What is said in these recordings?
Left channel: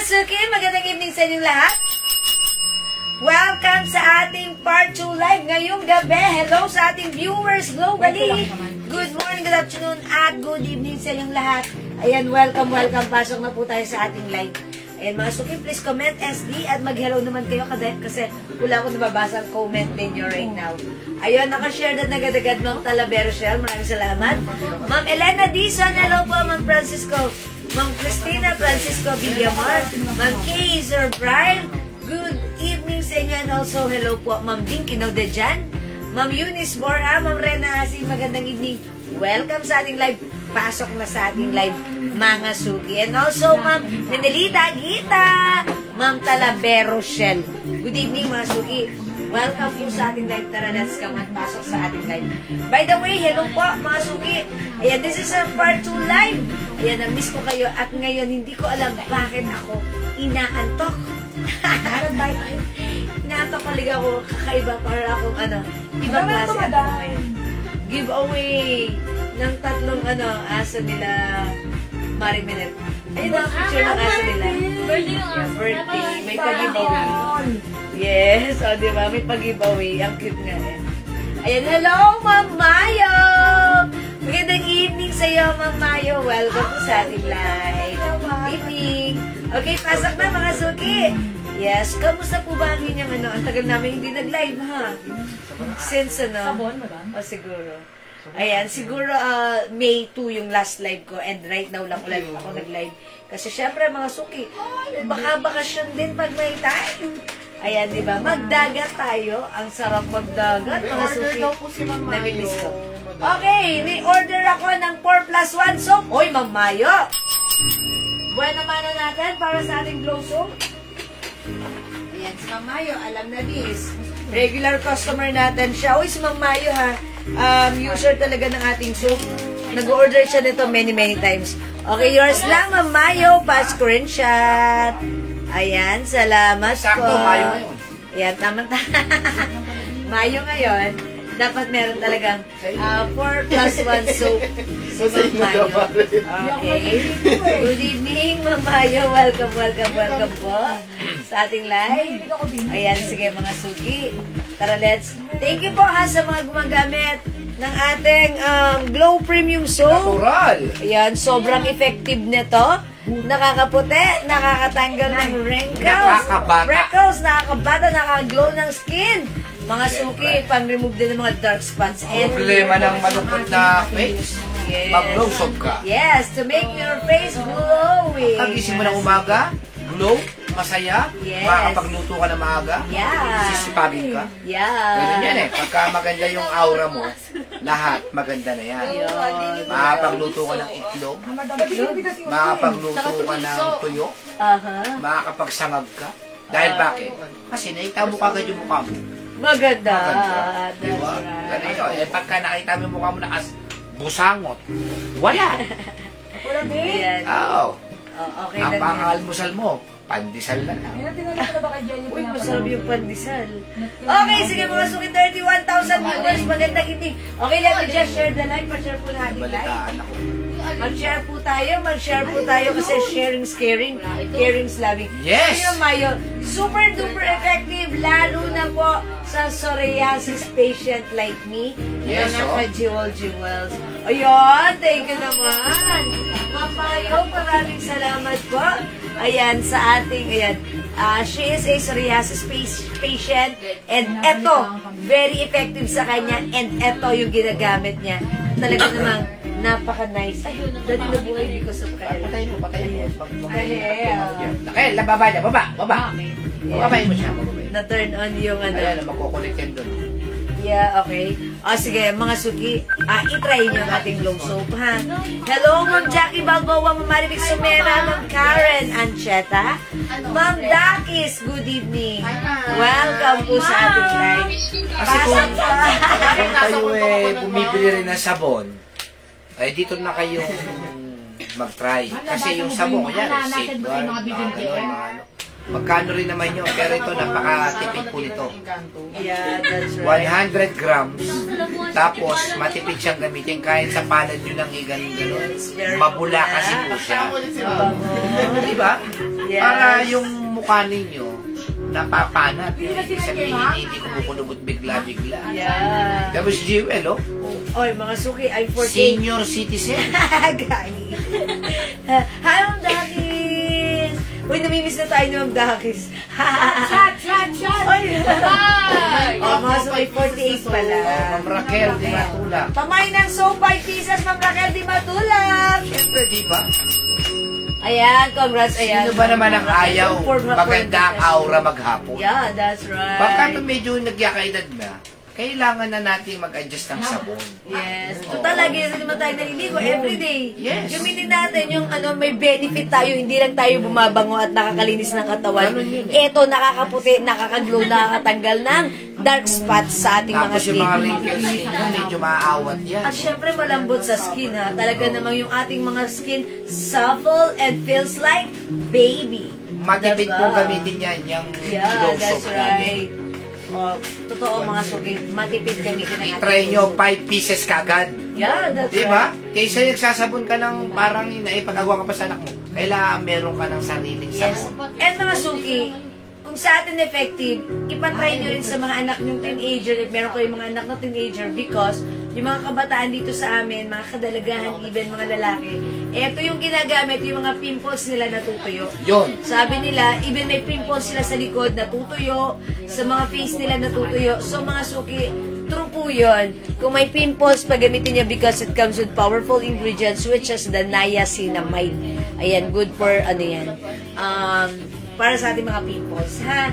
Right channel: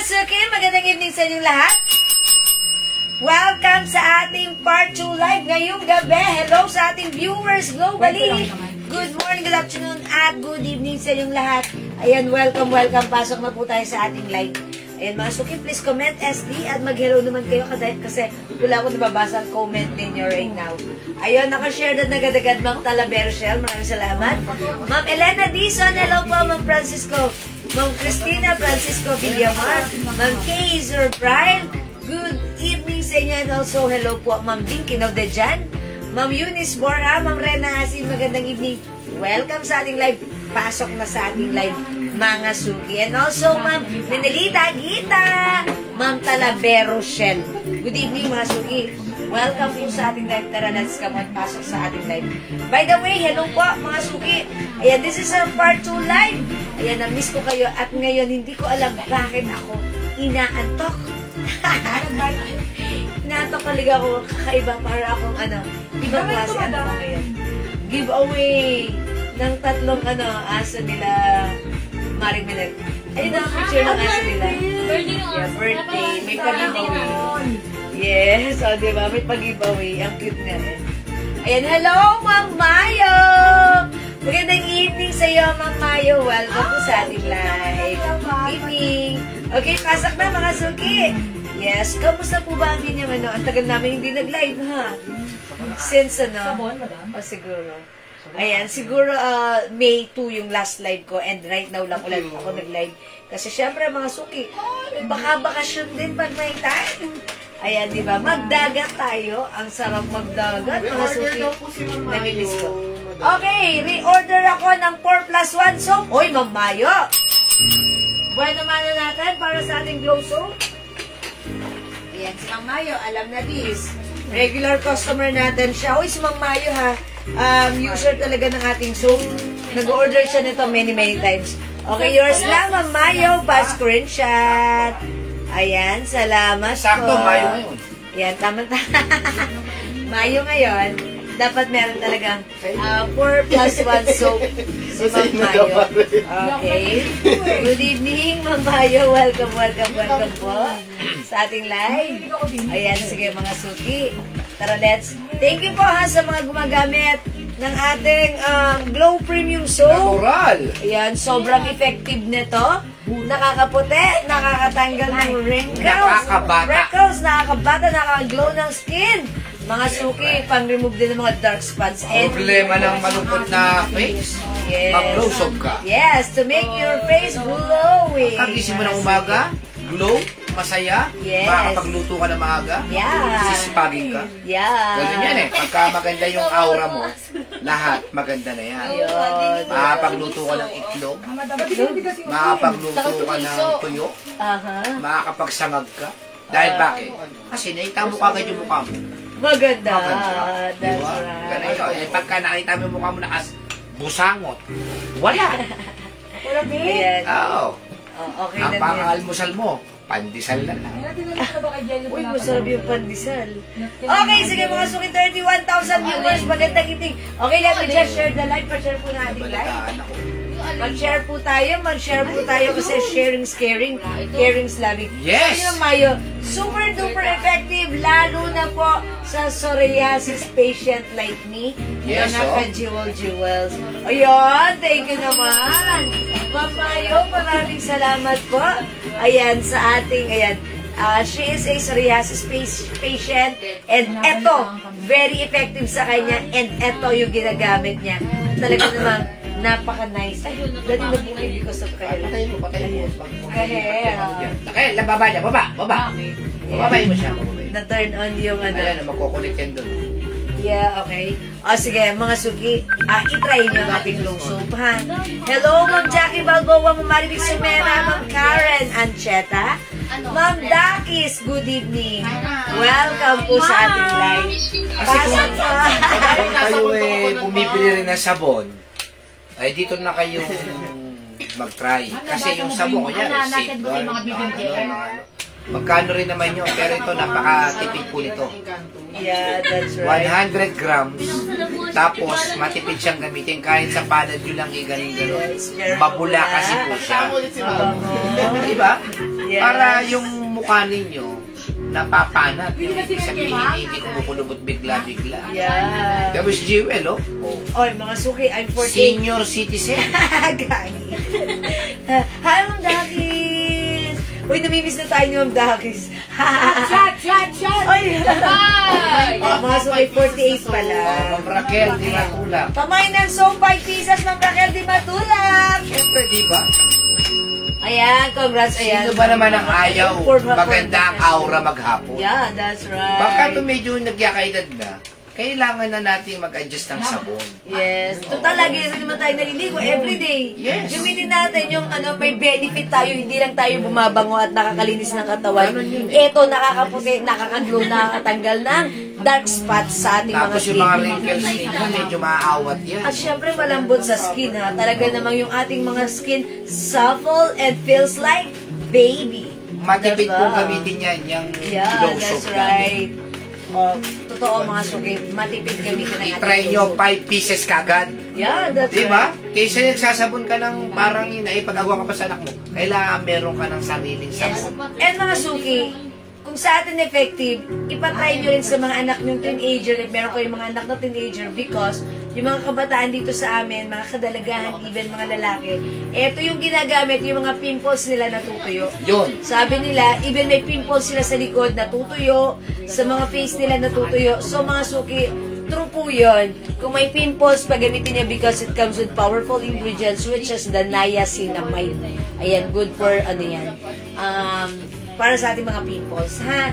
Suki, magandang evening sa inyong lahat. Welcome sa ating Part 2 Live ngayong gabi. Hello sa ating viewers globally. Good morning, good afternoon, at good evening sa inyong lahat. Ayan, welcome. Pasok na po tayo sa ating live. Ayan, mga Suki, please comment SD at mag-hello naman kayo kasi wala akong nababasa ang comment ninyo right now. Ayun, nakashare na nagad-agad Ma'am Talavera Shell. Maraming salamat. Ma'am Elena Dizon, hello po, Ma'am Francisco. Ma'am Cristina Francisco Villamar, Ma'am Kay Sir Brian, good evening sa inyo, and also hello po Ma'am Dinky Nodejan, Ma'am Eunice Bora, Ma'am Rena Asin, magandang evening. Welcome sa ating live. Pasok na sa ating live, mga Suki. And also Ma'am Menelita Gita, Ma'am Talavero Shell. Good evening, mga Suki. Welcome po sa ating live. Tara, let's come at pasok sa ating live. By the way, hello po mga Suki. Ayan, this is our Part 2 Live. Ayan, na-miss ko kayo. At ngayon, hindi ko alam bakit ako inaantok. Inaantok talaga ako. Kakaiba para akong ibang klase. Giveaway ng tatlong aso nila. Maring Milet. Ayun ang picture ng aso nila. Birthday. May pag-giveaway. Yes, diba? May pag-giveaway. Ang cute nga eh. Ayan, hello, Ma'am Mayo! Magandang evening sa iyo, Ma'am Mayo. Welcome to sa ating live. Evening. Okay, pasok na mga Suki. Yes, kamusta po ba ang inyong Ang tagal namin hindi nag-live, ha? Since Sabon, madam? O, siguro. Ayan, siguro May 2 yung last live ko and right now lang ulit ako nag-live. Kasi syempre mga Suki, baka bakasyon din pag may time. Ayan, di ba? Magdagat tayo. Ang sarap magdagat, mga Suki. Namilis ko. Okay, reorder ako ng 4+1 soap. Oy, Ma'am Mayo! Buwan naman na natin para sa ating glow soap. Ayan, si Ma'am Mayo, alam na this. Regular customer natin siya. Uy, si Ma'am Mayo ha. User talaga ng ating soap. Nag-order siya nito many times. Okay, yours lang, Ma'am Mayo. Pa-screenshot. Ayan, salamat po. Sakto, Mayo ngayon. Ayan, tama. Mayo ngayon. Dapat meron talagang 4+1 soap. Si Ma'am Mayo. Okay. Good evening, Ma'am Mayo. Welcome po sa ating live. Ayan, sige mga Suki. Tara, let's. Thank you po ha sa mga gumagamit ng ating Glow Premium Soap. Natural. Ayan, sobrang effective nito. Nakakaputi, nakakatanggal ng wrinkles, nakakabata, nakakaglow ng skin. Mga Suki, pang-remove din ng mga dark spots. Problema ng malungkot na face, mag-glow soap ka. Yes, to make your face glowing. Pag-gising mo ng umaga, glow, masaya, makakapagluto ka na maaga, sisipagin ka. Ganyan yan eh. Pagka maganda yung aura mo, lahat maganda na yan. Makakapagluto ka ng itlog, makakapagluto ka ng tuyo, makakapagsangag ka. Dahil bakit? Kasi nakita mo kagad yung mukha mo. Maganda. Diba? Ganun yun. Eh, pagka nakita mo yung mukha mo na busangot, wala. Wala din. Oo. Okay, ang pang-almusal mo, pandesal na lang. Uy, masarap yung pandesal. Okay, sige mga Suki, 31,000 viewers. Magandang evening. Okay, let me just share the live. Pa-share po natin live. Mag-share po tayo kasi sharing is caring, caring is loving. Yes! Ayun, Mayo, super duper effective, lalo na po sa psoriasis patient like me. Yes, mga ka-jewels. Ayun, thank you naman. Ma'am Mayo, maraming salamat po. Ayan, sa ating, she is a psoriasis patient and eto, very effective sa kanya and eto yung ginagamit niya. Talaga namang napaka-nice. Ayun, dali na buhay because of Kyle. Patayin mo. Okay, baba niya, baba. Bababayin mo siya. Na-turn on yung Wala na, magkukulit yan doon. Yeah, okay. O, sige, mga Suki, itry nyo ang ating glow soap, ha? Hello, Ma'am Jackie Balboa, Ma'am Maribig Sumera, Ma'am Karen Ancheta, Ma'am Dakis, good evening. Welcome po sa ating live. Kasi kung kayo bumibili rin ng sabon, ay dito na kayong mag-try. Kasi yung sabong, yan, safeguard, magkano rin naman yun. Pero ito, napaka-tipid po nito. Yeah, that's right. 100 grams. Tapos, matipid siyang gamitin. Kahit sa palad nyo lang gano'n. Mabula kasi po siya. Diba? Para yung mukha ninyo, napapanat. Sabihin, hindi kumukulubot bigla-bigla. Yeah. Tapos, Jewel, oh. Oy, mga suki, I'm 14. Senior citizen. Gani. Hi, Ma'am Dakis. Uy, namimiss na tayo ni Ma'am Dakis. Shot! Oy! Mga suki, 48 pala. Ma'am Raquel, di matulak. Pamay ng soap 5 pieces, Ma'am Raquel, di matulak. Siyempre, di ba? Ayan, congrats, ayan. Sino ba naman ang ayaw? Maganda ang aura maghapon. Yeah, that's right. Baka ito medyo nagyakaedad na, kailangan na natin mag-adjust ng sabon. Yes. Total, lagi na naman tayo naliligo everyday. Yes. Gamitin natin yung may benefit tayo, hindi lang tayo bumabango at nakakalinis ng katawan. Ito, nakakaputi, nakakaglow, nakakatanggal ng dark spots sa ating mga Tapos skin. yung mga wrinkles ninyo, medyo maaawat yan. At syempre, malambot sa skin, ha. Talaga namang yung ating mga skin supple and feels like baby. Matipid po gamitin yan, yung glow soap. That's right. Totoo mga suki, matipid gamitin ng ating I-try nyo, 5 pieces kagad. Yeah, that's diba? right. Kaysa nagsasabon ka ng parang naipag-agawa ka pa sa anak mo, kailangan meron ka ng sariling sabon. And mga suki, kung sa atin effective, ipatry nyo rin sa mga anak ng teenager, at meron kayong mga anak na teenager, because yung mga kabataan dito sa amin, mga kadalagahan, even mga lalaki, eto yung ginagamit, yung mga pimples nila natutuyo. Yun. Sabi nila, even may pimples sila sa likod, natutuyo, sa mga face nila natutuyo. So mga suki, true po yun. Kung may pimples, paggamitin niya because it comes with powerful ingredients which is the niacinamide. Ayan, good for ano yan. Para sa ating mga pimples, ha?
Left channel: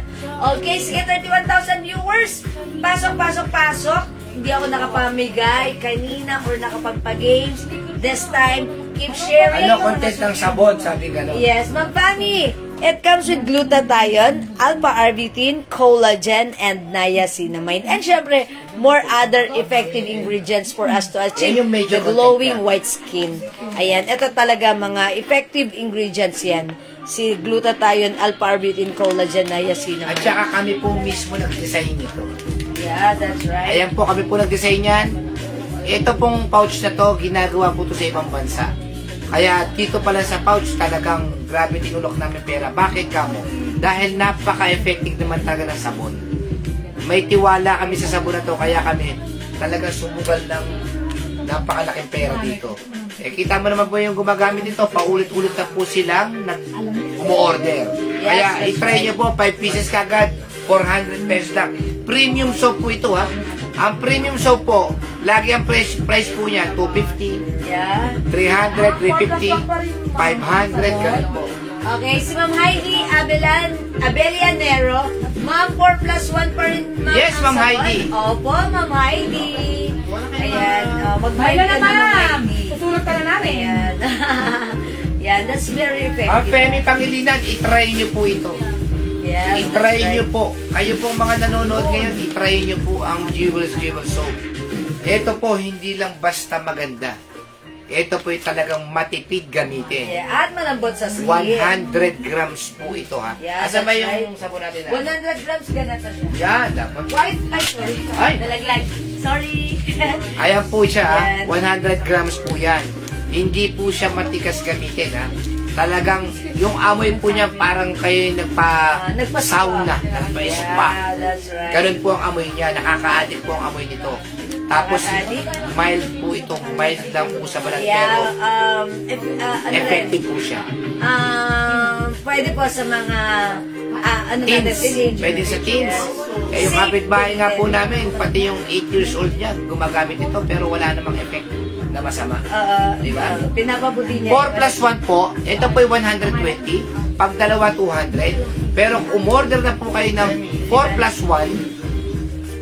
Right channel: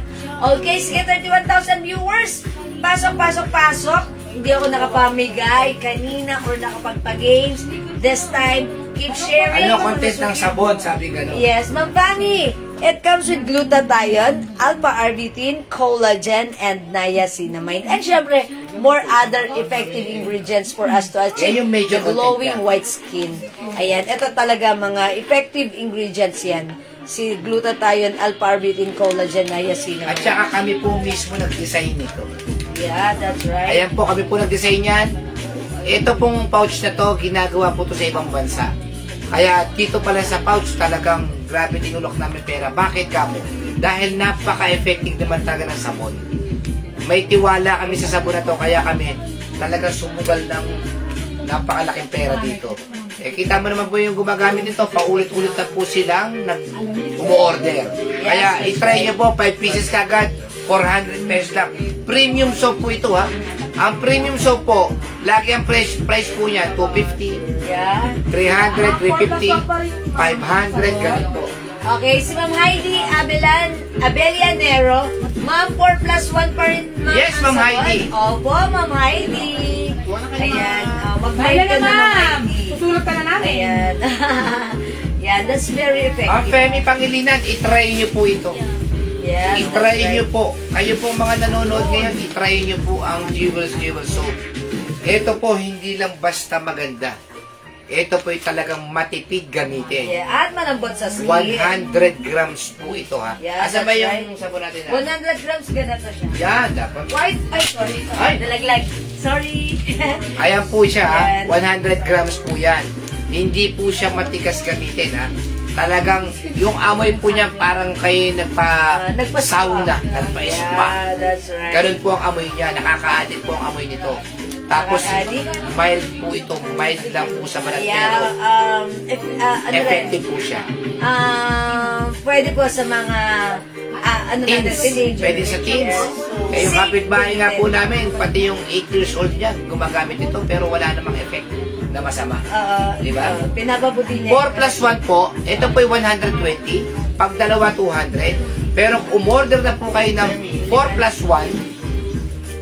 Okay, sige, 31,000 viewers. Pasok. Hindi ako nakapamigay kanina or nakapagpa-games. This time, keep sharing. Ano content ng sabon, sabi gano'n? Yes, Ma'am Fanny. It comes with glutathione, alpha-arbutin, collagen, and niacinamide. And syempre, more other effective ingredients for us to achieve the glowing white skin. Ayan, ito talaga mga effective ingredients yan. Si glutathione, alpha-arbutin, collagen, niacinamide. At saka kami po mismo nag-design nito. Yeah, that's right. Ayan po, kami po nag-design yan. Ito pong pouch na to, ginagawa po to sa ibang bansa. Kaya dito pala sa pouch, talagang grabe tinulok namin pera. Bakit kamo? Dahil napaka-effective naman talaga ng sabon. May tiwala kami sa sabon na to, kaya kami talagang sumugal ng napakalaking pera dito. Eh, kita mo naman po yung gumagamit nito, paulit-ulit na po silang umu-order. Kaya itry nyo po, 5 pieces kagad, 400 pesos lang. Premium soap po ito, ha. Ang premium soap po, lagi ang price po niya, 250, 300, 350, 500, ganun po. Okay, si Ma'am Heidi Abelianero, Ma'am 4+1 pa rin, Ma'am. Yes, Ma'am Heidi. Opo, Ma'am Heidi. Ayan, mag-bite ka na, Ma'am Heidi. Tutulog ka na namin. Ayan. Yan, that's very effective. Ang Femi Pangilinan, itry nyo po ito. Yes, itry nyo po. Kayo po mga nanonood ngayon, itry nyo po ang Jewel Soap. Ito po, hindi lang basta maganda. Ito po talagang matipid gamitin. Yeah, at malambot sa skin. 100 grams po ito, ha. Yeah, asa ba yung right. sabon natin? 100 grams, ganito siya. Yan, dapat. White, sorry. Ay. Nalaglag. Sorry. Ayan po siya, ha. Yan. 100 grams po yan. Hindi po siya matikas gamitin, ha. Talagang, yung amoy po niya parang kayo nagpa-sauna, nagpa-spa. Yeah, that's right. Ganun po ang amoy niya, nakaka-addict po ang amoy nito. Tapos, mild po ito, mild lang po sa balat. Yeah, effective po siya. Pwede po sa mga teens. Pwede sa teens. Yung kapitbahay nga po namin, pati yung 8 years old niya, gumagamit ito, pero wala namang effect na masama. Diba? Pinapabuti niya. 4+1 po, ito po yung 120, pag dalawa 200, pero kung umorder na po kayo ng 4+1,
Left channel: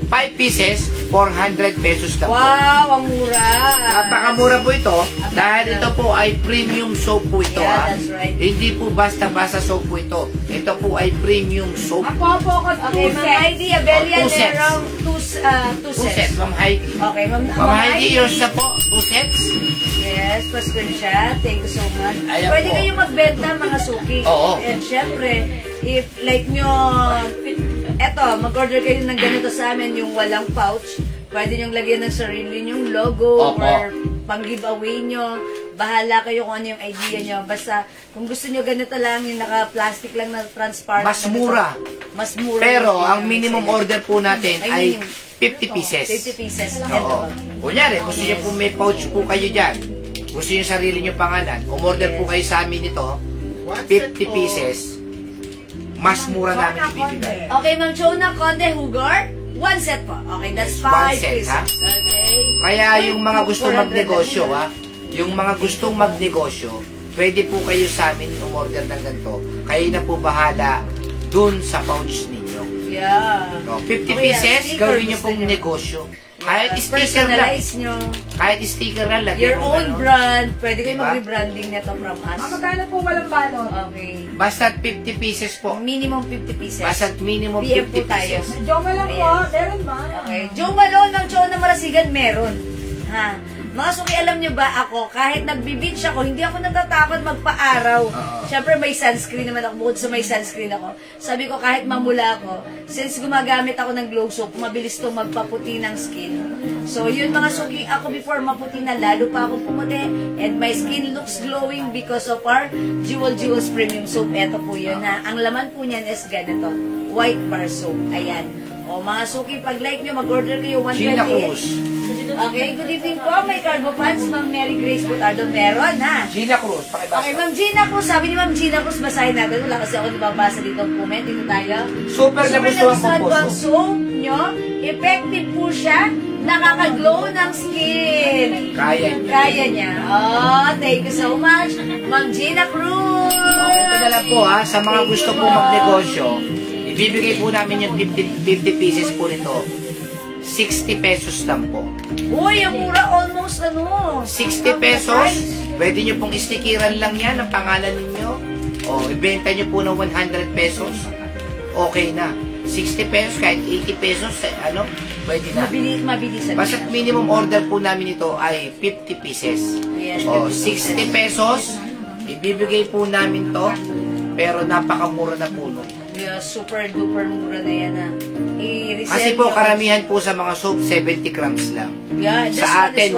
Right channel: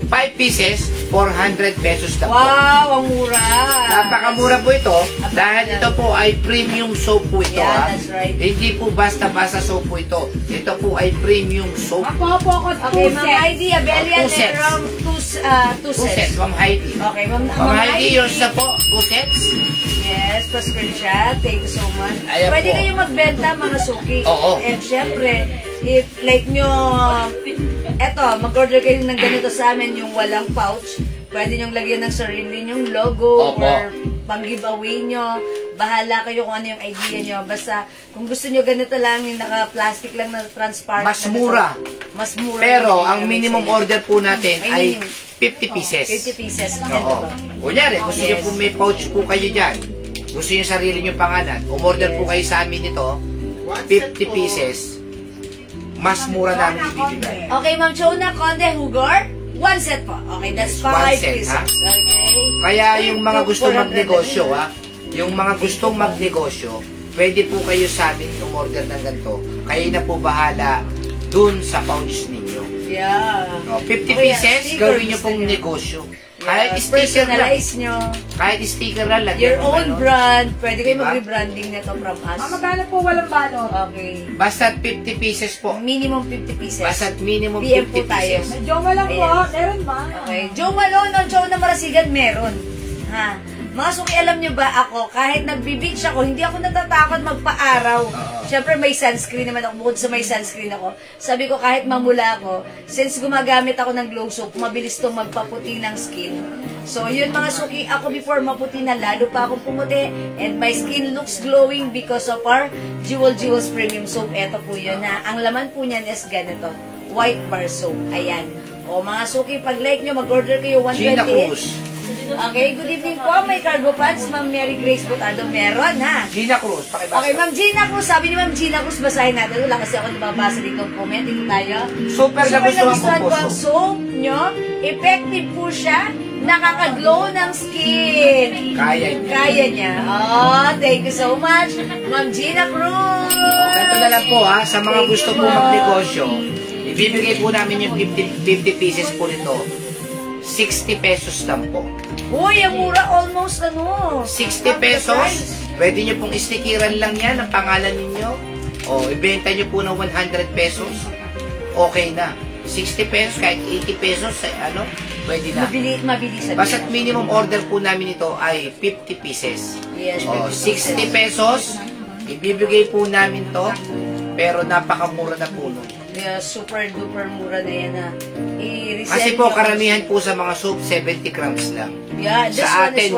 5 pieces, 400 pesos lang po. Wow, ang mura. Napakamura po ito dahil ito po ay premium soap po ito. Yeah, that's right. Hindi po basta-basta soap po ito. Ito po ay premium soap. Okay, Ma'am Heidi, Abelia, 2 sets. 2 sets. Ma'am Heidi. Okay, Ma'am Heidi, yung sa po, 2 sets. Yes. Yes, pa-screenshot. Thank you so much. Ayan Pwede po. kayong magbenta mga suki. Oo. And syempre, if like nyo, mag-order kayo ng ganito sa amin, yung walang pouch, pwede nyong lagyan ng sarili nyong logo Opo. or pang-giveaway nyo. Bahala kayo kung ano yung idea nyo. Basta, kung gusto nyo ganito lang, yung naka-plastic lang na transparent. Mas mura. Mas mura. Pero, ang minimum order po natin ay 50 pieces. 50 pieces. Oo. Kunyari, gusto nyo po may pouch po kayo dyan, gusto nyo sarili nyo pangalan, umorder po kayo sa amin ito, 50 pieces, mas mura namin ibibigay. Okay, Ma'am Chona, Conde, Hugar, 1 set po. Okay, that's 5 One set, pieces. ha? Okay. Kaya yung mga gustong magnegosyo, yung mga gustong magnegosyo, pwede po kayo sa amin umorder ng ganito. Kayo na po bahala dun sa pouch ninyo. Yeah. No, 50 pieces, gawin nyo pong negosyo. Kahit sticker lang. Personalize nyo. Kahit sticker lang. Your own brand. Pwede kayo mag-rebranding na to from us. Magkano po walang balot? Okay. Basta 50 pieces po. Minimum 50 pieces. Basta minimum PM 50 po tayo. pieces. Joma lang po. Meron ba? Okay. Joe Malone, Ma'am Chona Marasigan, meron. Ha? Mga suki, alam nyo ba ako, kahit nagbe-beach ako, hindi ako natatakot magpa-araw. Siyempre may sunscreen naman ako, bukod sa may sunscreen ako. Sabi ko kahit mamula ako, since gumagamit ako ng glow soap, mabilis itong magpaputi ng skin. So yun mga suki, ako before maputi na, lalo pa akong pumuti. And my skin looks glowing because of our Jewels Premium Soap. Ito po yun ha. Ang laman po niyan is ganito, white bar soap. Ayan. O mga suki, pag like nyo, mag-order kayo 128. Gina Cruz. Okay, good evening po. May cargo pants, Ma'am Mary Grace Butardo. Meron, ha? Gina Cruz, pakibasa. Okay, Ma'am Gina Cruz. Sabi ni Ma'am Gina Cruz, basahin natin. Wala kasi ako nababasa dito ang comment. Dito tayo. Super nagustuhan po po. ang soap nyo. Effective po siya. Nakaka-glow ng skin. Kaya niya. Kaya niya. Oh, thank you so much, Ma'am Gina Cruz. Ito na lang po ha, sa mga gusto po magnegosyo, ibibigay po namin yung 50 pieces po nito. 60 pesos lang po. Uy, ang mura, almost 60 pesos, pwede nyo pong istikiran lang yan ang pangalan ninyo. O, ibenta nyo po ng 100 pesos. Okay na. 60 pesos, kahit 80 pesos, pwede na. Mabilis. Basta't minimum order po namin ito ay 50 pieces. Yes, O, 60 pesos, ibibigay po namin to, pero napakamura na po nun. Yeah, super duper mura na yan ha. Kasi po karamihan po sa mga soap 70 grams lang. Yeah, this sa one atin is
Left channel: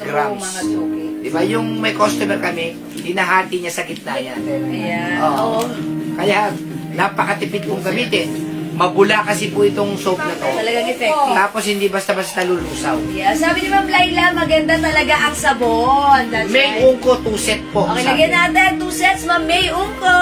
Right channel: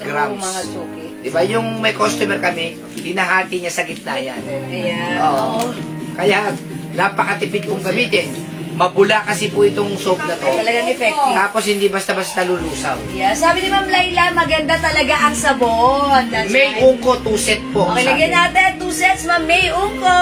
100 grams. Mga suki. Diba yung may customer kami, hinahati niya sa gitna yan. Ayan. Oo. Kaya napakatipid pong gamitin. Mabula kasi po itong soap na to. Talagang effective. Tapos hindi basta-basta lulusaw. Yeah, sabi ni Ma'am Laila, maganda talaga ang sabon. That's May right. Ungko 2 set po. Okay, sa lagyan atin. natin 2 sets, Ma'am May Ungko.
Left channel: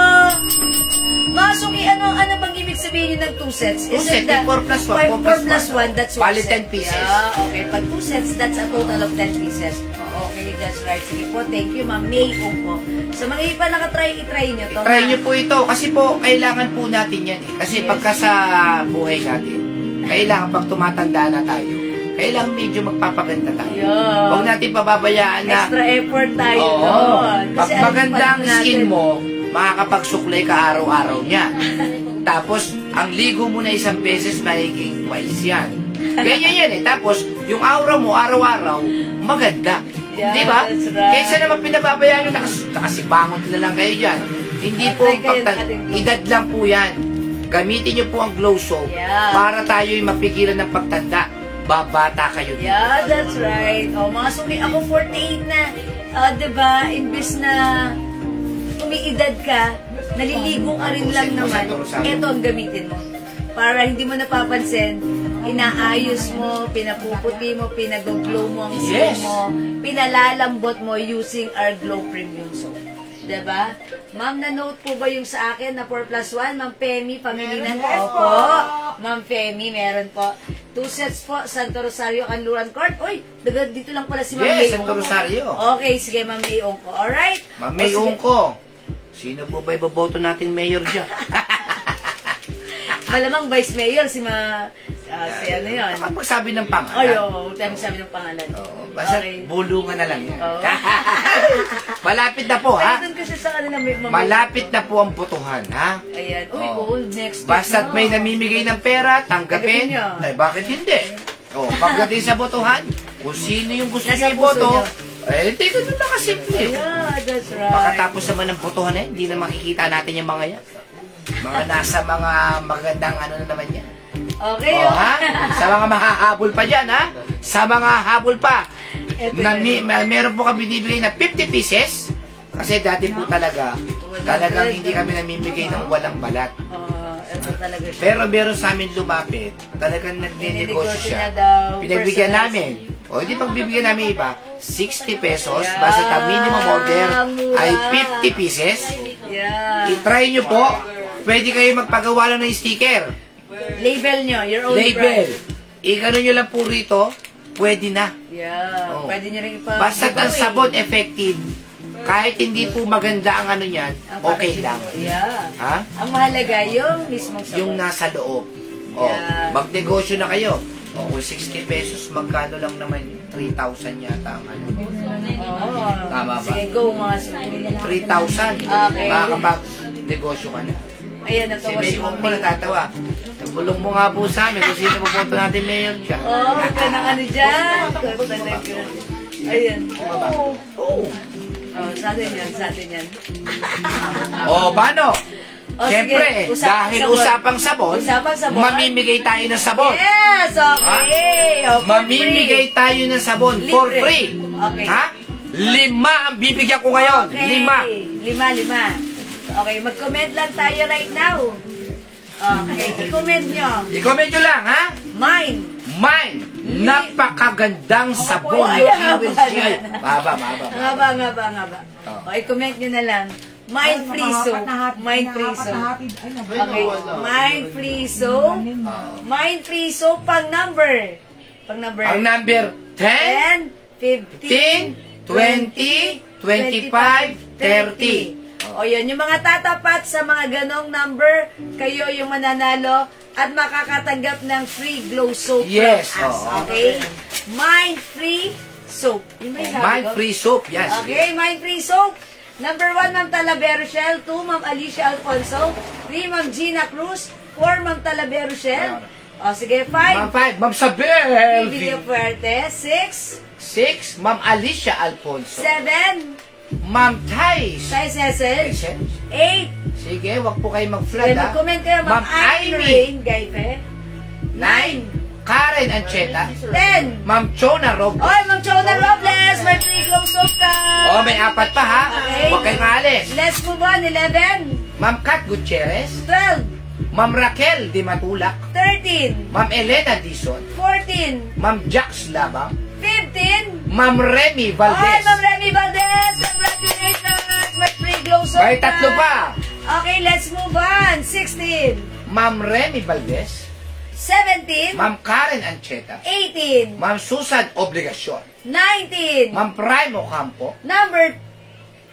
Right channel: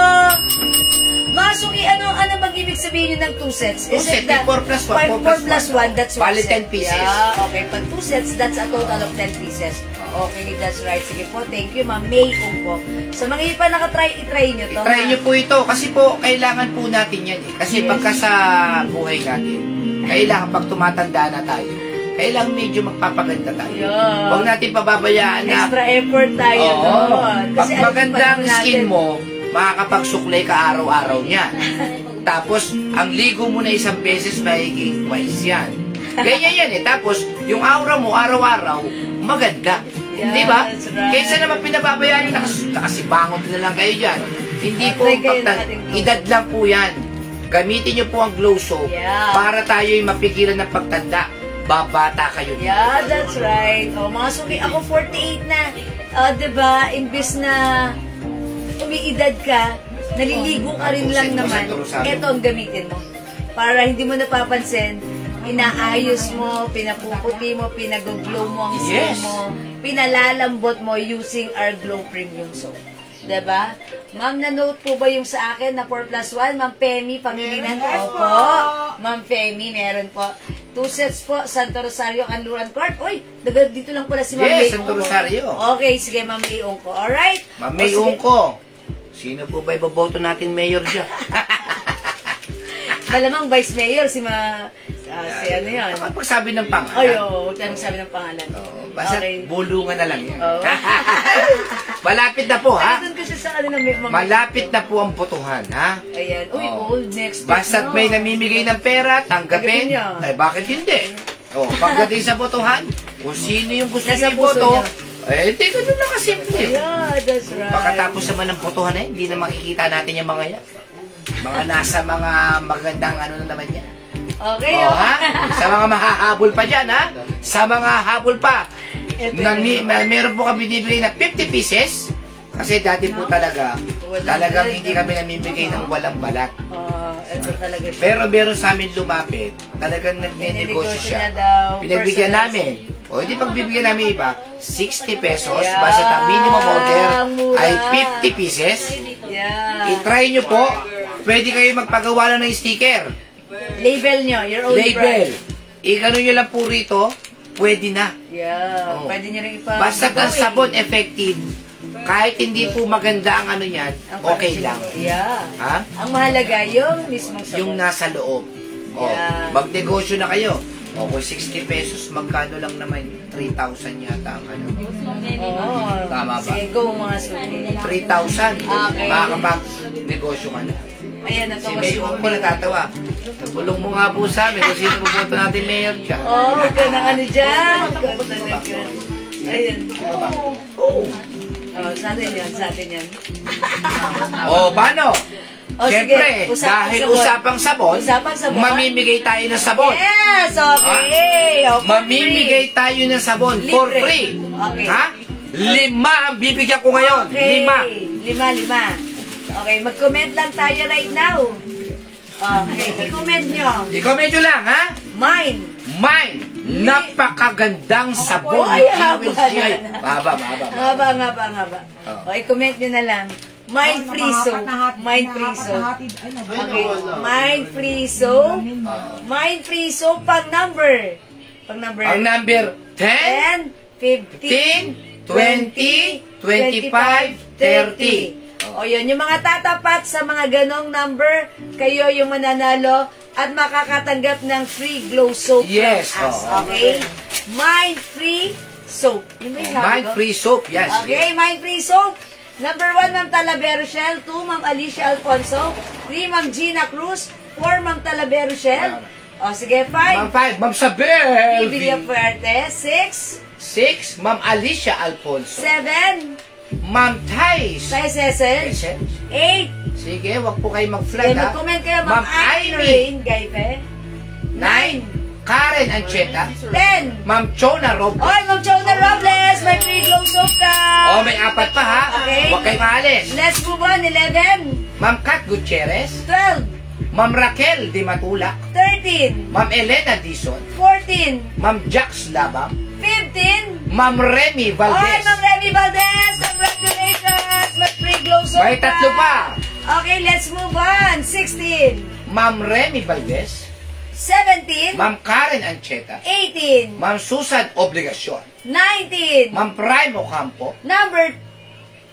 Mga suki, ano bang ibig sabihin yun ng 2 sets? Two set, 4 plus 1, 4 plus 1, that's 1 Bali, set. 10 pieces. Yeah, okay. Pag 2 sets, that's a total of 10 pieces. Okay, that's right. Sige po, thank you, Ma'am May Ungko. Sa mga iba pa nakatry, itry nyo to. Try nyo po ito. Kasi po, kailangan po natin yan. Kasi pagka sa buhay natin, kailangan pag tumatanda na tayo, kailangan medyo magpapaganda tayo. Yeah. Huwag natin pababayaan na Extra effort tayo Oo. doon. Pag Kasi maganda ang natin- skin mo, makakapagsuklay ka araw-araw niyan. Tapos, ang ligo mo na isang beses, magiging twice yan. Ganyan yan eh. Tapos, yung aura mo, araw-araw, maganda. Yeah, Di ba? that's right. Kaysa naman pinababayaan yung nakasibangot na lang kayo dyan. Hindi po, Try kayo ng ating glow. edad lang po yan. Gamitin nyo po ang glow soap Yeah. para tayo'y mapigilan ng pagtanda. Babata kayo dito. Yeah, that's right. Oh, mga suki, ako 48 na. Diba, imbis na umiidad ka, naliligo ka rin lang naman. Ito ang gamitin mo. Para hindi mo napapansin, inaayos mo, pinapuputi mo, pinag-glow mo ang skin Yes. mo, pinalalambot mo using our Glow Premium Soap. Diba? Ma'am, na-note po ba yung sa akin na 4 plus 1? Ma'am Femi, pamilinan ko. Opo. Ma'am Femi, meron po. 2 sets po, Santo Rosario, Kanluran Court. Uy, dito lang pala si Ma'am May Yes, Santo Ungko. Rosario. Okay, sige, Ma'am May Ungko. Alright? Ma'am May Ungko. Sino po ba iboboto natin mayor dyan? Malamang Vice Mayor, si ano yun? Kapag magsabi ng pangalan. Ay, huwag tayo magsabi ng pangalan. Basta Okay. bulungan na lang yan. Oo. Malapit na po, ha? Doon kasi sa kanila may mga- Malapit na po ang botohan, ha? Ayan. Uy, Oo. next. Basta't may namimigay ng pera, Tanggapin tanggapin. niyo. Ay, bakit hindi? Pagdating sa botohan, kung sino yung gusto Nasa niyo puso boto, niyo. Eh, hindi ganun na kasimple. Yeah, that's right. Pagkatapos naman ng botohan eh, hindi na makikita natin yung mga yan. Mga nasa mga magandang ano na naman yan. Okay. O, ha? Sa mga mahahabol pa dyan, ha? Sa mga habol pa. Meron po kami binibigay na 50 pieces. Kasi dati po talagang hindi kami namimigay ng walang balat. Pero meron sa amin lumapit, talagang nagnenegosyo siya. Pinagbigyan namin. O, hindi pagbibigyan namin iba, 60 pesos, basta ang minimum order ay 50 pieces. I-try nyo po, pwede kayo magpagawa lang ng sticker. Label nyo, your own label. I-gano nyo lang po rito, pwede na. Yeah, pwede nyo rin ipa... Basta ang sabon effective, kahit hindi po maganda ang ano niyan, okay lang. Yeah. Ha? Ang mahalaga, yung mismo sabon. Yung nasa loob. O, magnegosyo na kayo. O, kung 60 pesos, magkano lang naman? 3,000 yata ang ano. Tama ba? Sige, go mga suki. 3,000. Okay. Makakapag-negosyo ka na. Ayan, Si Mayor ko natatawa. Nagulong mo nga po sa amin kung sino pupunta natin Mayor ka. ito na ano dyan. Ayan. Oo. Sa atin yan. Paano? Siyempre, sige, dahil usapang sabon, mamimigay tayo ng sabon. Yes, okay. Mamimigay tayo ng sabon for free. Okay. Ha? 5 ang bibigyan ko ngayon. Okay. 5. 5. Okay, mag-comment lang tayo right now. Okay, i-comment nyo. I-comment nyo lang, ha? Mine. Napakagandang sabon. Mahaba. Okay, comment nyo na lang. Mind free soap. Mind free soap. Okay. Mind free soap. Mind free soap pang number. Ang number 10, 15, 20, 25, 30. O yun, yung mga tatapat sa mga ganong number, kayo yung mananalo at makakatanggap ng free glow soap. Yes. From us. Okay? Mind free soap. Mind free soap, yes. Okay, mind free soap. Number 1, Ma'am Talavero Shell. 2, Ma'am Alicia Alfonso. 3, Ma'am Gina Cruz. 4, Ma'am Talavero Shell. O, sige, 5. Ma'am Sabel. Livia Fuerte. 6, Ma'am Alicia Alfonso. 7, Ma'am Thais. Thais Cecil. 8. Sige, wag po kayo mag-flag, ha? Mag-comment kayo, Ma'am Amy. Gayfe. 9, Karen Ancheta. 10. Ma'am Chona Robles. Oy, Ma'am Chona Robles, may free glow soap ka. May 4 pa, ha? Okay. Huwag kayo maalis. Let's move on. 11. Ma'am Kat Gutierrez. 12. Ma'am Raquel Di Matulak. 13. Ma'am Elena Dizon. 14. Ma'am Jax Labam. 15. Ma'am Remy Oy, Valdez. Ma'am Remy Valdez, congratulations. May free glow soap May ka. 3 pa. Okay, let's move on. 16. Ma'am Remy Valdez. 17. Ma'am Karen Ancheta. 18. Ma'am Susan Obligacion. 19. Ma'am Primo Campo. Number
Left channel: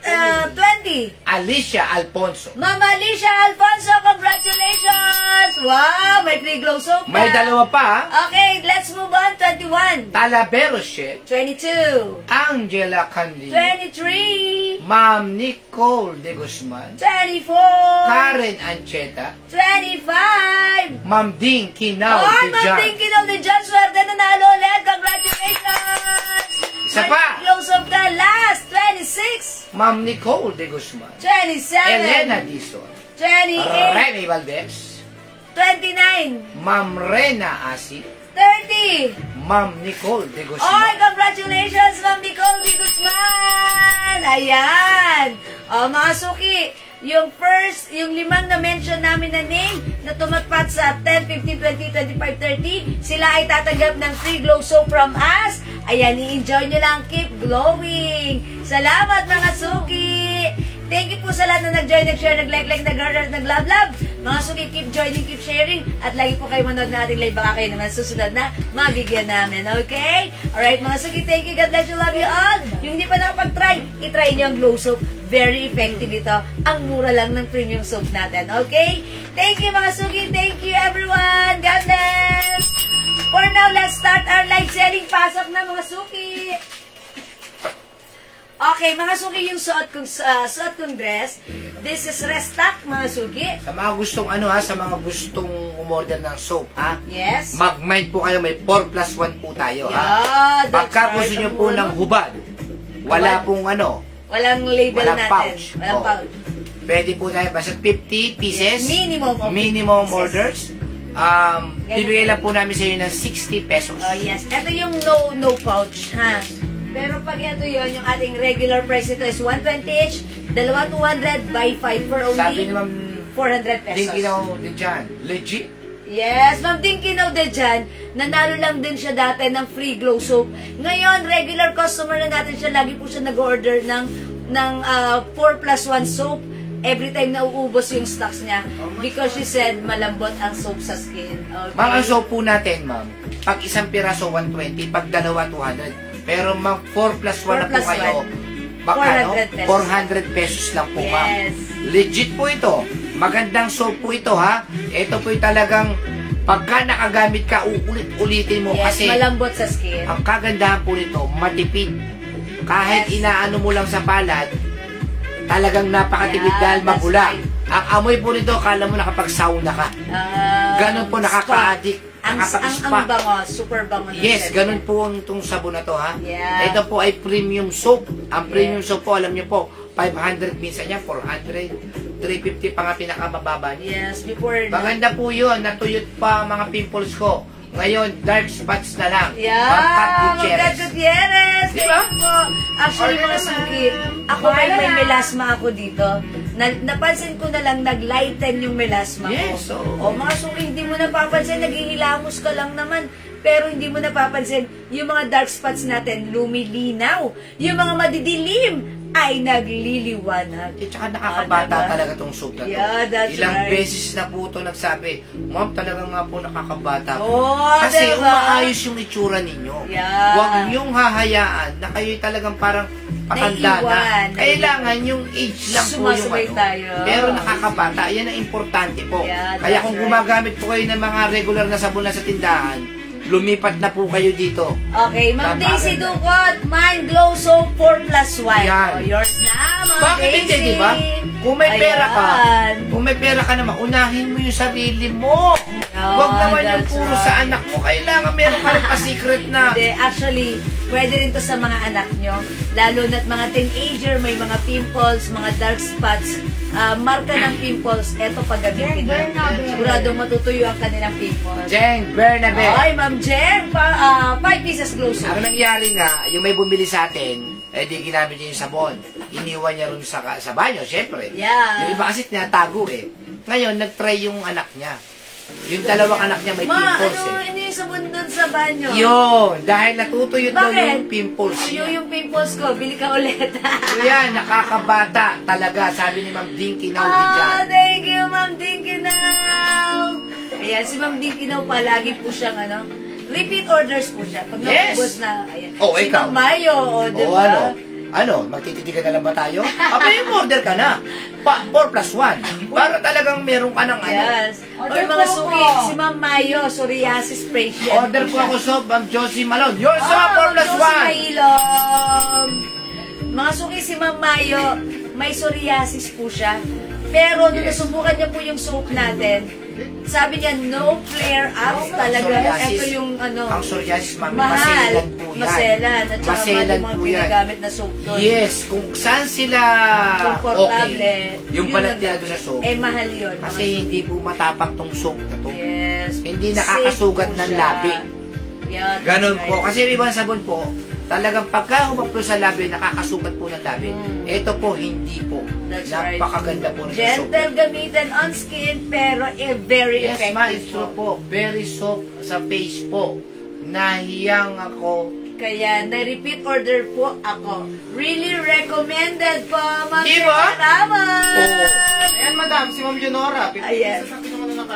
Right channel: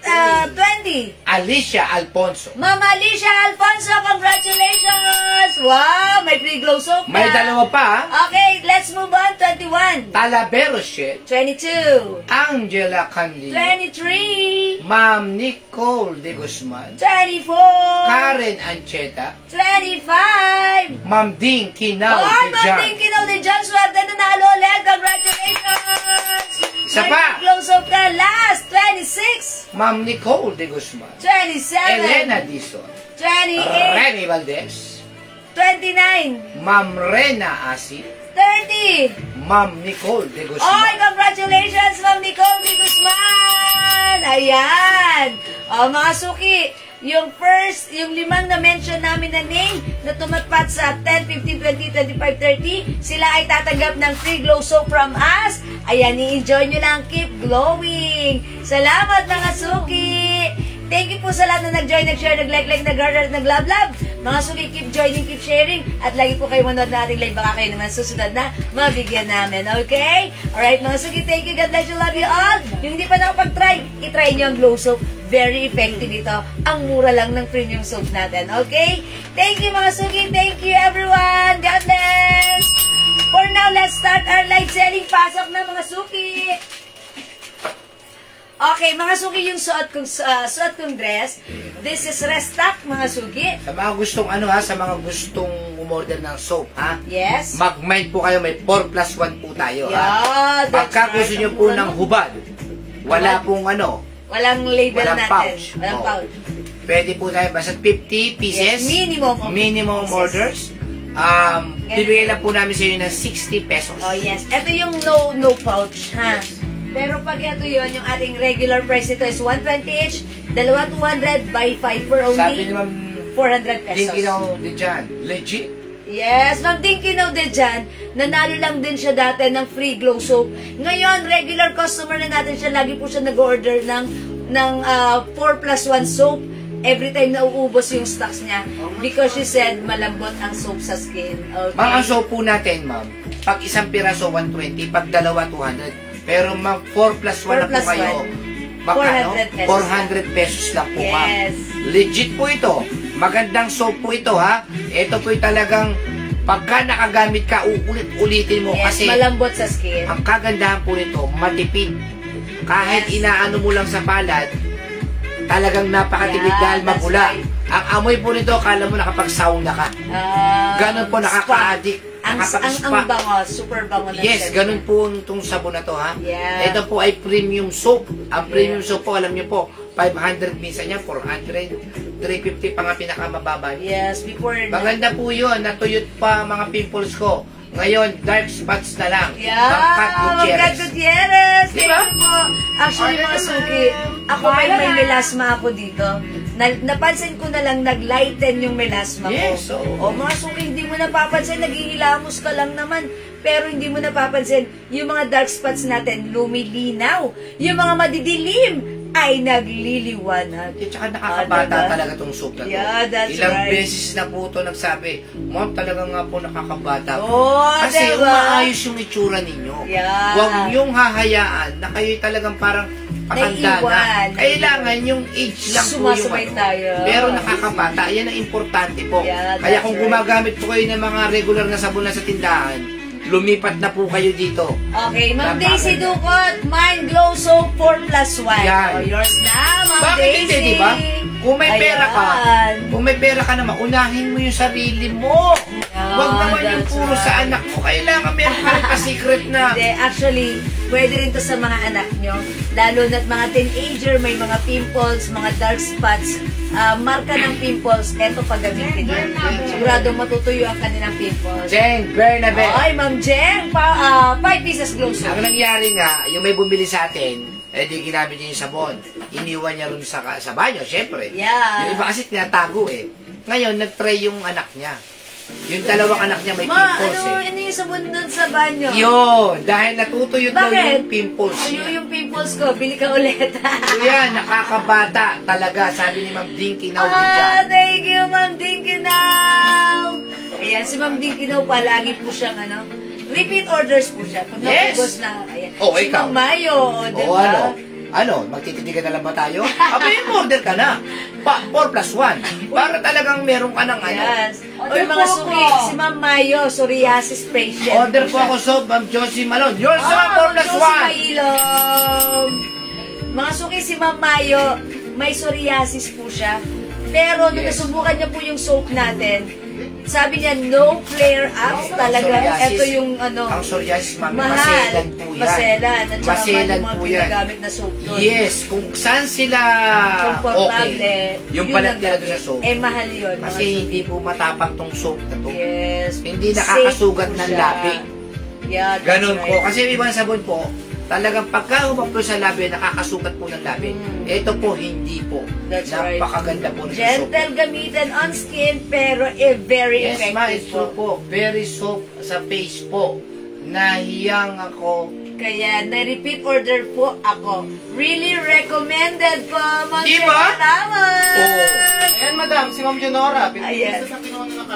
20. Alicia Alfonso. Ma'am Alicia Alfonso, congratulations! Wow, may free glow soap May 2 pa, ha? Okay, let's move on. 21. Talavero Shell. 22. Angela Candil. 23. Ma'am Nicole De Guzman. 24. Karen Ancheta. 25. Ma'am Ding Kinao Oh, De Ma'am Jan. Ding Kinao De Jan, swerte na nalo ulit. Congratulations! Isa May pa. free glow soap ka. Last, 26. Ma'am Nicole De Guzman. 27. Elena Dizon. 28. Remy Valdez. 29. Ma'am Rena Asi. 30. Ma'am Nicole De Oy, Guzman. congratulations, Ma'am Nicole de Guzman! Ayan! Mga suki, yung 5 na-mention namin na name na tumatpat sa 10, 15, 20, 25, 30, sila ay tatanggap ng free glow soap from us. Ayan, i-enjoy nyo lang. Keep glowing! Salamat, mga suki! Thank you po sa lahat na nag-join, nag-share, nag-like, nag-heart, nag-love. Mga suki, keep joining, keep sharing. At lagi po kayo manood na ating live. Baka kayo naman susunod na mabigyan namin. Okay? Alright, mga suki, thank you. God bless you. Love you all. Yung hindi pa nakapag-try, itry nyo ang glow soap. Very effective ito. Ang mura lang ng premium soap natin. Okay? Thank you, mga suki. Thank you, everyone. God bless. For now, let's start our live selling. Pasok na, mga suki. Okay, mga suki, yung suot kong dress. This is restock, mga suki. Sa mga gustong sa mga gustong umorder ng soap, ha? Yes. Mag-mind po kayo, may 4+1 po tayo, ha? Yeah, that's Pagka right. gusto nyo po ng hubad, Wala pong ano. Walang label walang natin. Pouch. Walang pouch. Pwede po tayo basta 50 pieces. Yes, minimum orders. Bibigay lang po namin sa inyo ng 60 pesos. Oh yes. Ito yung no pouch, ha? Pero pag ito yun, yung ating regular price nito is 120 each, dalawa 200 by 5 for only Sabi ni Ma'am 400 pesos. Dinky daw din dyan. Legit? Yes, Ma'am Dinky daw din dyan. Nanalo lang din siya dati ng free glow soap. Ngayon, regular customer na natin siya. Lagi po siya nag-order ng 4+1 soap. Every time na uubos yung stocks niya. Because she said, malambot ang soap sa skin. Okay? Ma'am, ang soap po natin, ma'am, pag isang piraso, 120, pag dalawa, 200. Pero ma'am, 4+1 na po kayo. 400 pesos lang po, ma'am. Yes. Legit po ito. Magandang soap po ito, ha? Ito po yung talagang pagka nakagamit ka, ulit-ulitin mo. Yes, kasi malambot sa skin. Ang kagandahan po nito, matipid. Kahit inaano mo lang sa palad, talagang napakatipid dahil mapula. Ang amoy po nito, akala mo nakapag-sauna ka. Ganun po, nakaka-addict. Ang bango, super bango. Yes, ganun po itong sabon na to, ha? Yeah. Ito po ay premium soap. Ang premium soap po, alam niyo po, 500 minsan niya, 400, 350 pa nga pinakamababa niya. Yes, before. Maganda po yun, natuyot pa mga pimples ko. Ngayon, dark spots na lang. Yeah, Pat Gutierrez. Diba? Actually, mga suki, ako may melasma ako dito. Napansin ko na lang, nag-lighten yung melasma ko. Yes, so. O mga suki, hindi mo napapansin, naghihilamos ka lang naman. Pero hindi mo napapansin, yung mga dark spots natin, lumilinaw. Yung mga madidilim, ay nagliliwanag. At saka nakakabata talaga tong soap na to. Yeah, that's Ilang right. beses na po ito nagsabi, Ma'am, talaga nga po nakakabata po. Oh, kasi diba? umaayos yung itsura ninyo. Yeah. Huwag niyong hahayaan na kayo talagang parang pakanda na. Kailangan yung age lang po yung ano. Tayo. Pero nakakabata. Yan ang importante po. Yeah, kaya kung gumagamit po kayo ng mga regular na sabon na sa tindahan, lumipat na po kayo dito. Okay, Ma'am Daisy Ducot, Mind Glow Soap 4+1. Yan. Oh, yours na, Ma'am Bakit Daisy. hindi, diba? Kung may pera ka, kung may pera ka naman, unahin mo yung sarili mo. Huwag naman yung puro sa anak mo. Kailangan meron ka rin pa-secret na. Hindi, actually, pwede rin to sa mga anak nyo. Lalo na't mga teenager, may mga pimples, mga dark spots, marka ng pimples, eto pag-gamitin nyo. Siguradong matutuyo ang kanilang pimples. Jen Bernabe. Ay, Ma'am Jen, 5 pieces glow soap. Ang nangyari nga, yung may bumili sa atin, di ginamit niya yung sabon. Iniwan niya rin sa banyo, syempre. Yeah. Yung iba kasi tinatago eh. Ngayon, nag-try yung anak niya. Yung dalawang anak niya may pimples eh. Ano yung sabon dun sa banyo? Yun, dahil natutuyot daw yung pimples Ano niya. yung pimples ko? Bili ka ulit. Yan, nakakabata talaga, sabi ni Ma'am Dinky now dyan. Thank you, Ma'am Dinky now. Ayan, si Ma'am Dinky now palagi po siyang repeat orders po siya. Pag naubos na, ayan. Oh, si ikaw. Ma'am Mayo, diba? Ano, magtititigan na lang ba tayo? Order ka na. 4+1. Para talagang meron ka ng ano. Yes. O yung mga suki, si Ma'am Mayo, psoriasis patient. Order po ako sa Ma'am Josie Malone. Yours sa 4+1. Mga suki, si Ma'am Mayo, may psoriasis po siya. Pero nung nasubukan niya po yung soap natin, sabi niya, no flare-ups talaga. Ito yung ang psoriasis, ma'am, mahal. maselan po yan. Maselan. At saka Maselan mga po yan. ginagamit na soap doon. Yes, kung saan sila okay, yung palat nila doon sa soap. Eh, mahal yun. Kasi hindi po matapang tong soap na to. Yes. Hindi nakakasugat Safe ng po siya. labi. Yeah, Ganon right. po. Kasi yung ibang sabon po, talagang pagka humaplo sa labi, nakakasugat po ng labi. Ito po, hindi po. That's Napakaganda po ng soap. Gentle gamitin on skin, pero very Yes, ma, effective it's true po. Very soft sa face po. Nahiyang ako. Kaya, na-repeat order po ako. Really recommended po, Ma'am Di ba? Salamat! Ayan, madam, si Ma'am Leonora. Ayan.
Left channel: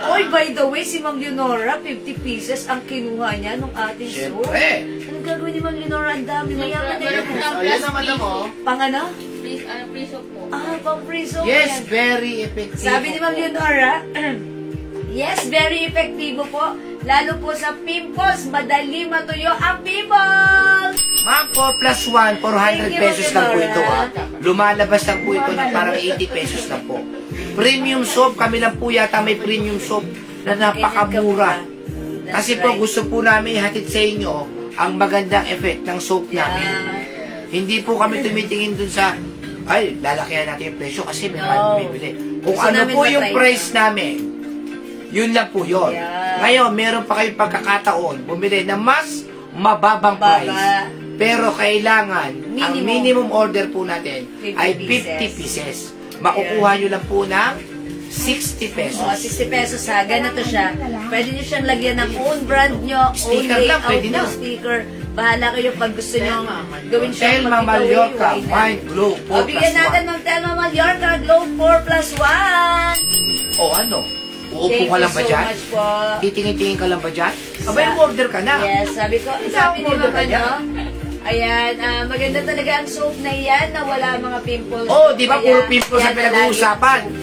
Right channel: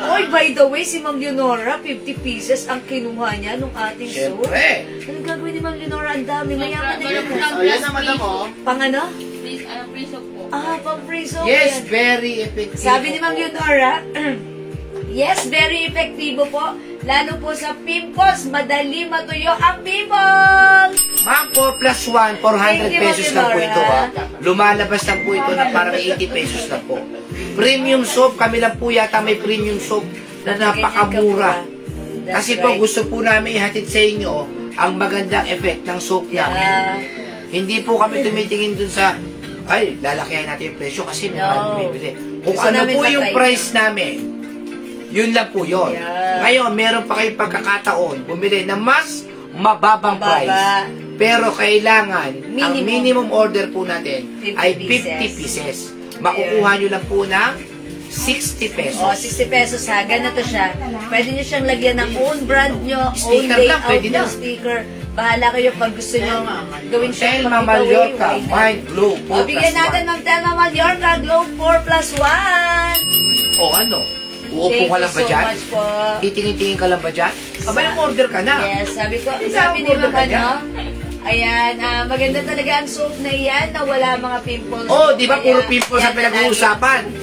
Oy, by the way, si Ma'am Leonora, 50 pieces ang kinuha niya nung ating soap. Siyempre. Anong gagawin ni Ma'am Leonora? Ang dami. Mayaman na yun. Ayan na, madam, oh. Pang ano? Free soap po. Pang free soap. Yes, Ayan. very effective. Sabi ni Ma'am Leonora, yes, very effective po. Lalo po sa pimples, madali matuyo ang pimples! Ma'am, 4+1, 400 pesos lang po ito, ha. Lumalabas lang po ito na parang 80 pesos lang po. Premium soap, kami lang po yata may premium soap na napakamura. Kasi po gusto po namin ihatid sa inyo ang magandang effect ng soap namin. Hindi po kami tumitingin dun sa, ay, lalakihan natin yung presyo kasi may bibili. Kung ano po yung price namin, yun lang po yun. Ngayon, meron pa kayong pagkakataon, bumili na mas mababang price. Pero kailangan, ang minimum order po natin ay 50 pieces. Makukuha nyo lang po ng 60 pesos. 60 pesos ha. Ganito siya. Pwede nyo siyang lagyan ng own brand nyo, own layout nyo, sticker. Bahala kayo pag gusto nyo gawin siya. Telma Mallorca, Mind Glow 4+1. Bigyan natin ng Telma Mallorca Glow 4+1. O ano? Uupo ka lang ba dyan? Thank you so much po. Titingin-tingin ka lang ba dyan? Abay, order ka na. Yes, sabi ni Mama, no? Ayan, maganda talaga ang soap na yan na wala mga pimples. Oh, di ba puro pimples ang pinag-uusapan?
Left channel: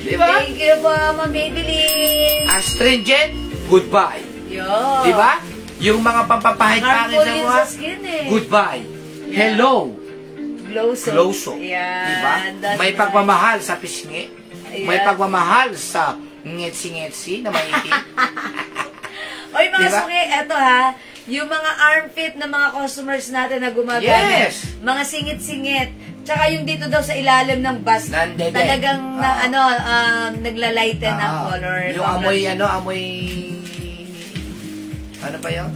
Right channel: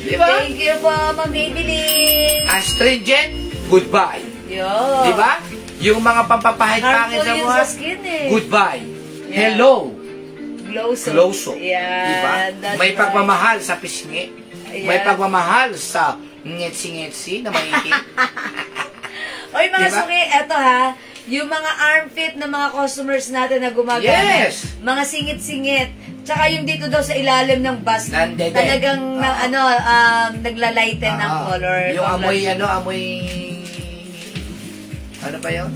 Di ba? Thank you po, Ma'am Maybelline. Astringent, goodbye. Yun. Di ba? Yung mga pampapahit-pahit sa mga, goodbye. Hello. Glow soap. Glow soap. Yan. Di ba? May pagmamahal sa pisngi. May pagmamahal sa ngetsi-ngetsi na maikin. Oy, mga suki, eto ha. Yung mga armpit ng mga customers natin na gumagamit. Yes. Mga singit-singit. Tsaka yung dito daw sa ilalim ng bus. Talagang naglalighten ng color. Yung amoy, ano ba yun?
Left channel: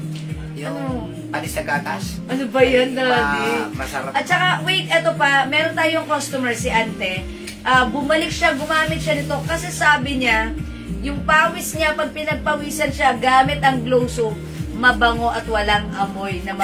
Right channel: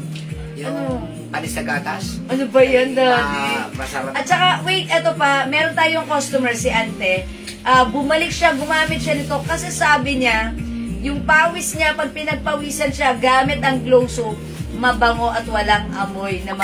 Yung panis sa gatas. Ano ba yan, Daddy? Masarap. At saka, wait, eto pa. Meron tayong customer, si Ante. Bumalik siya, gumamit siya nito. Kasi sabi niya, yung pawis niya, pag pinagpawisan siya, gamit ang glow soap, mabango at walang amoy na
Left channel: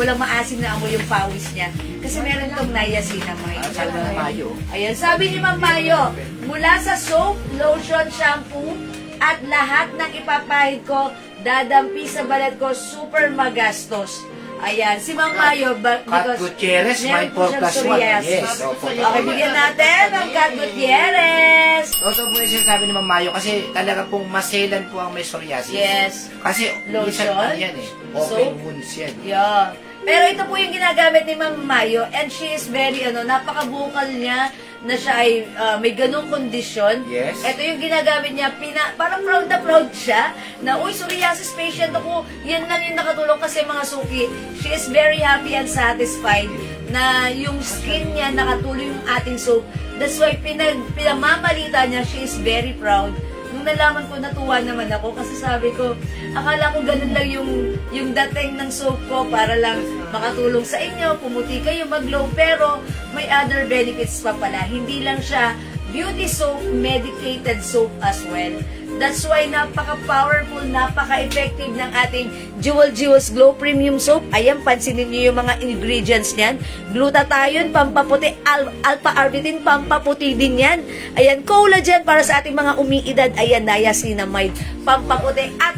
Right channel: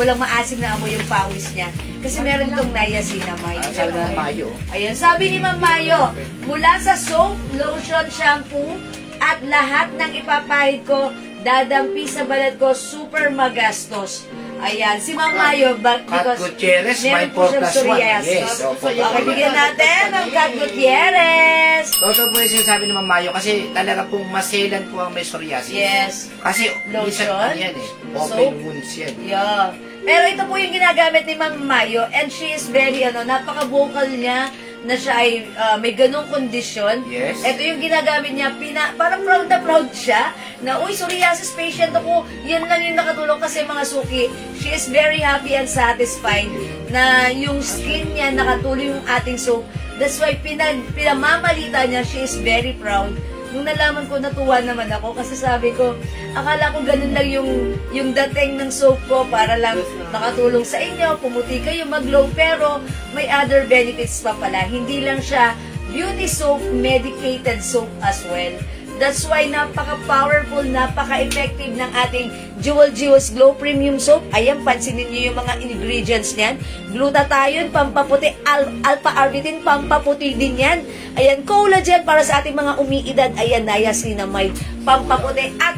walang maasim na amoy yung pawis niya. Kasi meron itong niacinamide. Sabi na Mayo. Ayan, sabi ni Ma'am Mayo, mula sa soap, lotion, shampoo, at lahat ng ipapahid ko, dadampi sa balat ko, super magastos. Ayan, si Ma'am Mayo, Kat Gutierrez, my 4+1. Yes. Okay, bigyan natin ang Kat Gutierrez. Totoo po yung sinasabi ni Ma'am Mayo kasi talaga pong maselan po ang may psoriasis. Yes. Kasi lotion, yan open wounds yan. Yeah. Pero ito po yung ginagamit ni Ma'am Mayo and she is very, napaka-vocal niya na siya ay may ganong kondisyon. Yes. Ito yung ginagamit niya, parang proud na proud siya na, uy, psoriasis patient ako, yan lang yung nakatulong kasi mga suki. She is very happy and satisfied na yung skin niya nakatuloy yung ating soap. That's why pinamamalita niya, she is very proud. Nung nalaman ko, natuwa naman ako kasi sabi ko, akala ko ganun lang yung dating ng soap ko para lang makatulong sa inyo, pumuti kayo, mag-glow, pero may other benefits pa pala. Hindi lang siya beauty soap, medicated soap as well. That's why napaka-powerful, napaka-effective ng ating Jewels Glow Premium Soap. Ayan, pansinin niyo yung mga ingredients niyan. Glutathione, pampaputi, alpha-arbutin, pampaputi din yan. Ayan, collagen para sa ating mga umiidad. Ayan, niacinamide, pampaputi at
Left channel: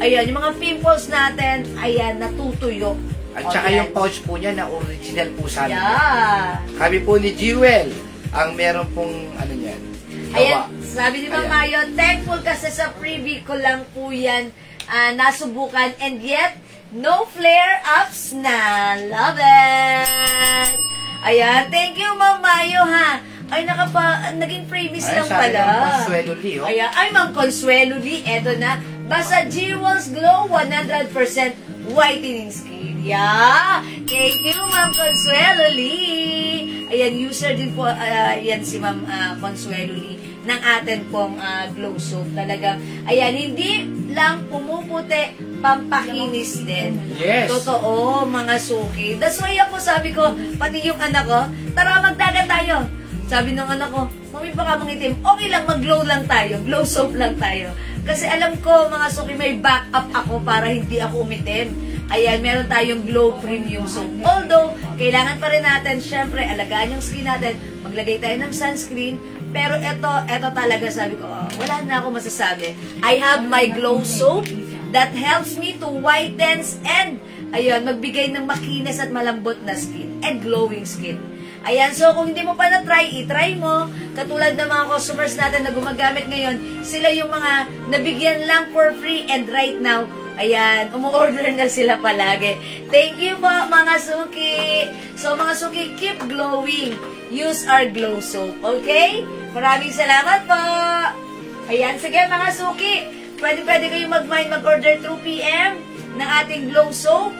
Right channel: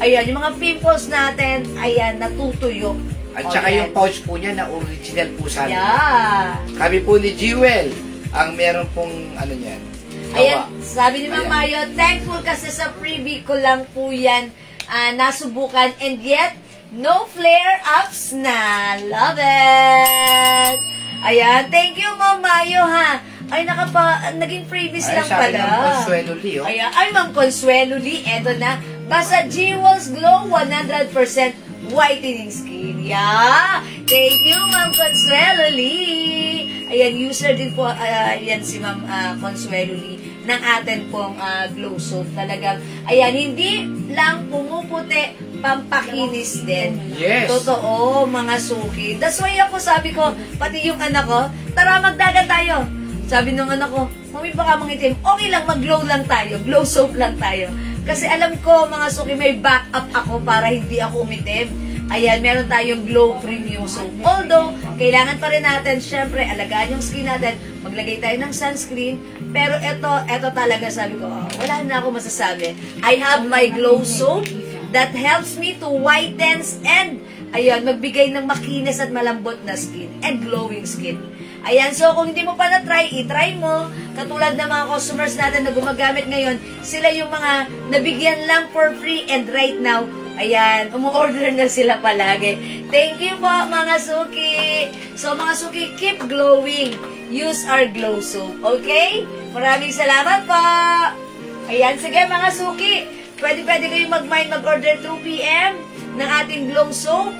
ayan, yung mga pimples natin, ayan, natutuyo. At saka yung pouch po niya na original po sa amin. Yeah. Kami po ni Jewel ang meron pong niyan. Ayan, sabi ni Ma'am Mayo, thankful kasi sa freebie ko lang po yan nasubukan and yet, no flare-ups na. Love it! Ayan, thank you Ma'am Mayo ha. Ay, naging freebies lang pala. Sabi ng Consuelo Lee, oh. Ayan, ay Ma'am Consuelo Lee, eto na. Basta Jewels Glow, 100% whitening skin. Yeah! Thank you Ma'am Consuelo Lee. Ayan, user din po, yan si Ma'am Consuelo Lee ng atin pong glow soap. Talagang, ayan, hindi lang pumuputi, pampakinis din. Yes. Totoo, mga suki. That's why ako sabi ko, pati yung anak ko, tara magdagat tayo. Sabi nung anak ko, mami baka mangitim, okay lang, mag-glow lang tayo, glow soap lang tayo. Kasi alam ko, mga suki, may backup ako para hindi ako umitim. Ayan, meron tayong Glow Premium Soap. Although, kailangan pa rin natin, syempre, alagaan yung skin natin, maglagay tayo ng sunscreen, pero ito talaga, sabi ko, wala na ako masasabi. I have my Glow Soap that helps me to whitens and, ayan, magbigay ng makinis at malambot na skin and glowing skin. Ayan, so kung hindi mo pa na-try, i-try mo. Katulad ng mga customers natin na gumagamit ngayon, sila yung mga nabigyan lang for free and right now, ayan, umu-order na sila palagi. Thank you po, mga suki. So, mga suki, keep glowing. Use our glow soap, okay? Maraming salamat po. Ayan, sige mga suki. Pwede kayong mag-order through PM ng ating glow soap.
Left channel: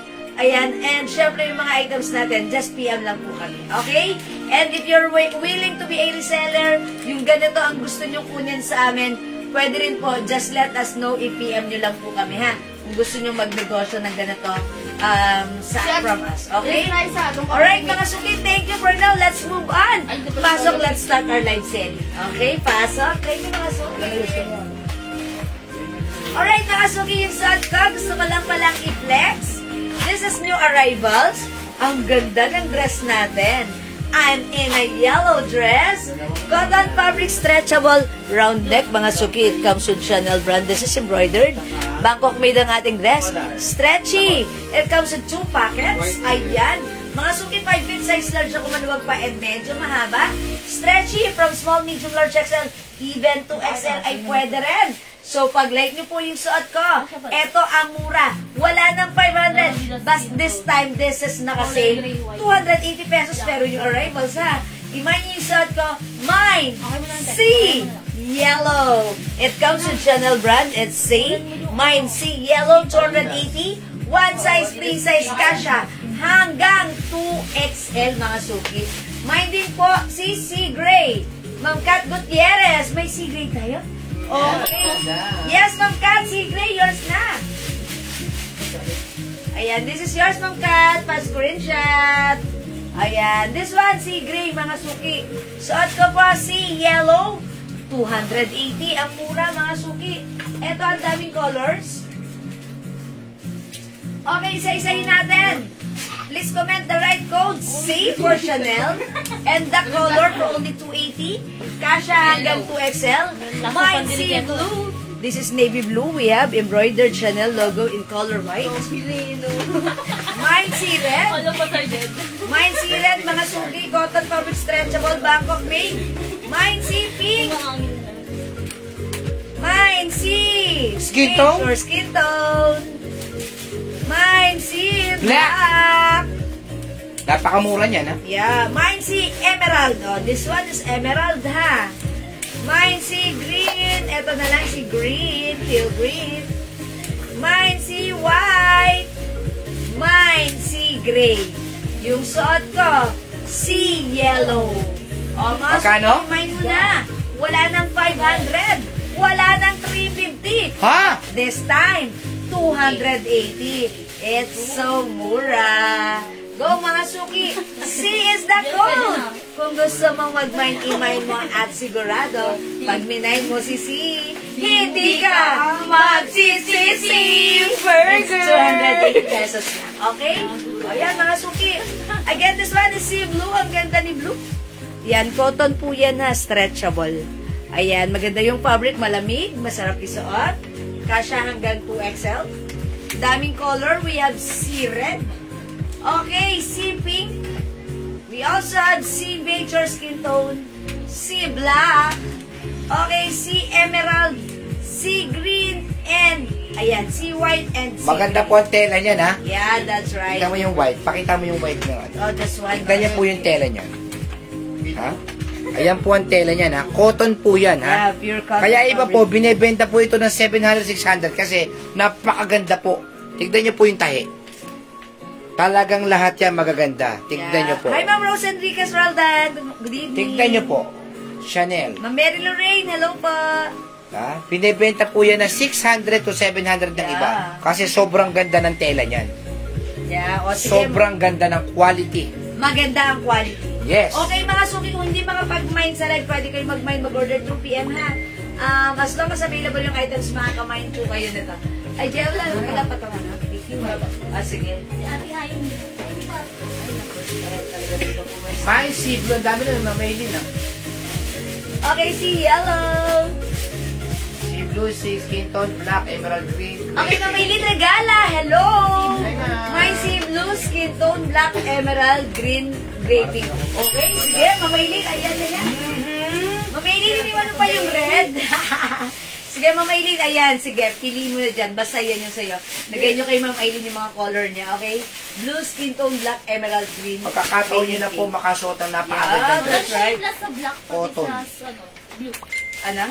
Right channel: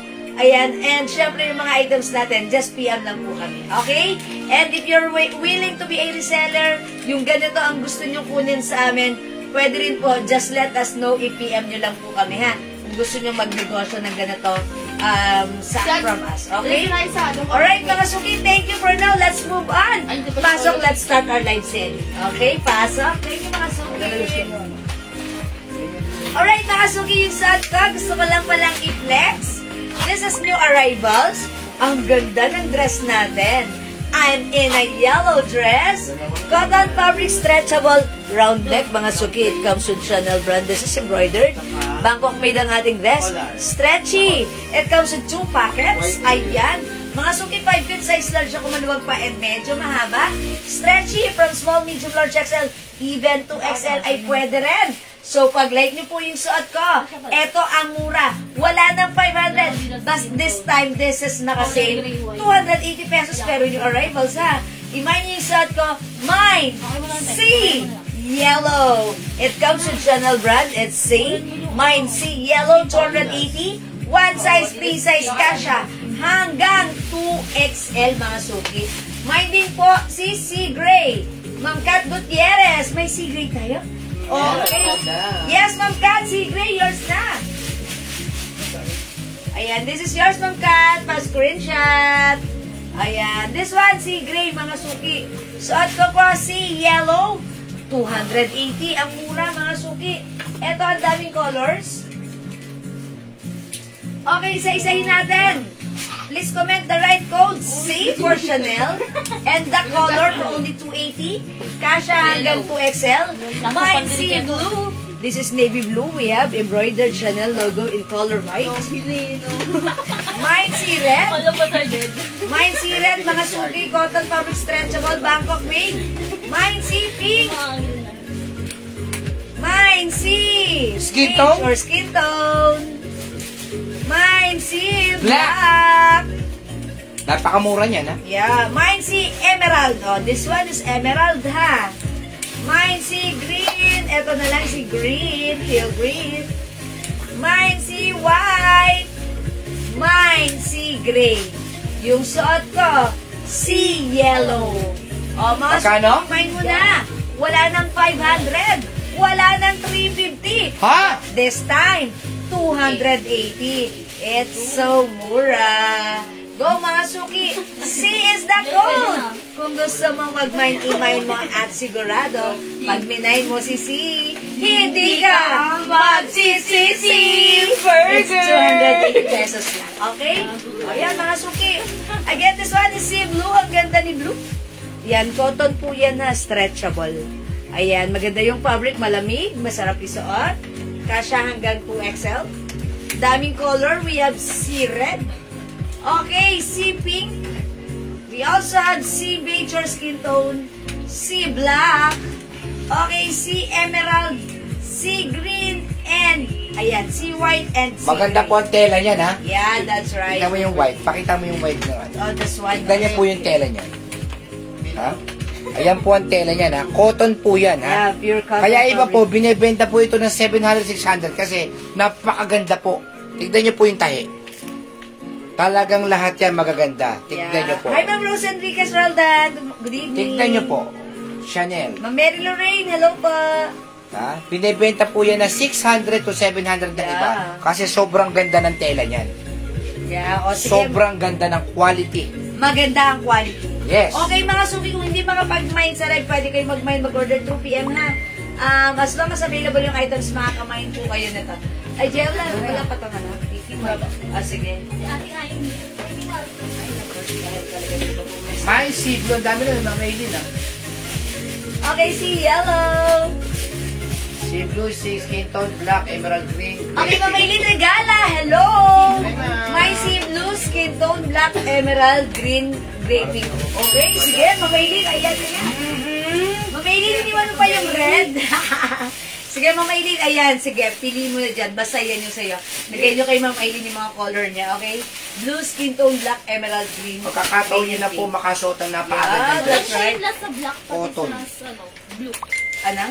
Ayan, and syempre yung mga items natin, just PM lang po kami. Okay? And if you're willing to be a reseller, yung ganito ang gusto nyo kunin sa amin, pwede rin po, just let us know, i-PM nyo lang po kami, ha? Kung gusto nyo magnegosyo ng ganito from us. Okay? Alright, mga suki, thank you for now. Let's move on. Pasok, let's start our live selling. Okay? Pasok. Thank you, mga suki. Alright, mga suki, yung suot ko, gusto ko lang palang i-flex. This is new arrivals. Ang ganda ng dress natin. I'm in a yellow dress. Cotton fabric stretchable round neck, mga suki. It comes with Chanel brand. This is embroidered. Bangkok made ang ating dress. Stretchy. It comes with 2 pockets. Ayan. Mga suki, 5 feet size large ako maluwag pa and medyo mahaba. Stretchy from small, medium, large, XL, even to XL ay pwede rin. So, pag like niyo po yung suot ko, eto ang mura. Wala nang 500. But this time, this is naka-sale. 280 pesos pero yung arrivals ha. Imagine niyo yung suot ko, mine, C, yellow. It comes with Chanel brand. It's C. Mine, C, yellow, 280. One size, 3 size, kasha. Hanggang 2XL, mga suki. Mine din po, si C Gray. Ma'am Kat Gutierrez. May C Gray tayo? Okay. Yes, Ma'am Kat, C Gray, yours na. Ayan, this is yours, Ma'am Kat. Pa-screenshot. Ayan, this one, C Gray, mga suki. Suot ko po, C Yellow. 280 ang mura, mga suki. Ito, ang daming colors. Okay, isa-isahin natin. Please comment the right code, C for Chanel, and the color for only 280. Kasha hanggang 2XL. Mine, C blue. This is navy blue. We have embroidered Chanel logo in color white. Mine, C red. Mine, C red, mga suki, cotton fabric stretchable, Bangkok made. Mine, C pink. Mine, C skin tone or skin tone. Mine, si black. Napakamura niyan, ha? Yeah. Mine, si emerald. Oh, this one is emerald, ha? Mine, si green. Ito na lang si green. Teal green. Mine, si white. Mine, si gray. Yung suot ko, si yellow. Almost. Magkano? Mine mo na. Wala nang 500. Wala nang 350. Ha? This time, 280. It's so mura. Go, mga suki. C is the code. Kung gusto mo mag-mine, i-mine mo at sigurado, pag minay mo si C, hindi ka magsisisi. Burger! It's 280 pesos lang. Okay? O yan, mga suki. Again, this one is C blue. Ang ganda ni blue. Yan, cotton po yan ha. Stretchable. Ayan, maganda yung fabric. Malamig. Masarap isuot. Kasha hanggang 2XL. Daming color. We have C red. Okay, C pink. We also have C beige or skin tone. C black. Okay, C emerald. C green. And, ayan, C white and C maganda po ang tela niyan, ha? Yeah, that's right. Tignan mo yung white. Pakita mo yung white na. Oh, this one. Tignan niya po yung tela niya. Ha? Ayan po ang tela niyan, ha? Cotton po yan, ha? Yeah, pure cotton. Kaya iba po, binibenta po ito ng 700, 600 kasi napakaganda po. Tignan niyo po yung tahi. Talagang lahat yan magaganda. Tignan niyo po. Hi, Ma'am Rose Enriquez Roldan. Good evening. Tignan niyo po. Chanel. Ma'am Mary Lorraine, hello po. Ha? Binibenta po yan ng 600 to 700 ng iba. Kasi sobrang ganda ng tela niyan. Yeah, o sige. Sobrang ganda ng quality. Maganda ang quality. Yes. Okay, mga suki, kung hindi makapag-mine sa live, pwede kayo mag-mine, mag-order 2 PM ha. As long as available yung items, makaka-mine po kayo nito. Ay, Jella, may dapat ang ano. Sige. May si blue, ang dami na yung mga ilin, ha? Okay, si yellow. Si blue, si skin tone, black, emerald green. Okay, Mamaylin Regala, hello! May si blue, skin tone, black, emerald, green, gray, pink. Okay, sige, Mamaylin, ayan na yan. Mamaylin, iniwan mo pa yung red. Sige, Ma'am Aileen, ayan, sige, piliin mo na dyan. Basta yan yung sa'yo. Nagay nyo kay Ma'am Aileen yung mga color niya, okay? Blue, skin tone, black, emerald, green. Magkakataon nyo na po makasuot ang napakaganda. That's right. Plus sa black, Cotton. blue. Ano?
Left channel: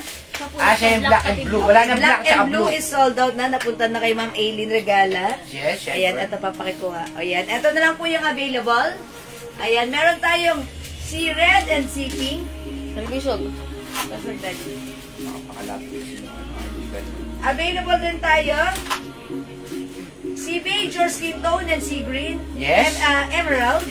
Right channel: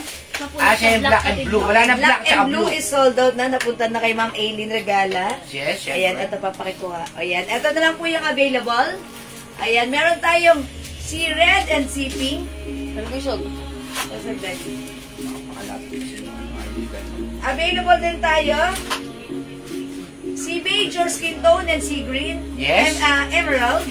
Siya yung black and blue. Wala na black and blue is sold out na. Napunta na kay Ma'am Aileen Regala. Yes, ayan, ito papakikuha. Ayan, ito na lang po yung available. Ayan, meron tayong si red and si pink. Available din tayo si beige or skin tone and si green. Yes. And emerald.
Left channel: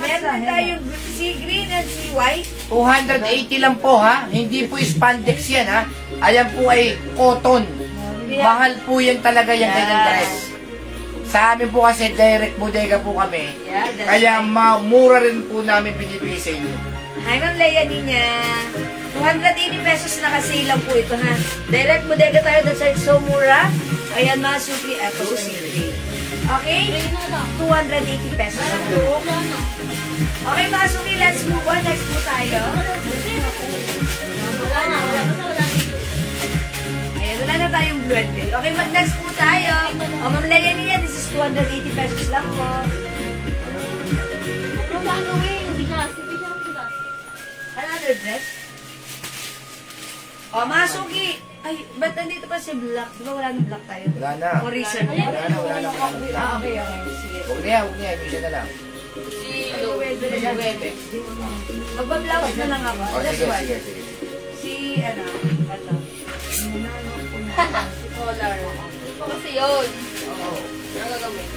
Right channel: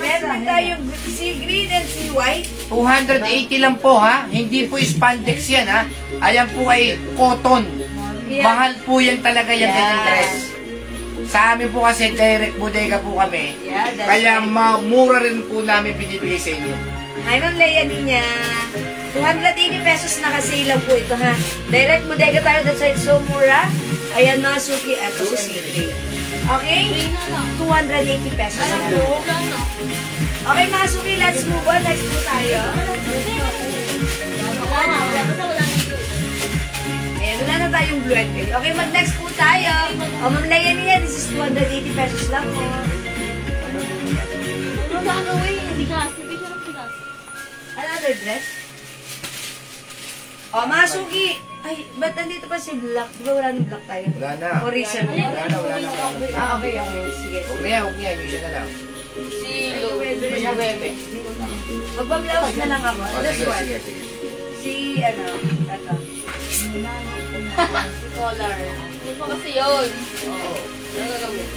Meron tayong si green and si white. 280 lang po ha. Hindi po spandex yan ha. Ayan po ay cotton. Mahal po yan talaga yung kanyang dress. Sa amin po kasi direct bodega po kami. Kaya mura rin po namin binibili sa inyo. Hi, Ma'am Leia niya. 280 pesos na kasi lang po ito ha. Direct bodega tayo, that's why it's so mura. Ayan mga suki. Ito po si okay? 280 pesos na po. Okay mga suki, let's move on. Next po tayo. Ayan, wala na tayong blue and pink. Okay, mag-next po tayo. O, Ma'am Leia niya, this is 280 pesos lang po. Ano ba gawin? Hindi ka kasi. Another dress? O, mga suki. Ay, ba't nandito pa si black? Di ba wala nang black tayo? Wala na. O, reason. Wala na. Okay. Sige. Huwag niya. Yung isa na lang. Magbablowse na lang ako. This one. Sige. Si, ito. Si collar. Hindi pa kasi yun. Oo. Nagagawin.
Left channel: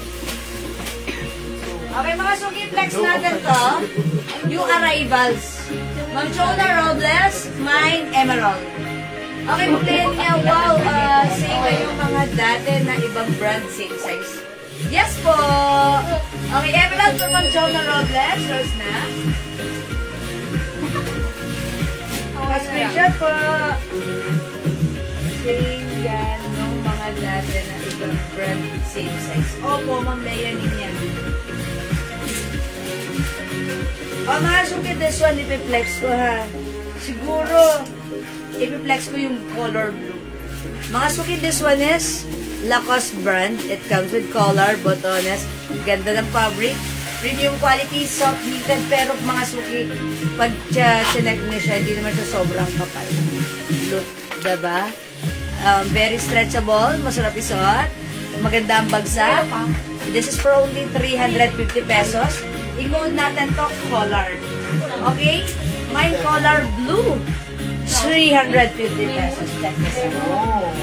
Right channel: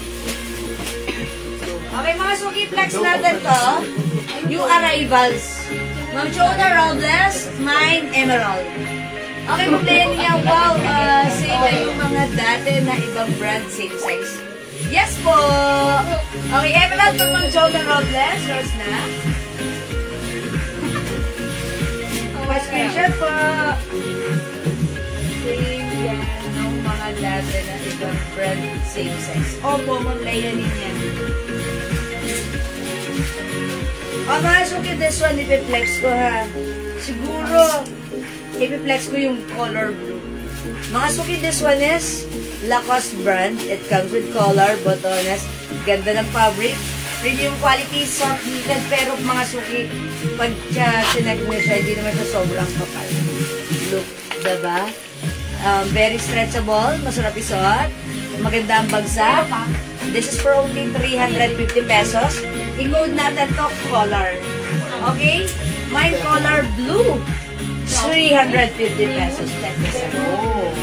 Okay, mga suki, flex natin to. Yung arrivals. Ma'am Jonah Robles, mine Emerald. Okay, mulayan niya, wow, same na yung mga dati na ibang brand, same size. Yes po! Okay, Emerald po Ma'am Jonah Robles, yours na. Pa-screenshot po. Same yan yung mga dati na ibang brand, same size. Opo, Ma'am Leia niya. O, mga suki, this one, ipiplex ko ha. Siguro, ipiplex ko yung color blue. Mga suki, this one is Lacoste brand. It comes with collar, botones. Ganda ng fabric. Premium quality, soft knitted. Pero mga suki, pag sinek mo siya, hindi naman siya sobrang kapal. Look, diba? Very stretchable. Masarap isuot. Maganda ang bagsak. This is for only 350 pesos. I-code natin to collar. Okay? My collar blue. 350 pesos. Check this out.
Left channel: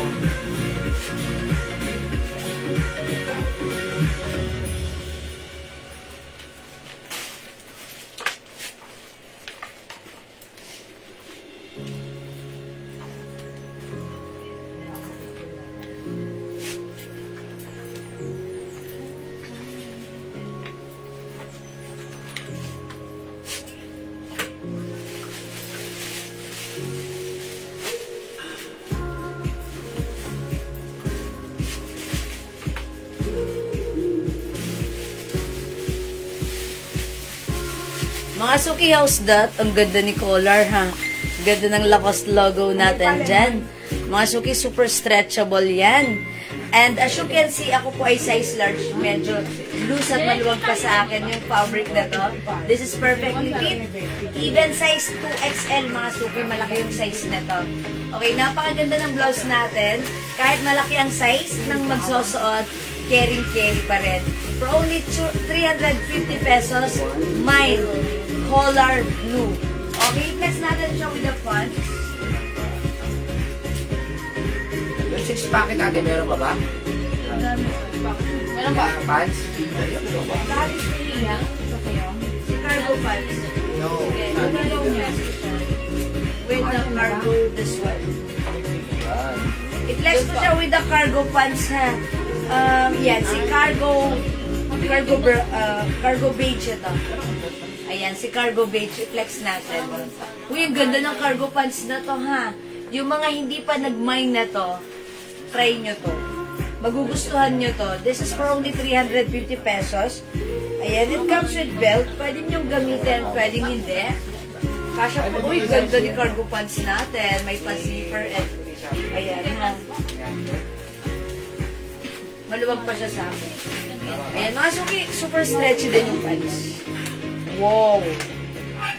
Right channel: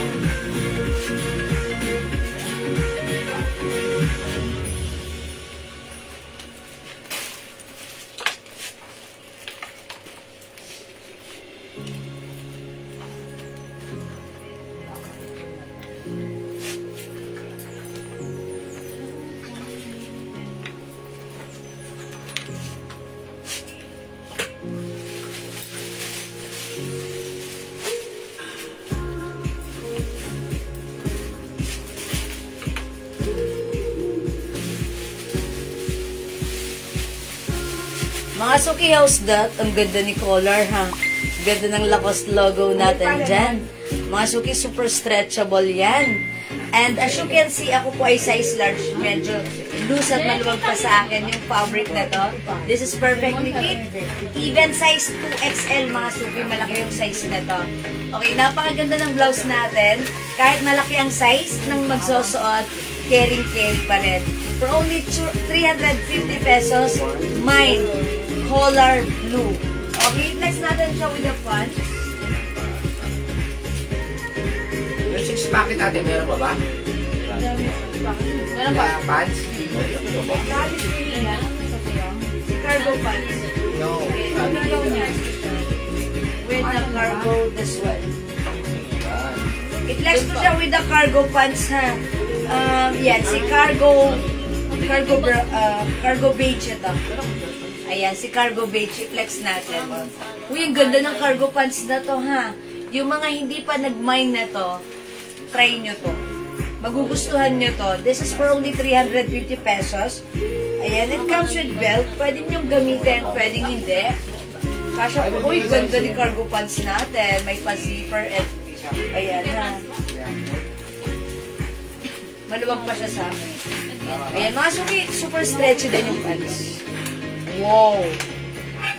Mga suki, how's that? Ang ganda ni collar, ha? Ganda ng Lacoste logo natin dyan. Mga suki, super stretchable yan. And as you can see, ako po ay size large. Medyo loose at maluwag pa sa akin yung fabric na to. This is perfectly fit. Even size 2XL, mga suki, malaki yung size na to. Okay, napakaganda ng blouse natin. Kahit malaki ang size ng magsusuot, caring-carry pa rin. For only 350 pesos, mine, collar blue. Okay, next natin siya with the pants. Yung 6 packet natin, meron pa ba? Meron ba? Pants? Si cargo pants. No. With the cargo, this one. I-flex mo siya with the cargo pants, ha? Yan, si cargo beige ito. Ayan, si cargo beige, i-flex natin. Uy, ang ganda ng cargo pants na to, ha? Yung mga hindi pa nag-mine na to, try nyo to. Magugustuhan nyo to. This is for only 350 pesos. Ayan, it comes with belt. Pwede nyo gamitin, pwedeng hindi. Kasha po, uy, ganda ni cargo pants natin. May pa-zipper and, ayan, ha? Maluwag pa siya sa amin. Ayan, mga suki, super stretchy din yung pants. Wow!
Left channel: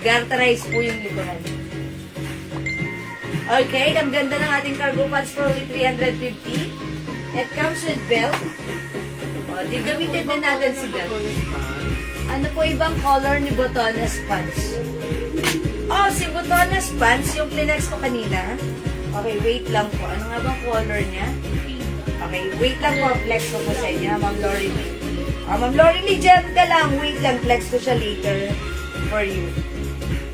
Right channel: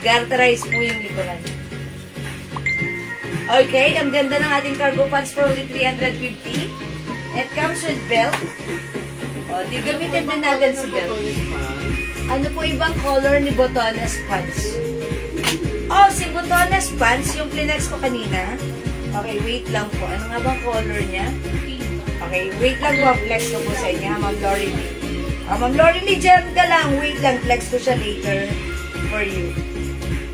Garterize po yung likuran. Okay, ang ganda ng ating cargo pants for only 350. It comes with belt. O, di gamitin din natin si belt. Ano po ibang color ni Botones pants? Oh, si Botones pants, yung plinex ko kanina. Okay, wait lang po. Ano nga bang color niya? Okay, wait lang po. Flex ko po sa inyo, Ma'am Lorelie. Ma'am Lorelie, dyan ka lang. Wait lang, flex ko siya later for you.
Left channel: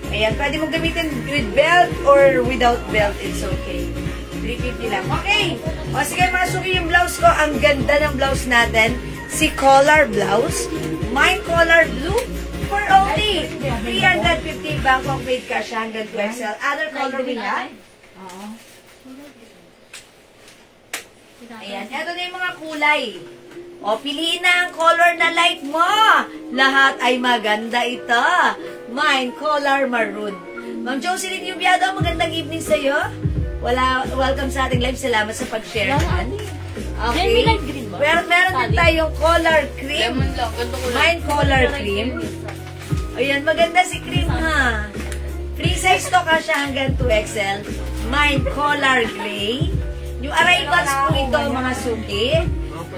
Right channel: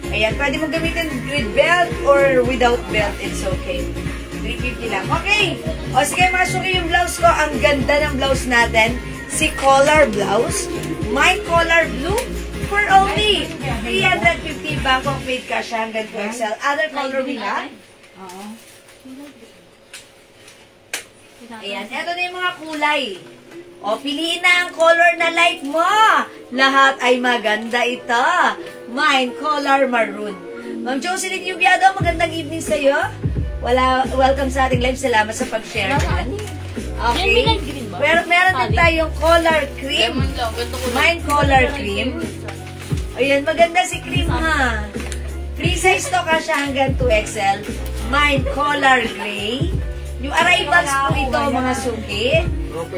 Ayan, pwede mong gamitin with belt or without belt. It's okay. 350 lang. Okay. O sige, masuki yung blouse ko. Ang ganda ng blouse natin. Si collar blouse. My collar blue for only 350 Bangkok made cash hanggang 2XL. Other color we have. Ayan. Ito na yung mga kulay. O, piliin na ang color na like mo. Lahat ay maganda ito. Mine, color maroon. Ma'am Jocelyn Yubiado, magandang evening sa'yo. Welcome sa ating live. Salamat sa pag-share. Okay. Meron din tayong color cream. Mine, color cream. Ayan, maganda si cream ha. Free size to kasi hanggang 2XL. Mine, color gray. Yung arrivals po ito, mga suki.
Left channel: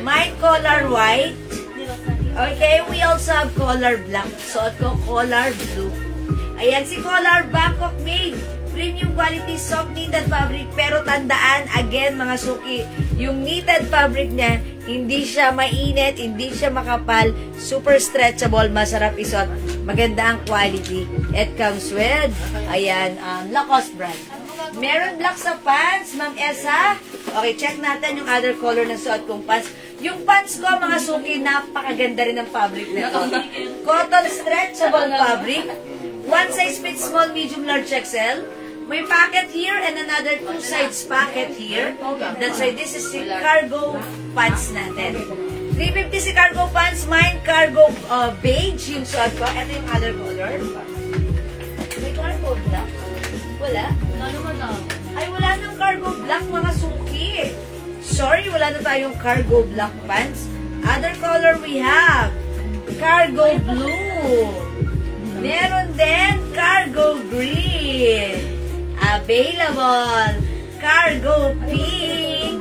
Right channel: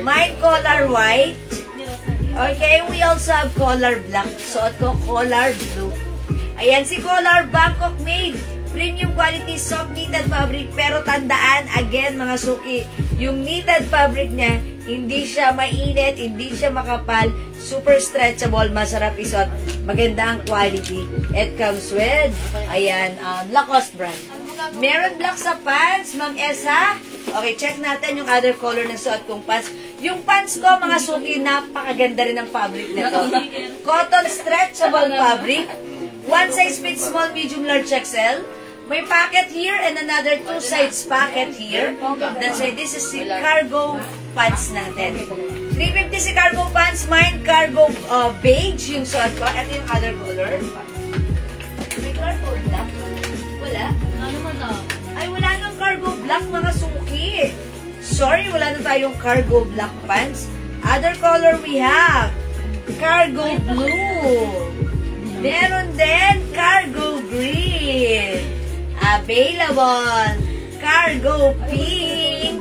My color white. Okay, we also have color black. Suot ko color blue. Ayan, si color Bangkok made. Premium quality soft knitted fabric. Pero tandaan, again mga suki, yung knitted fabric niya, hindi siya mainit, hindi siya makapal, super stretchable, masarap isuot. Maganda ang quality. It comes with, ayan, Lacoste brand. Meron black sa pants, Ma'am Esa. Okay, check natin yung other color na suot kong pants. Yung pants ko, mga suki, napakaganda rin ang fabric nito. Cotton stretchable fabric. One size fits small, medium, large, XL. May pocket here and another two sides pocket here. That's why this is the cargo pants natin. 350 si cargo pants. Mine, cargo beige yung suot ko. Ito yung other color. May cargo black. Wala? Ay, wala nang cargo black, mga suki. Sorry, wala na tayong cargo black pants. Other color we have cargo blue. Meron din cargo green. Available. Cargo pink.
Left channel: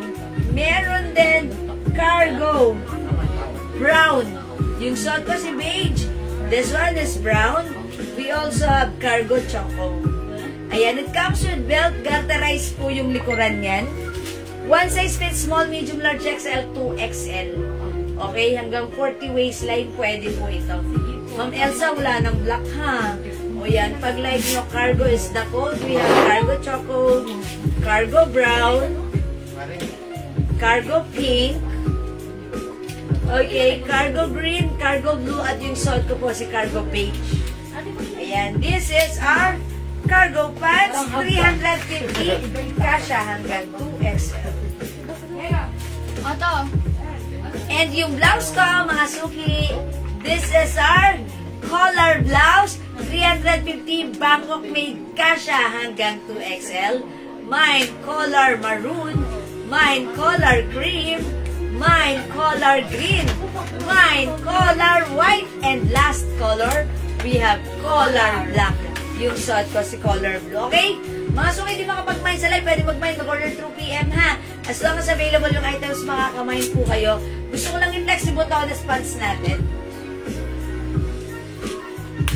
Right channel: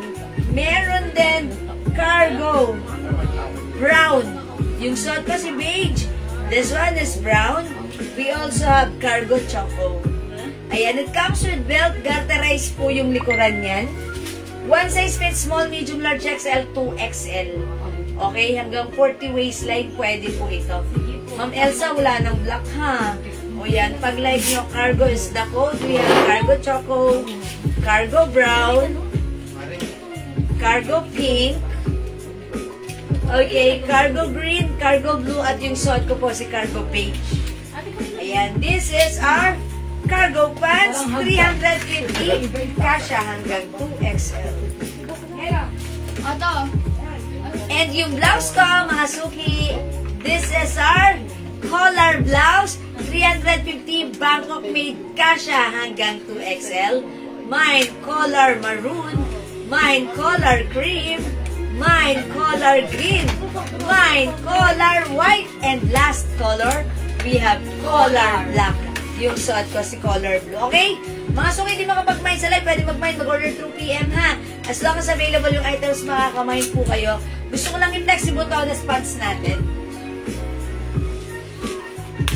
Meron din cargo brown. Yung suot ko si beige. This one is brown. We also have cargo choco. Ayan, it comes with belt. Garterized po yung likuran niyan. One size fits small, medium, large, XL, 2XL. Okay, hanggang 40 waistline, pwede po ito. Ma'am Elsa, wala ng black ha. O yan, pag like nyo, cargo is the code. We have cargo choco, cargo brown, cargo pink, okay, cargo green, cargo blue, at yung suot ko po si cargo beige. Ayan, this is our cargo pants, 350, kasha hanggang 2XL. And yung blouse ko, mga suki, this is our collar blouse, 350, Bangkok made, kasha hanggang 2XL. Mine, color maroon. Mine, color cream. Mine, color green. Mine, color white. And last color, we have color black. Yung suot ko si color blue. Okay? Mga suki, hindi makapag-mine sa live. Pwede mag-mine, mag-order through PM ha. As long as available yung items, makaka-mine po kayo. Gusto ko lang i-flex si Botones pants natin.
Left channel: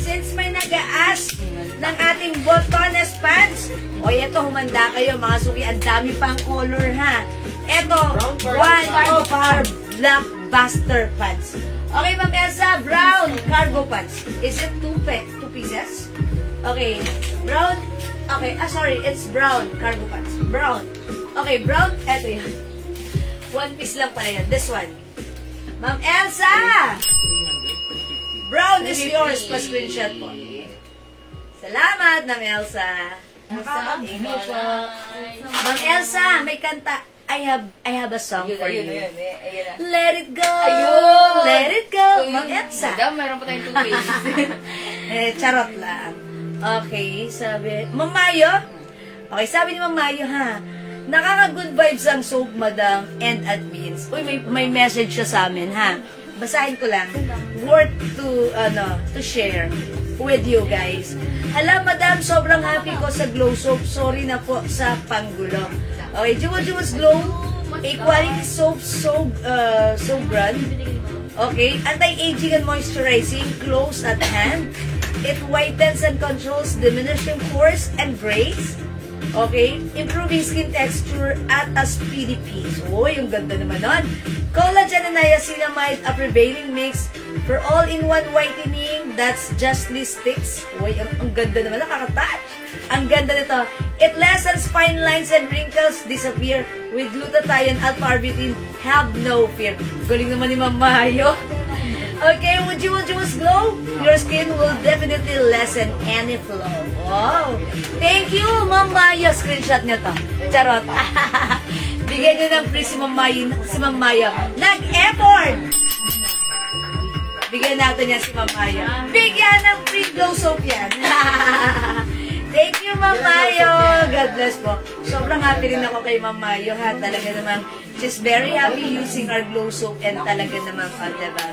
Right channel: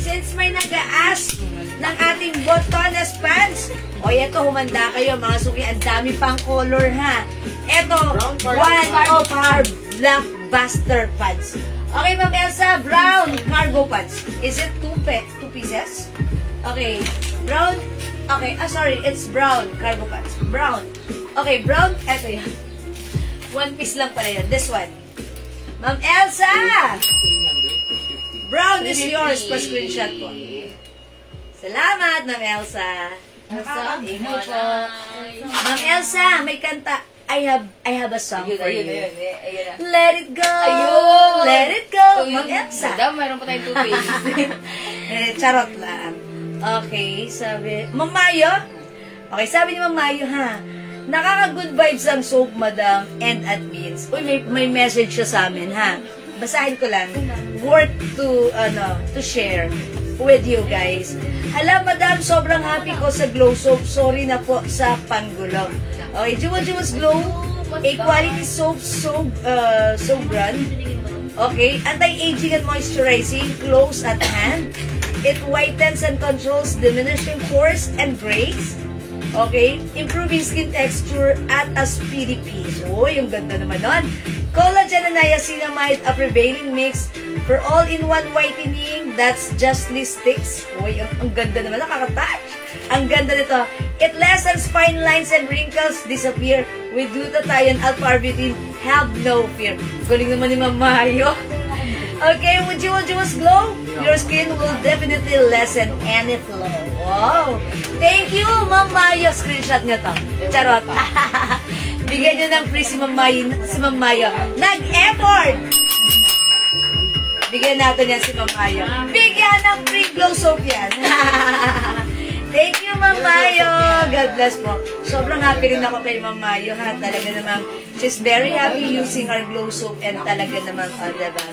Since may nag-a-ask ng ating Botones pants, o ito, humanda kayo mga suki, ang dami pang color ha. Ito, one of our blockbuster pants. Okay, Ma'am Elsa, brown cargo pants. Is it two pieces? Okay, brown. Okay, sorry, it's brown cargo pants. Brown. Okay, brown. Eto yan. One piece lang pala yun. This one. Ma'am Elsa! Brown is yours. Pa-screenshot ko. Salamat, Ma'am Elsa. Thank you po. Ma'am Elsa, may kanta. I have a song for you. Let it go. Let it go. Ma'am Elsa. Meron pa tayong 2 pages. Charot lang. Okay, sabi. Ma'am Mayo? Okay, sabi ni Ma'am Mayo, ha? Nakaka-good vibes ang soap, madam, and admins. Uy, may message siya sa amin, ha? Basahin ko lang. Worth to share. with you guys. Hala, madam, sobrang happy ko sa Glow Soap. Sorry na po sa panggulo. Okay, Juwas Glow, a quality soap, so brand. Okay, anti-aging and moisturizing, close at hand. It whitens and controls diminishing pores and grays. Okay, improving skin texture at a speedy peace. Oh, yung ganda naman nun. Collagen and niacinamide, a prevailing mix for all-in-one whitening that's justly sticks. Uy, ang ganda naman, nakaka-touch. Ang ganda nito. It lessens fine lines and wrinkles disappear with glutathione, alpha-arbutin. Have no fear. Galing naman ni Ma'am Mayo. Okay, with Juwas Glow, your skin will definitely lessen any flow. Wow! Thank you, Ma'am Mayo. Screenshot nyo to. Charot. Bigyan nyo ng free si Ma'am Mayo. Nag-effort! Bigyan natin yan si Ma'am Mayo. Bigyan ng free Glow Soap yan. Thank you, Ma'am Mayo. God bless po. Sobrang happy rin ako kay Ma'am Mayo, ha. Talaga namang, she's very happy using our Glow Soap and talaga namang, diba?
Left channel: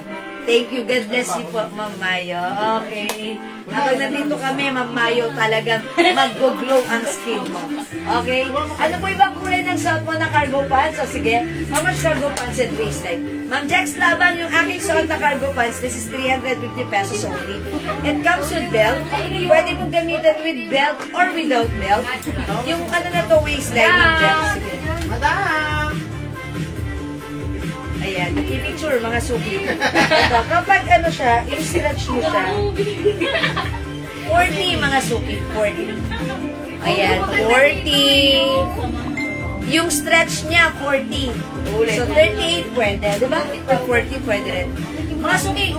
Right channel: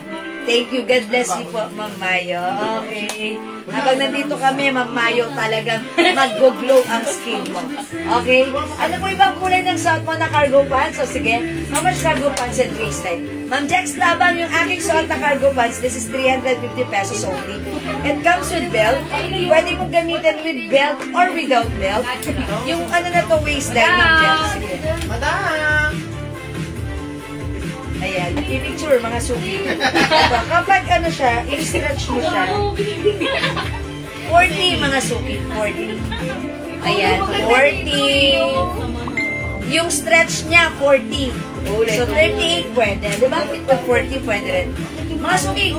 Thank you. God bless you po, Ma'am Mayo. Okay. Habang nandito kami, Ma'am Mayo, talagang mag-glow ang skin mo. Okay? Ano po ibang kulay ng suot mo na cargo pants? So, sige. How much cargo pants and waistline? Ma'am Jax Laban, yung aking suot na cargo pants, this is 350 pesos only. It comes with belt. Pwede mong gamitin with belt or without belt. Yung ano na to, waistline. Ma'am Jax. Sige. Madam! Ayan, i-picture mga suki. Ito, kapag ano siya, i-stretch mo siya. 40 mga suki, 40. Ayan, 40. Yung stretch niya, 40. So, 38 pwede. Diba? Pag 40 pwede rin. Mga suki,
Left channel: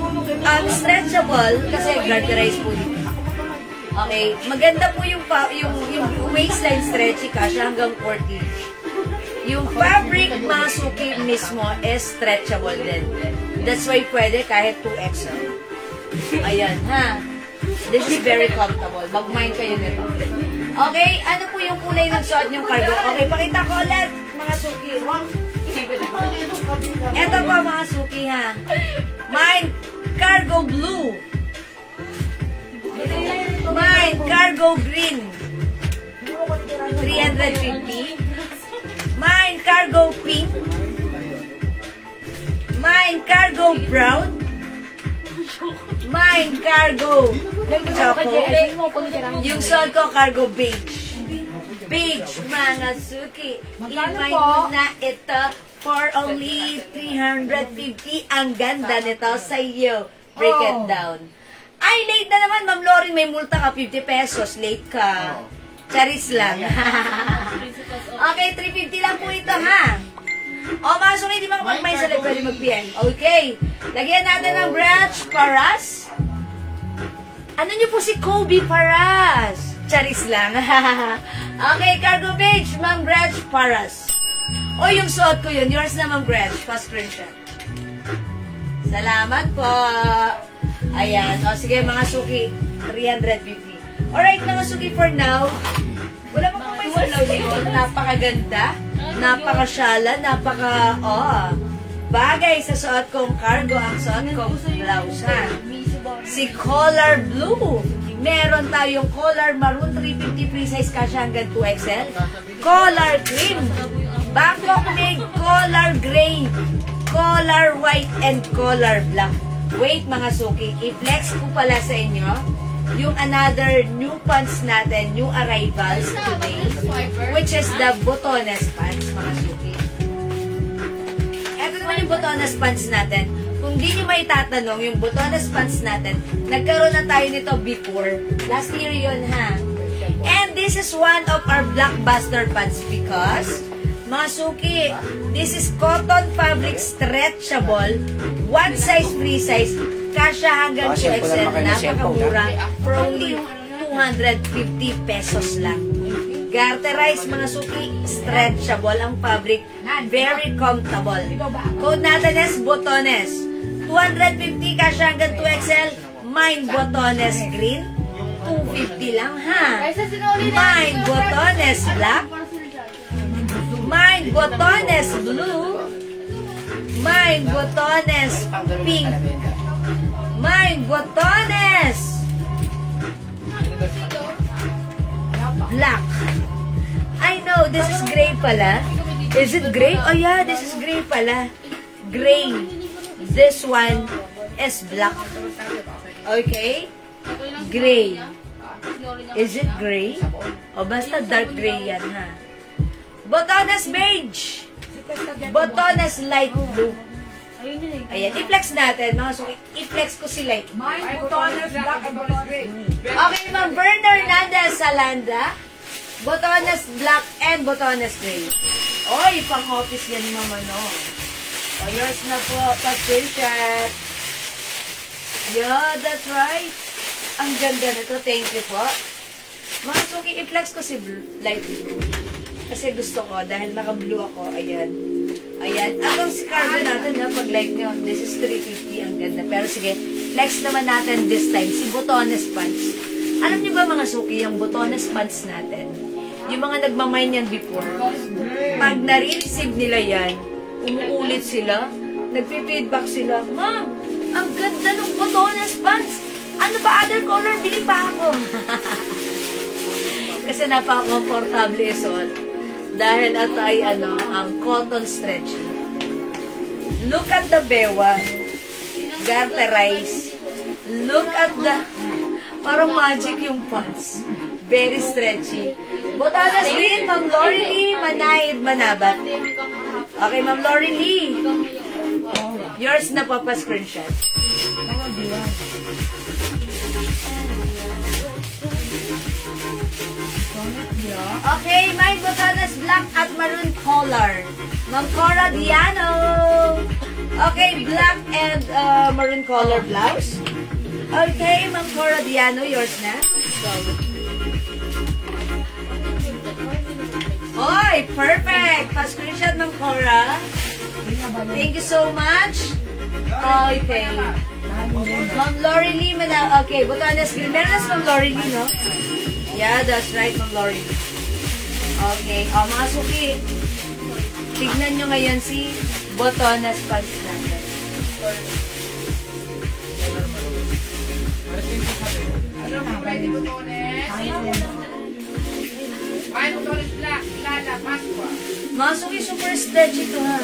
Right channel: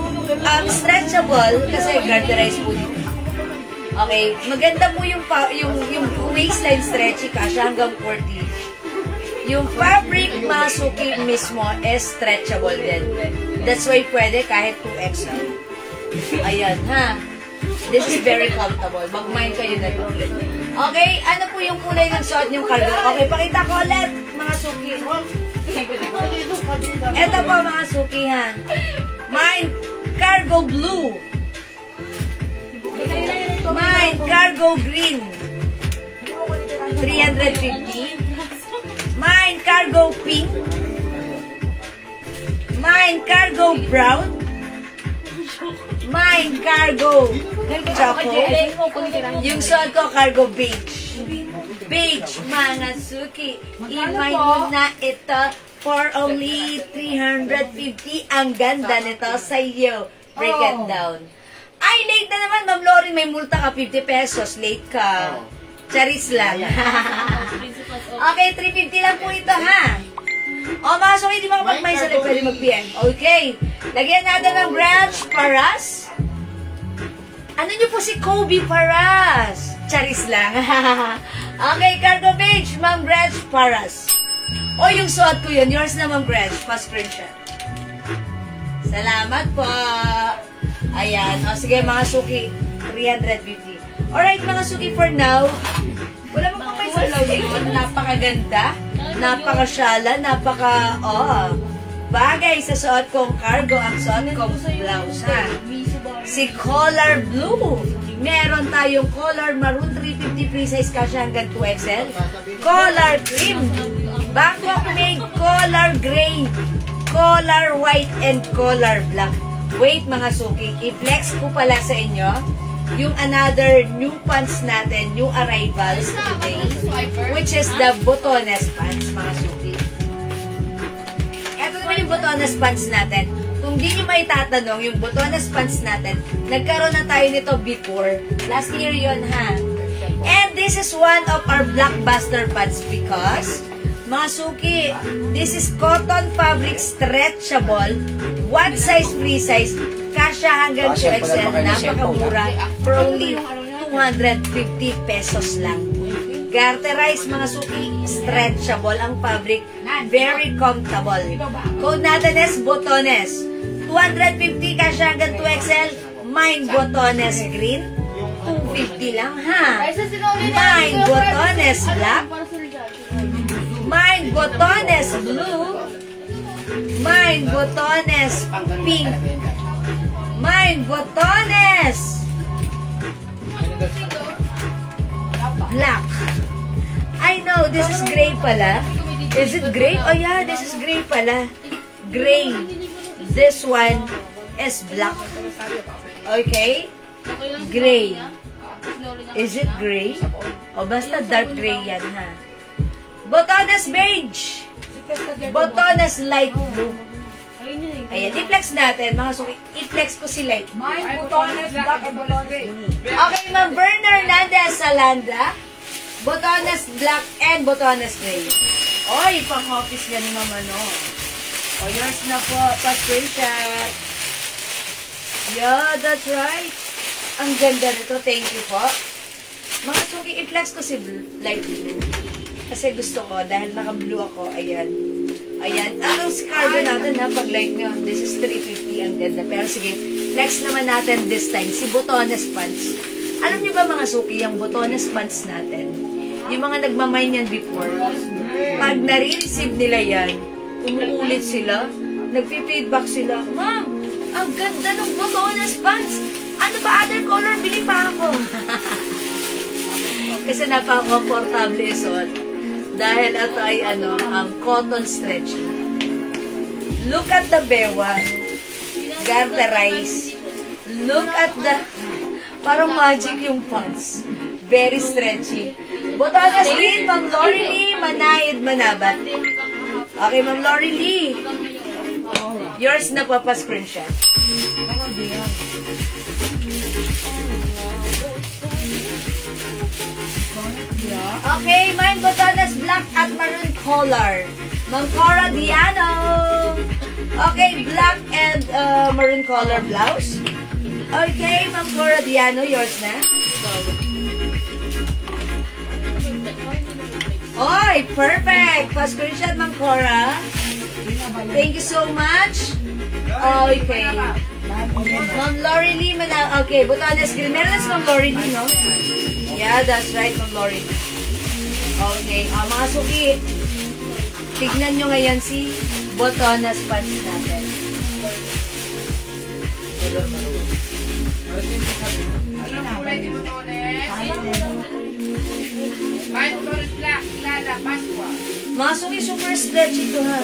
stretchable, kasi garterize po dito. Okay, maganda po yung waistline stretchy kasha hanggang 40. Yung fabric, mga suki mismo, is stretchable din. That's why pwede kahit 2XL. Ayan, ha? This is very comfortable. Mag-mind kayo na ito. Okay, ano po yung kulay ng suot niyong cargo? Okay, pakita ko ulit, mga suki. Ito po, mga suki, ha? Mine, cargo blue. Mine, cargo green. 350. Mine, cargo pink. Mine, cargo brown. Mine, cargo choco. Yung suot ko, cargo beige. Beige, mga suki. I-mine mo na ito for only 350. Ang ganda nito sa iyo. Break it down. Ay, late na naman, Ma'am Lori. May multa ka, 50 pesos. Late ka. Charis lang. Okay, 350 lang po ito, ha? O, mga suki, di ba kapag may salit, pwede mag-PM? Okay. Lagyan natin ng branch paras. Ano niyo po si Kobe Paras? Charis lang. Okay, cargo beige, Ma'am Branch Paras. O, yung suot ko yun. Yours na, Ma'am Branch. Pa-screenshot. Salamat po. Ayan. O, sige, mga suki. 350. Alright, mga suki, for now, wala mo pa may salaw dito. Napakaganda. Napakasyala. Bagay sa suot kong cargo. Ang suot kong blouse, ha? Si Color Blue. Meron tayong Color Maroon 350 free size kasya hanggang 2XL. Color Cream. Bangkok Gray. Color Gray. Color White and Color Black. Wait, mga suki. I-flex ko pala sa inyo yung another new pants natin, new arrivals today, which is the botones pants, mga suki. Ito naman yung botones pants natin. Kung di nyo may tatanong, yung botones pants natin, nagkaroon na tayo nito before. Last year yun, ha? And this is one of our blockbuster pants because, mga suki, this is cotton fabric stretchable, one size, free size, kasya hanggang 2XL, napakamura, for only 250 pesos lang. Garterize, mga suki, stretchable ang fabric, very comfortable. Code natin is botones. 250 kasya hanggang 2XL, mine botones green, 250 lang, ha? Mine botones black, mine botones blue, mine botones pink, mine botones black. I know, this is gray pala. Is it gray? Oh yeah, this is gray pala. Gray. This one is black. Okay? Gray. Is it gray? O basta dark gray yan ha. Botones beige. Botones light blue. Ayan, i-flex natin. Mga suki, i-flex ko si light. Okay, Ma'am Berna Hernandez Salanda. Botones black and botones gray. Oy, pang-office yan ni Mama, no? O, yours na po. Pa-screenshot. Yeah, that's right. Ang ganda nito. Thank you po. Mga suki, i-flex ko si light blue. Kasi gusto ko, dahil naka-blue ako, ayan. Ayan. Ang cargo natin na pag light nyo, this is 350, ang ganda. Pero sige, flex naman natin this time, si botones pants. Alam niyo ba mga suki, yung botones pants natin, yung mga nagmamine yan before, pag na-receive nila yan, umuulit sila, nagpi-feedback sila, Ma'am, ang ganda ng botones pants. Ano ba other color? Bili pa ako. Kasi napaka-comfortable isuot. Dahil ito ay ang cotton stretch. Look at the bewang. Garterize. Look at the, parang magic yung pants. Very stretchy. Botanas green, Ma'am Lori Lee, Manayid, Manabat. Okay, Ma'am Lori Lee. Yours na po pa-screenshot. Okay, mine botanas black at maroon color. Ma'am Cora Diano. Okay, black and maroon color blouse. Okay, Ma'am Cora Diano, yours na. Oy, perfect. Pa-screenshot, Ma'am Cora. Thank you so much. Okay. Ma'am Lori Lee, okay, botanas green. Meron na si Ma'am Lori Lee, no? Yeah, that's right, Ma'am Lori. Okay, mga suki, tignan nyo ngayon si botonas pants natin. Mga suki, super stretch ito ha.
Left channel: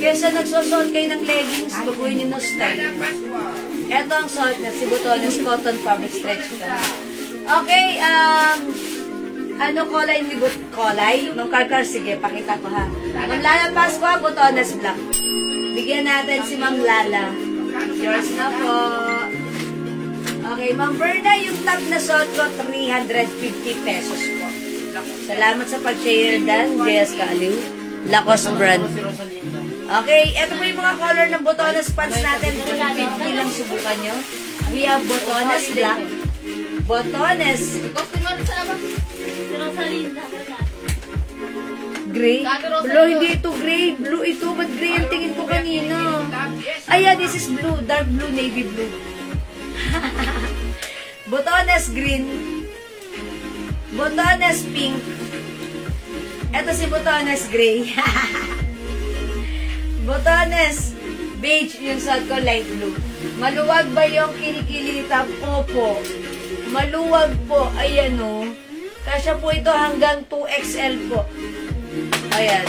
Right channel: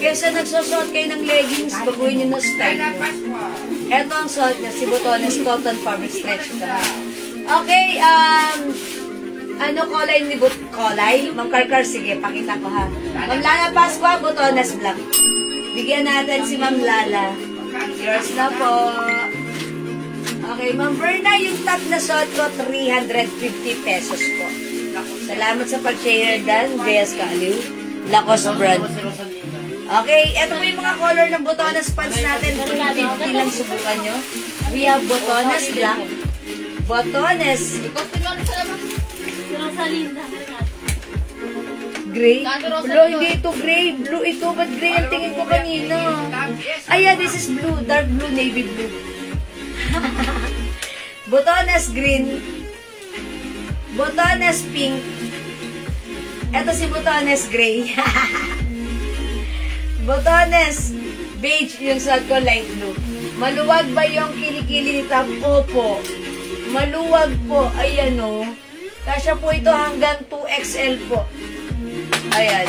Kesa nagsusuot kayo ng leggings, baguhin nyo ng style. Ito ang suot na si botonas cotton fabric stretch ito. Okay, ano kulay ni kulay? Ma'am Karkar, sige, pakita ko ha. Ma'am Lala Pascua, botonas black. Bigyan natin si Ma'am Lala. Yours na po. Okay, Ma'am Berna, yung top na suot ko, 350 pesos po. Salamat sa pag-share dan, Gayas Kaliw. Lacoste brand. Okay, ito po yung mga color ng botonas pants natin. 350 lang, subukan nyo. We have botonas black. Botones. Gray? Blue, hindi ito gray. Blue ito. Ba't gray ang tingin ko kanina? Ay, yeah, this is blue. Dark blue, navy blue. Botones green. Botones pink. Ito si botones gray. Botones beige. Yung suot ko light blue. Maluwag ba yung kilikili ni Top? Opo. Maluwag po. Ayan o. Kasya po ito hanggang 2XL po. Ayan.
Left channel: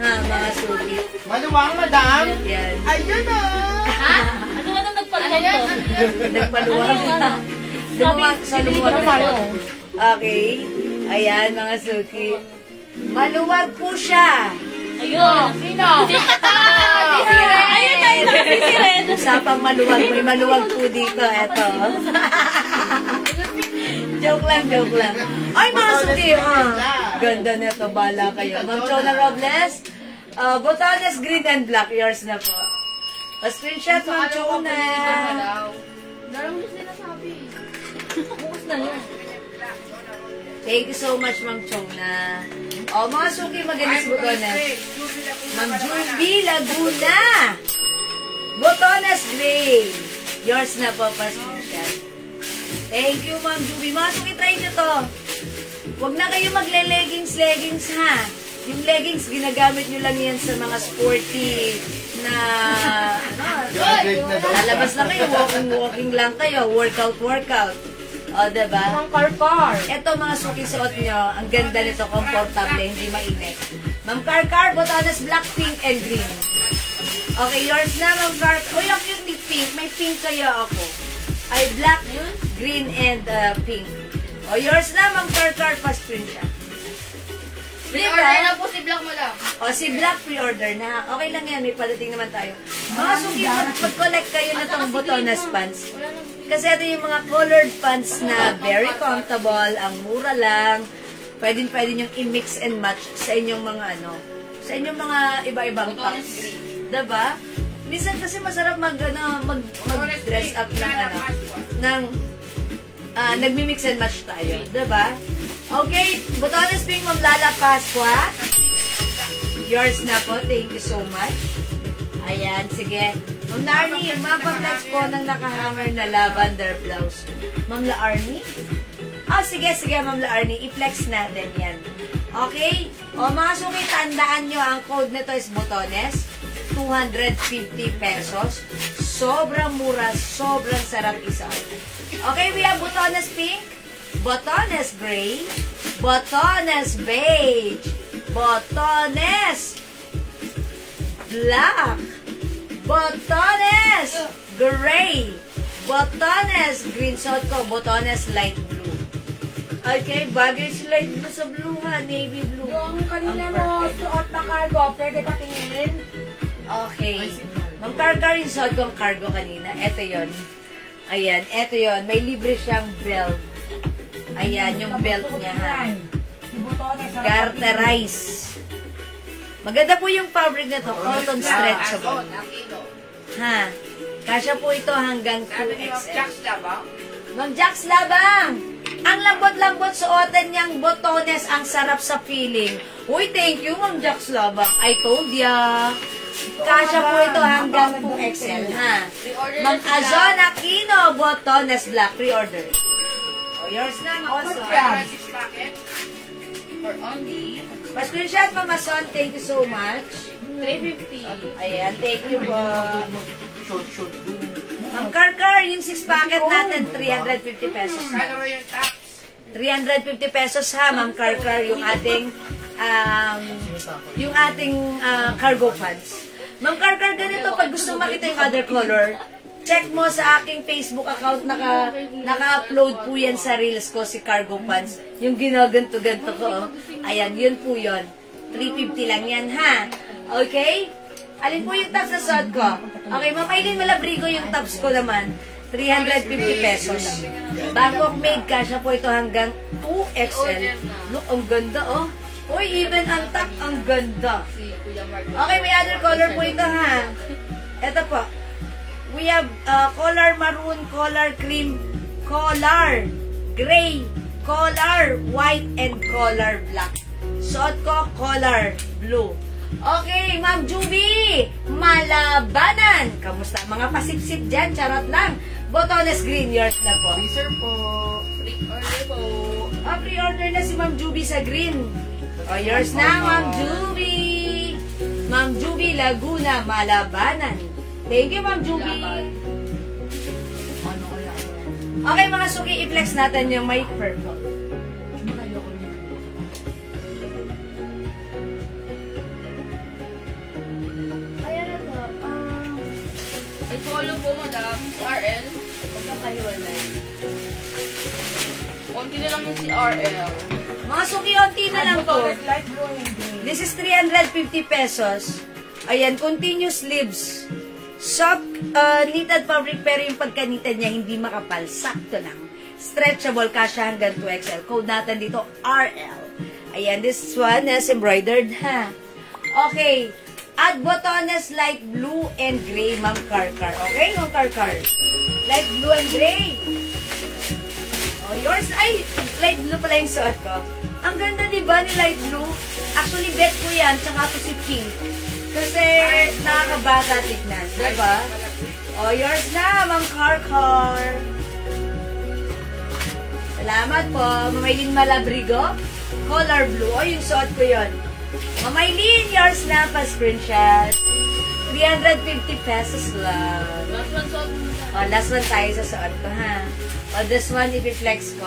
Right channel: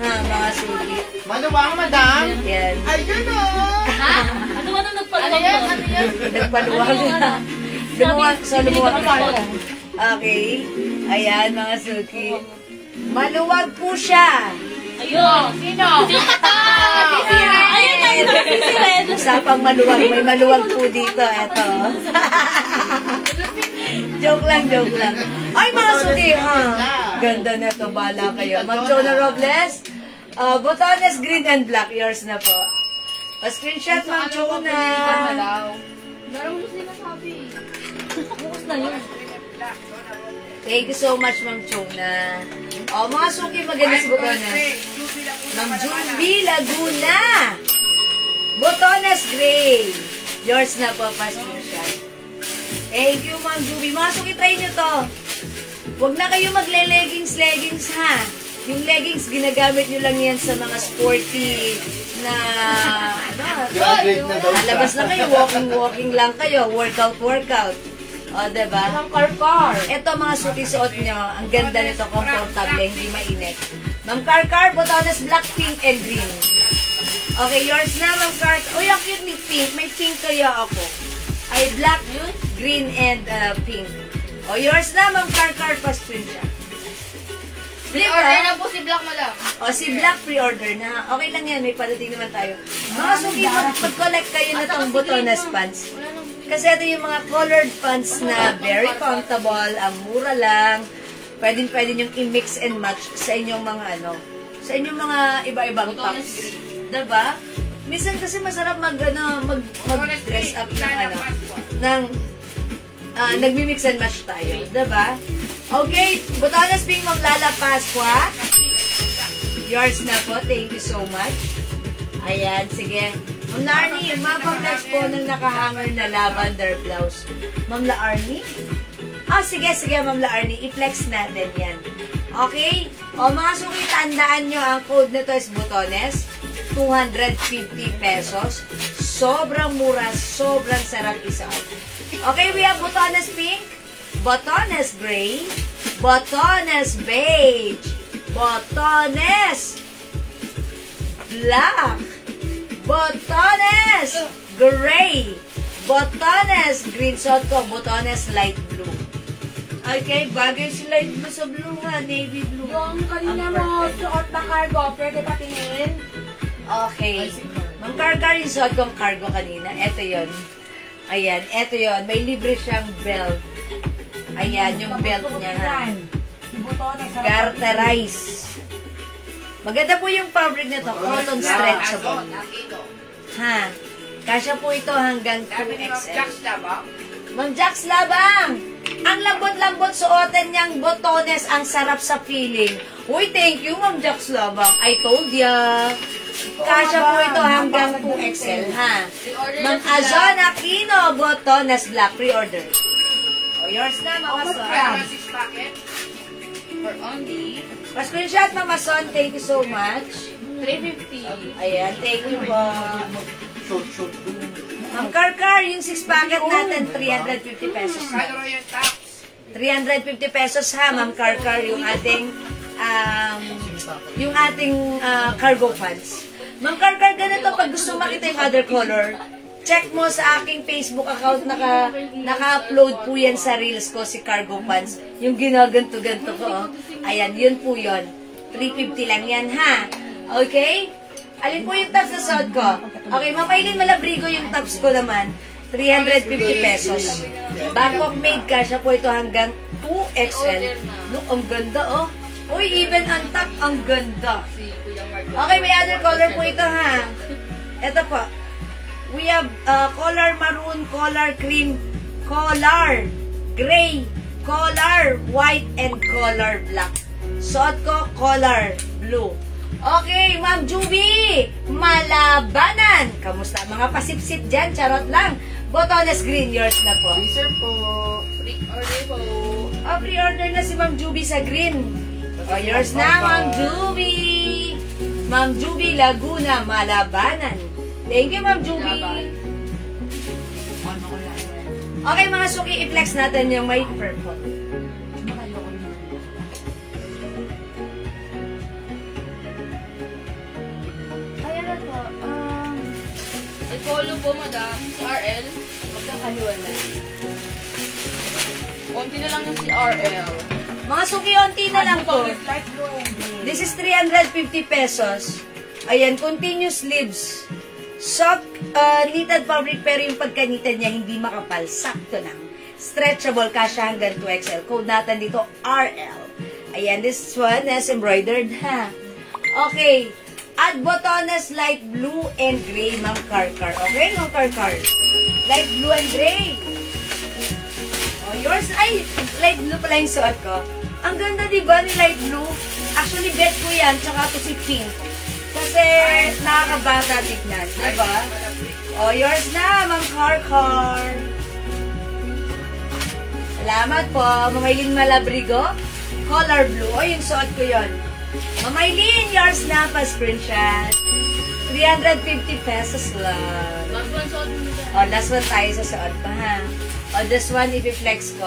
Ha, mga suki. Maluwang, madam. Ayan. Ayun o. Ha? Ano ba nang nagpaluwag to? Nagpaluwag na. Sa lumuwag po. Okay. Ayan, mga suki. Maluwag po siya. Ayun. Sino? Ayun. Usapang maluwag. May maluwag po dito. Eto. Joke lang, joke lang. Ay, mga suki. Ganda na ito. Bala kayo. Ma'am Chona Robles. Botanas green and black. Yours na po. Pa-screenshot, Ma'am Chona. Darang mo sinasabi. Bukas na yun. Thank you so much, Ma'am Chona. O, mga suki, maganda si Botonas. Ma'am Julie Laguna. Botonas gray. Yours na po, pa-screenshot. Thank you, Ma'am Julie. Mga suki, try nyo to. Huwag na kayo magle-leggings, ha? Yung leggings, ginagamit nyo lang yan sa mga sporty na lalabas na kayo, walking lang kayo, workout. O, diba? Ang Karkar. Ito mga suki-suot nyo, ang ganda nito, comfortable, hindi mainit. Ma'am Karkar, botones black, pink, and green. Okay, yours na, Ma'am Karkar. Uy, ang cute ni pink. May pink kaya ako. Ay, black, green, and pink. O, yours na, Ma'am Karkar, first print siya. Pre-order na po si Black, madam. O, si Black pre-order na. Okay lang yan, may padating naman tayo. Mga suki, mag-collect kayo na itong botones pants. Kasi ito yung mga colored pants na very comfortable, ang mura lang. Pwede nyo i-mix and match sa inyong mga sa inyong mga iba-ibang tops. Diba? Minsan kasi masarap mag-dress up ng nagmi-mix and match tayo. Diba? Okay, botones pink, Ma'am Lala Pasqua. Yours na po, thank you so much. Ayan, sige. Ma'am Larnie, mapag-flex po ng nakahanger na lavender blouse. Ma'am Larnie? Sige, Ma'am Larnie, i-flex natin yan. Okay? O mga suki, tandaan nyo, ang code nito is botones. 250 pesos. Sobrang mura, sobrang sarap isa. Okay, we have botones pink, botones gray, botones beige, botones black, botones gray, botones green. So ito, botones light blue. Okay, bagay si light blue sa blue ha, navy blue. Yung kanina mo suot na cargo, pwede patingin? Okay. Nung cargo yung suot kong cargo kanina, eto yon. Ayan, eto yon. May libre siyang belt. Ayan, yung belt niya ha. Garterize. Maganda po yung fabric na to, cotton stretchable. Ha? Kasya po ito hanggang 2XL. Ma'am Jax Labang! Ang lambot-lambot suotan niyang botones, ang sarap sa feeling. Uy, thank you, Ma'am Jax Labang. I told ya. Kasya po ito hanggang 2XL, ha? Ma'am Azon Aquino, botones black, pre-order. O, yours na, Ma'am Azon. For only Pa-screenshot, Ma'am Azon, thank you so much. 350. Ayan, thank you po. Ma'am Karkar, yung 6 packet natin, 350 pesos. 350 pesos ha, Ma'am Karkar, yung ating cargo pants. Ma'am Karkar, ganito, pag gusto makita yung other color, check mo sa aking Facebook account, naka-upload po yan sa reels ko, si cargo pants. Yung ginaganto-ganto ko, oh. Ayan, yun po yun. 350 lang yan, ha? Okay? Alin po yung tops na suot ko? Okay, Ma'am Aileen Malabrigo, yung tops ko naman, 350 pesos. Bangkok made ka, siya po ito hanggang 2XL. Look, ang ganda, oh. Uy, even ang top, ang ganda. Okay, may other color po ito, ha? Ito po. We have color maroon, color cream, color gray, color white, and color black. Suot ko, color blue. Okay, Ma'am Juby, Malabanan. Kamusta? Mga pasipsip dyan, charot lang. Botones green, yours na po. Sir po. Pre-order po. Pre-order na si Ma'am Juby sa green. Yours na, Ma'am Juby. Ma'am Juby Laguna, Malabanan. Thank you, Ma'am Juby. Okay, mga suki, i-flex natin yung may purple. Ayan na to. I-follow po, madam, si RL. Pagkakaliwan na. Konti na lang yung si RL. Mga suki, onti na lang to. This is 350 pesos. Ayan, continuous sleeves. Soft, knitted fabric, pero yung pagkanitad niya hindi makapal. Sakto lang. Stretchable, kasya hanggang 2XL. Code natin dito, RL. Ayan, this one is embroidered, ha? Okay. Add botones light blue and gray, Ma'am Karkar. Okay, Ma'am Karkar? Light blue and gray. Oh, yours, ay, light blue pala yung suot ko. Ang ganda, diba, ni light blue? Actually, bet ko yan, tsaka to si pink. Kasi nakakabata tignan, diba? O, yours na, Ma'am Karkar. Salamat po, Ma'am Aileen Malabrigo. Color blue. O, yung suot ko yun. Ma'am Aileen, yours na, pa-screenshot. 350 pesos lang. Last one suot mo. O, last one tayo sa suot pa, ha? O, This one, i-flex ko.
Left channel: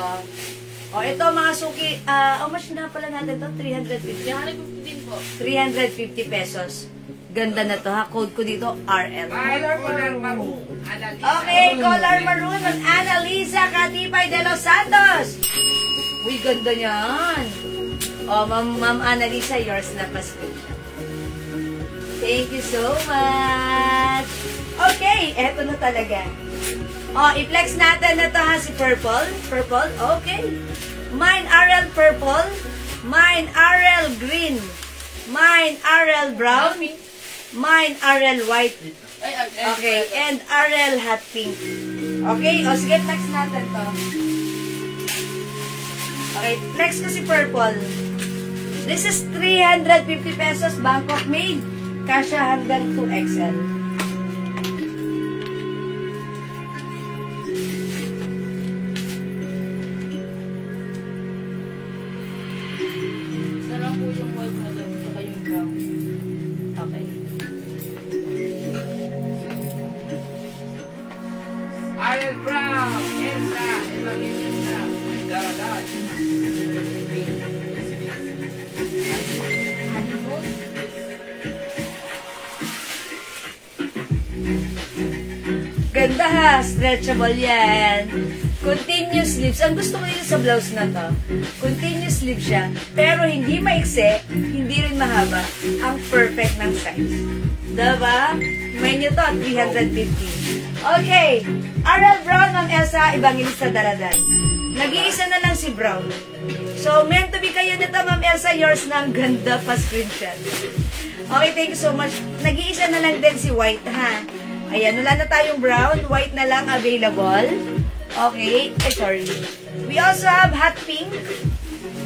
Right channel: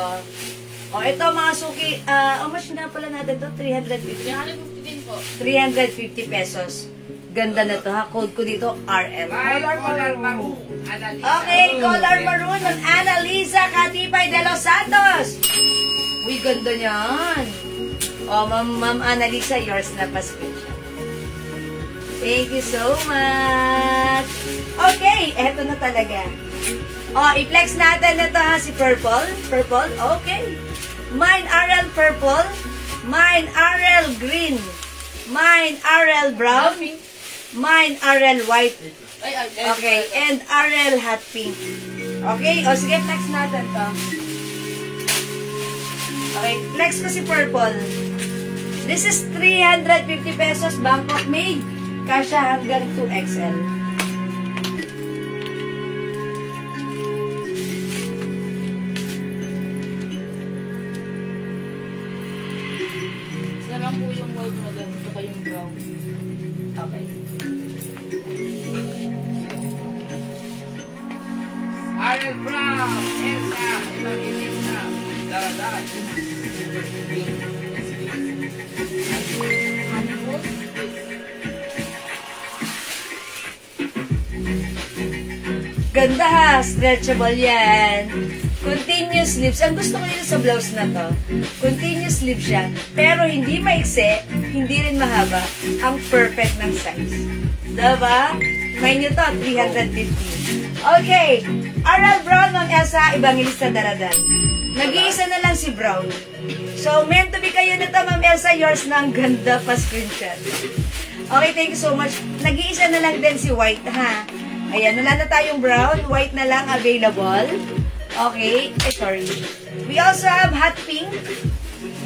Ito mga suki, how much na pala natin to? 350? 350 pesos. Ganda na to ha. Code ko dito, RM. Color maroon. Okay, color maroon ng Annalisa Catipay de los Santos. Uy, ganda niyan. Ma'am Annalisa, yours na pa screenshot. Thank you so much. Okay, eto na talaga. I-flex natin na to ha, si Purple. Purple, okay. Mine RL Purple. Mine RL Green. Mine RL Brown. Mine RL White. Okay, and RL Hot Pink. Okay, sige, flex natin to. Okay, flex ko si Purple. This is 350 pesos, Bangkok made. Kasha hanggang 2XL. Sarap po yung white na doon, saka yung brown. Okay. Ariel Brown, Elsa, Evangelista, Daradad. Ganda ha, stretchable yan. Continuous sleeves. Ang gusto ko yun sa blouse na to. Continuous sleeves siya. Pero hindi maikse, hindi rin mahaba. Ang perfect ng size. Diba? May nyo to, 350. Okay. RL Brown ng Elsa Evangelista Daradan. Nag-iisa na lang si Brown. So, meant to be kayo nito, Ma'am Elsa. Yours na ang ganda pa screenshot. Okay, thank you so much. Nag-iisa na lang din si White, ha? Ayan, wala na tayong brown. White na lang available. Okay. Sorry. We also have hot pink.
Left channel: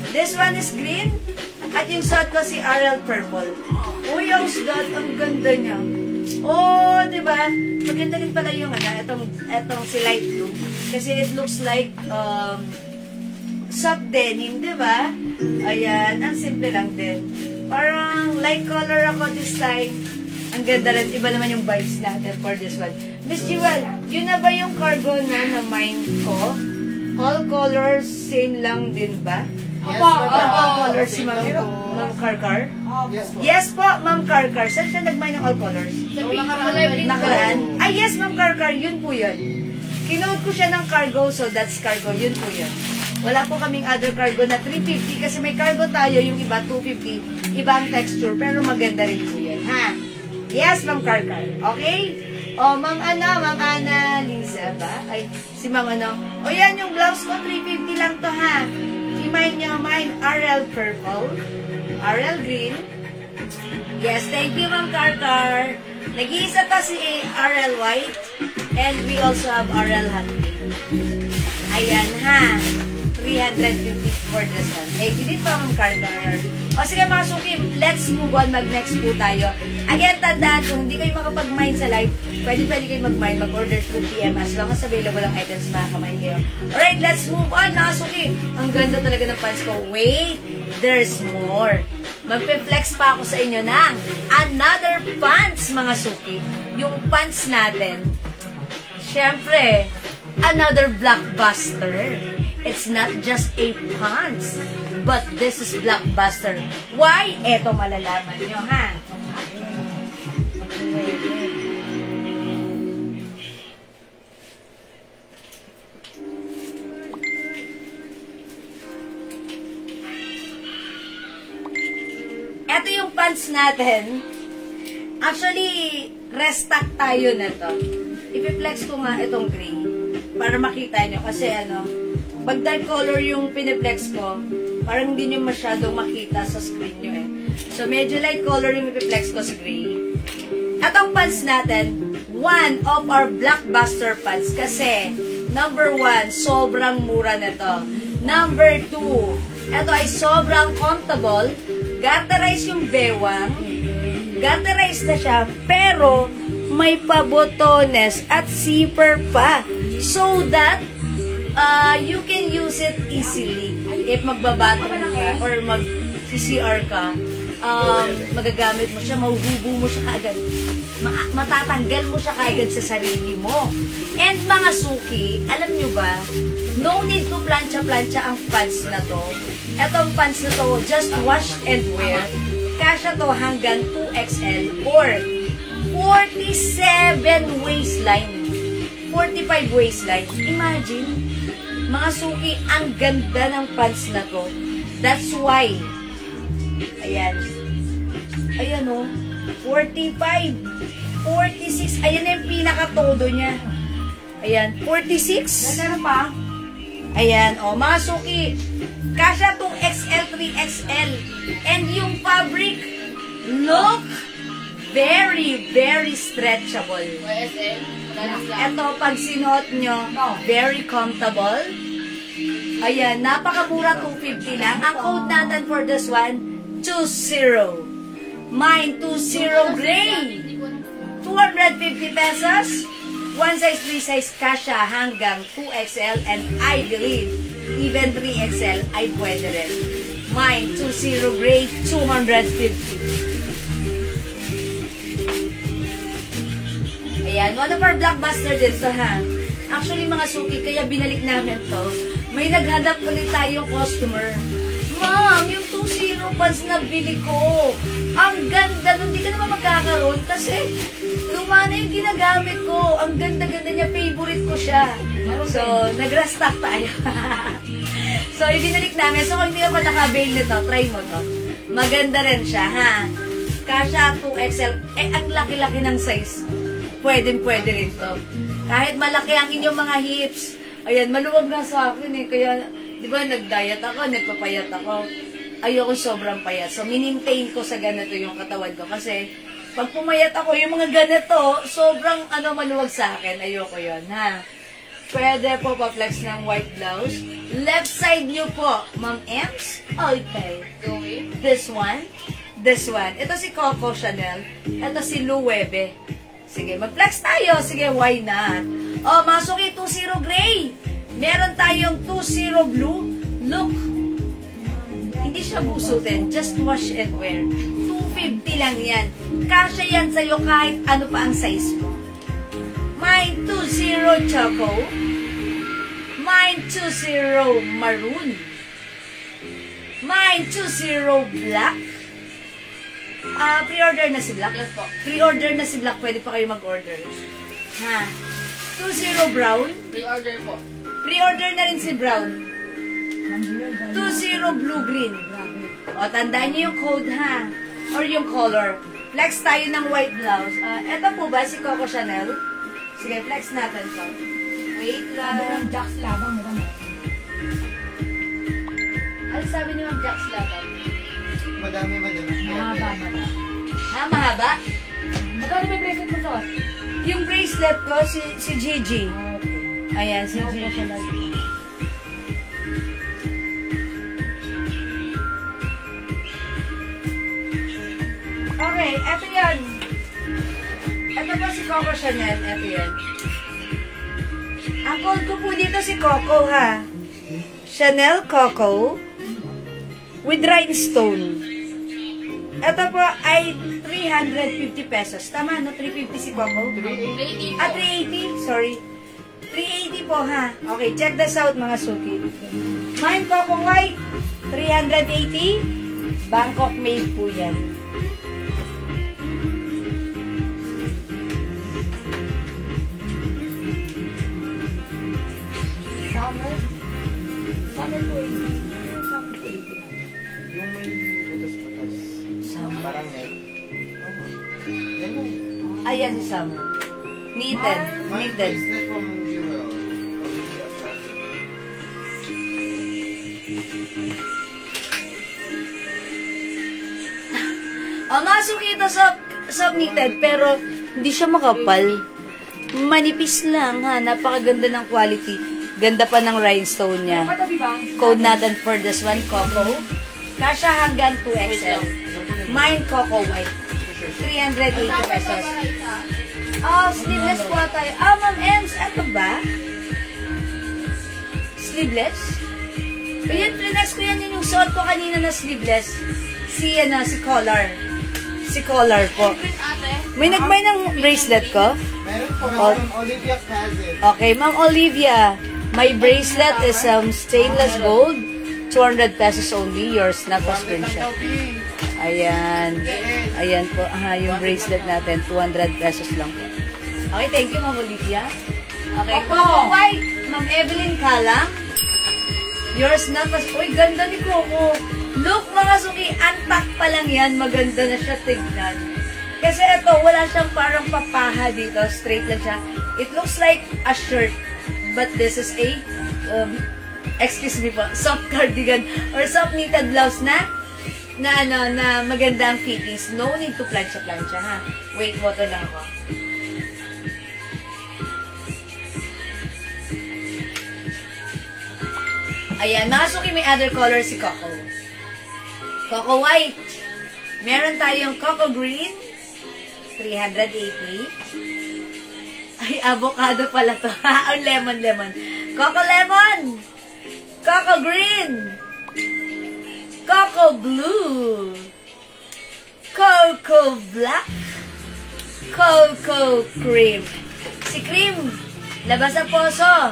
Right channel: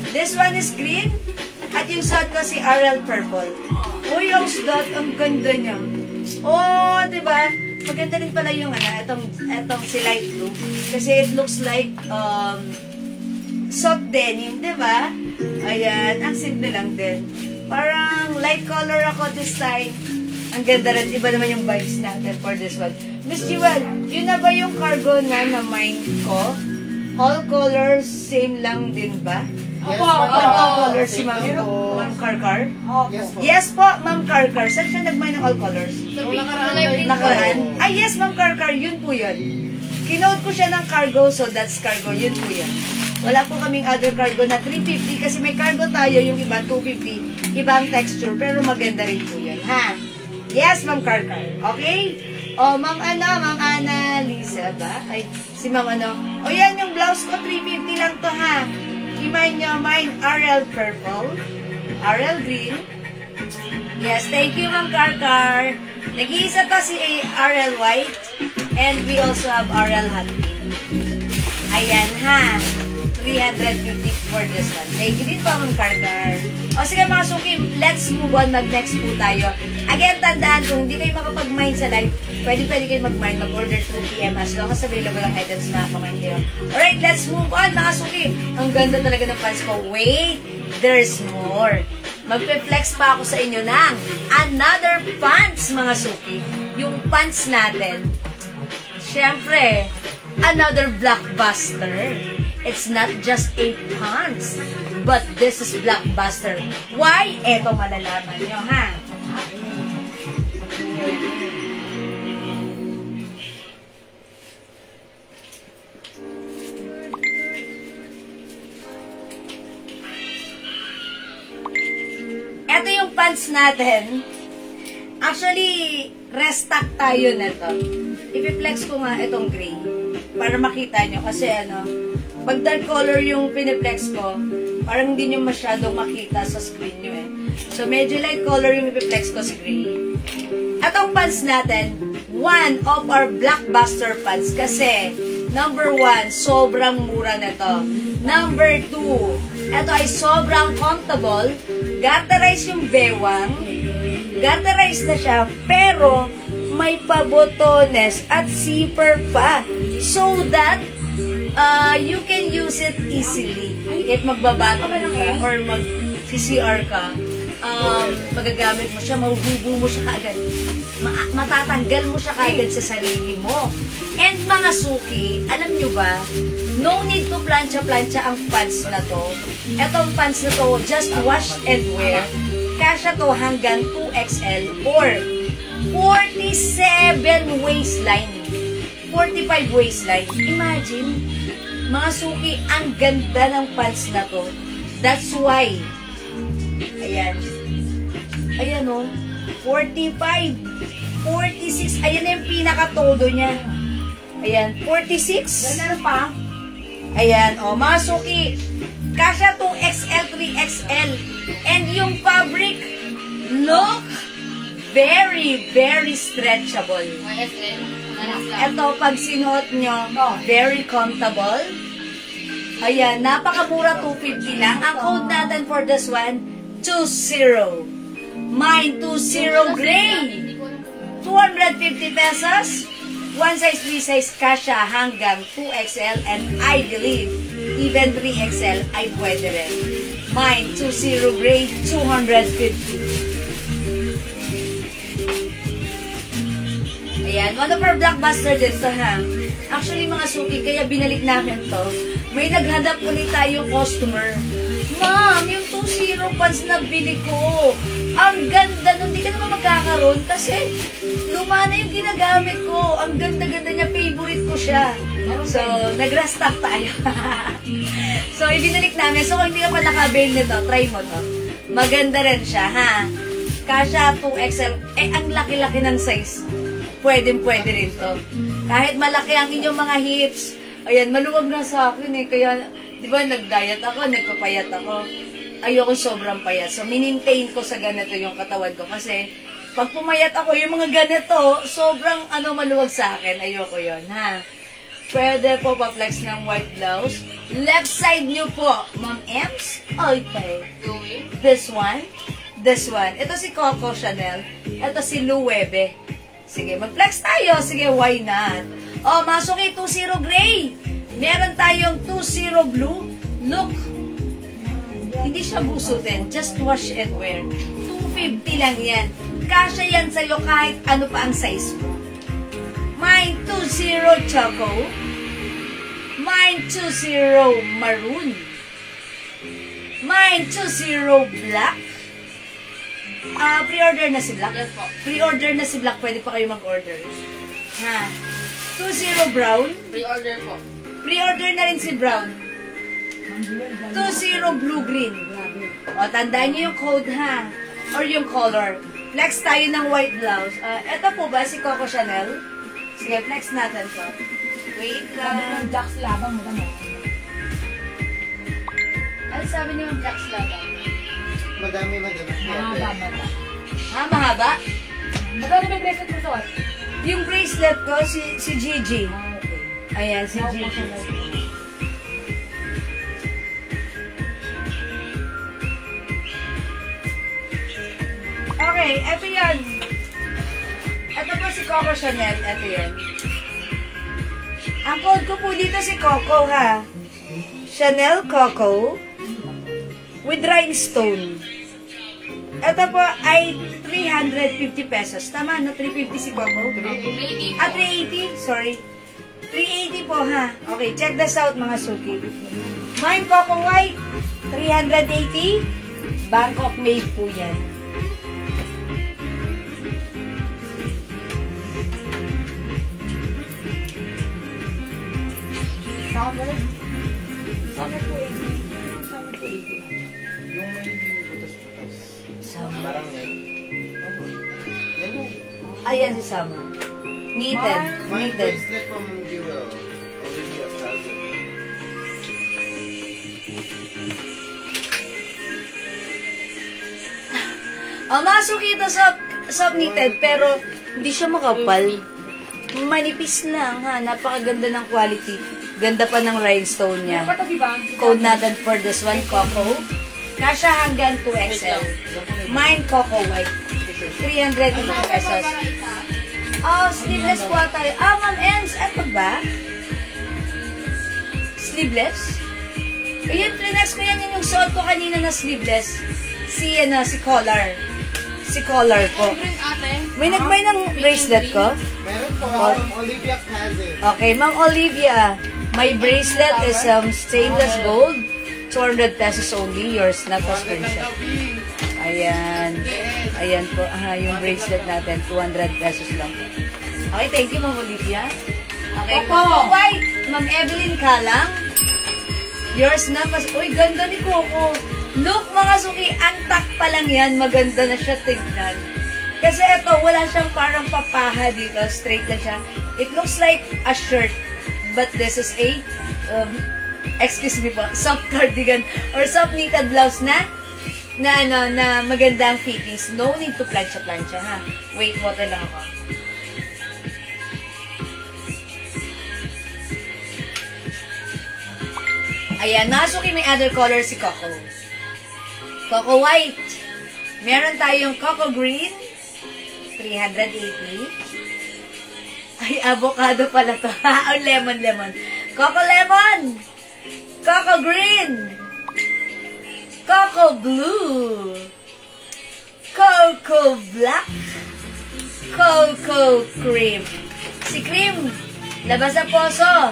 This one is green. At yung suot ko si RL Purple. Uy, yung suot, ang ganda niya. Oh, diba? Maganda rin pala yung etong si light blue. Kasi it looks like soft denim, diba? Ayan, ang simple lang din. Parang light color ako this time. Ang ganda rin. Iba naman yung vibes natin for this one. Miss Jewel, yun na ba yung cargo na mind ko? All colors, same lang din ba? All colors si Ma'am Karkar? Yes po, Ma'am Karkar. Saan siya nag-mind ng all colors? Nakaraan. Yes, Ma'am Karkar. Yun po yun. Kinote ko siya ng cargo, so that's cargo. Yun po yun. Wala po kaming other cargo na 350 kasi may cargo tayo, yung iba 250. Ibang texture, pero maganda rin po yan. Ha? Yes, Ma'am Karkar. Okay? Ma'am Ana Lisa ba? Ay, si Ma'am yan yung blouse ko, 350 lang to, ha? I-mind nyo, mine RL Purple, RL Green. Yes, thank you, Ma'am Karkar. Nag-iisa to si RL White, and we also have RL Hot Pink. Ayan, ha? 350 for this one. Thank you din po, Ma'am Karkar. Sige mga suki, let's move on. Mag-next po tayo. Again, tandaan, kung hindi kayo makapag-mind sa live, pwede kayo mag-mind, mag-order 2 PM as long as available ang items na kamain here. Alright, let's move on, mga suki. Ang ganda talaga ng pants ko. Wait, there's more. Magpe-flex pa ako sa inyo ng another pants, mga suki. Yung pants natin, syempre, another blockbuster. It's not just 8 pants, but this is blockbuster. Why? Eto malalaman nyo, ha? Eto yung pants natin. Actually, restock tayo na to. I-flex ko nga itong gray para makita nyo. Kasi pag dark color yung piniplex ko, parang hindi nyo masyadong makita sa screen nyo eh. So, medyo light color yung piniplex ko sa gray. At ang pants natin, one of our blockbuster pants kasi, number 1, sobrang mura nito. Number 2, ito ay sobrang comfortable. Garterize yung bewang. Garterize na siya, pero may pabotones at zipper pa. So that, you can use it easily. If magbabato ka or mag-CCR ka, magagamit mo siya, mahuhubo mo siya kaagad. Matatanggal mo siya kaagad sa sarili mo. And mga suki, alam nyo ba, no need to plancha-plancha ang pants na to. Etong pants na to, just wash and wear. Kasya to hanggang 2XL or 47 waistline. 45 waistline. Imagine, mga suki, ang ganda ng pants na to. That's why, ayan. Ayan o, 45, 46, ayan yung pinaka-todo niya. Ayan, 46. Ganda pa. Ayan, o, mga suki, kasya itong XL, 3XL. And yung fabric, look, very, very stretchable. Ito, pag sinuot nyo, very comfortable. Ayan, napakamura, 250 lang. Ang code natin for this one, 20. Mine, 20 gray. 250 pesos. One size, 3 size kasha hanggang 2XL and I believe even 3XL ay pwede rin. Mine, 20 gray, 250. Ayan, one of our blockbuster dito ha. Actually mga suki, kaya binalik namin to. May naghanap ulit tayong customer. Ma'am, yung 2-0 pants na bili ko. Ang ganda nun, di ka naman magkakaroon kasi luma na yung ginagamit ko. Ang ganda-ganda niya, favorite ko siya. So, nag-restock tayo. So, ibinalik namin. So, kung hindi ka pa nakabail nito, try mo to. Maganda rin siya, ha? Kasha 2XL. Eh, ang laki-laki ng size. Pwede rin to. Kahit malaki ang inyong mga hips. Ayan, maluwag na sa akin eh. Kaya, di ba, nag-diet ako, nagpapayat ako. Ayoko sobrang payat. So, minintain ko sa ganito yung katawan ko. Kasi, pag pumayat ako, yung mga ganito, sobrang maluwag sa akin. Ayoko yon ha. Pwede po pa-flex ng white blouse. Left side nyo po, Ma'am Ems. Okay. This one. This one. Ito si Coco Chanel. Ito si Loewe. Sige, mag-flex tayo. Sige, why not? Oh, masok yung 20 gray. Meron tayong 20 blue. Look. Hindi siya busutin. Just wash and wear. 250 lang yan. Kasya yan sa'yo kahit ano pa ang size mo. Mine 20 choco. Mine 20 maroon. Mine 20 black. Pre-order na si Black. Yes po. Pre-order na si Black. Pwede pa kayo mag-order. Ha. 20 brown. Pre-order po. Pre-order na rin si brown. 20 blue-green. O, tandaan niyo yung code, ha? Or yung color. Flex tayo ng white blouse. Ito po ba si Coco Chanel? Sige, flex natin to. Wait lang. Jax labang mo naman. Ano sabi niyo yung Jax labang? Madami. Mahaba. Ha, mahaba? Magkano ba yung bracelet mo to? Yung bracelet ko, si Gigi. Ayan, si Gigi. Okay, eto yan. Ito po si Coco Chanel. Eto yan. Ang code ko po dito si Coco, ha? Chanel Coco with rhinestone. Ito po ay 350 pesos. Tama, no? 350 si Coco? 380. 380. Sorry. 380 po, ha? Okay, check this out, mga suki. Mine Coco White, 380. Bangkok made po yan. Summer po 80. Summer po 80. Yung may butas-butas. Parang net. Yan mo. Ayan si Summer. Knitted. My Knitted. bracelet from Jewel. Masok ito sa knitted, pero hindi siya makapal. Manipis lang, ha? Napakaganda ng quality. Ganda pa ng rhinestone niya. Code natin for this one, Coco. Kasha hanggang 2XL. Mine, Coco White. 380 pesos. Oh, sleeveless po tayo. Ma'am Ems, ano ba? Sleeveless? Ayan, trinas ko yan yung suot ko kanina na sleeveless. si Collar. Si Collar po. May nagmay ng bracelet ko? Meron po, Ma'am Olivia has it. Okay, Ma'am Olivia. My bracelet is stainless gold. 200 pesos only. Yours na po, screenshot. Ayan. Ayan po. Yung bracelet natin. 200 pesos lang po. Okay, thank you, Ma'am Olivia. Okay po. White. Ma'am Evelyn Kalang. Yours na po. Uy, ganda ni Coco. Look, mga suki. Antak pa lang yan. Maganda na siya tignan. Kasi ito, wala siyang parang papaha dito. Straight lang siya. It looks like a shirt. But this is a, excuse me po, soft cardigan or soft knitted blouse na magandang fittings. No need to plancha-plancha, ha? Wait, water lang ako. Ayan, nakasuki may other color si Coco. Coco White. Meron tayong Coco Green. 380. Ay, avocado pala to. Ang lemon. Coco Lemon. Coco Green. Coco Blue. Coco Black. Coco Cream. Si Cream, labas sa poso.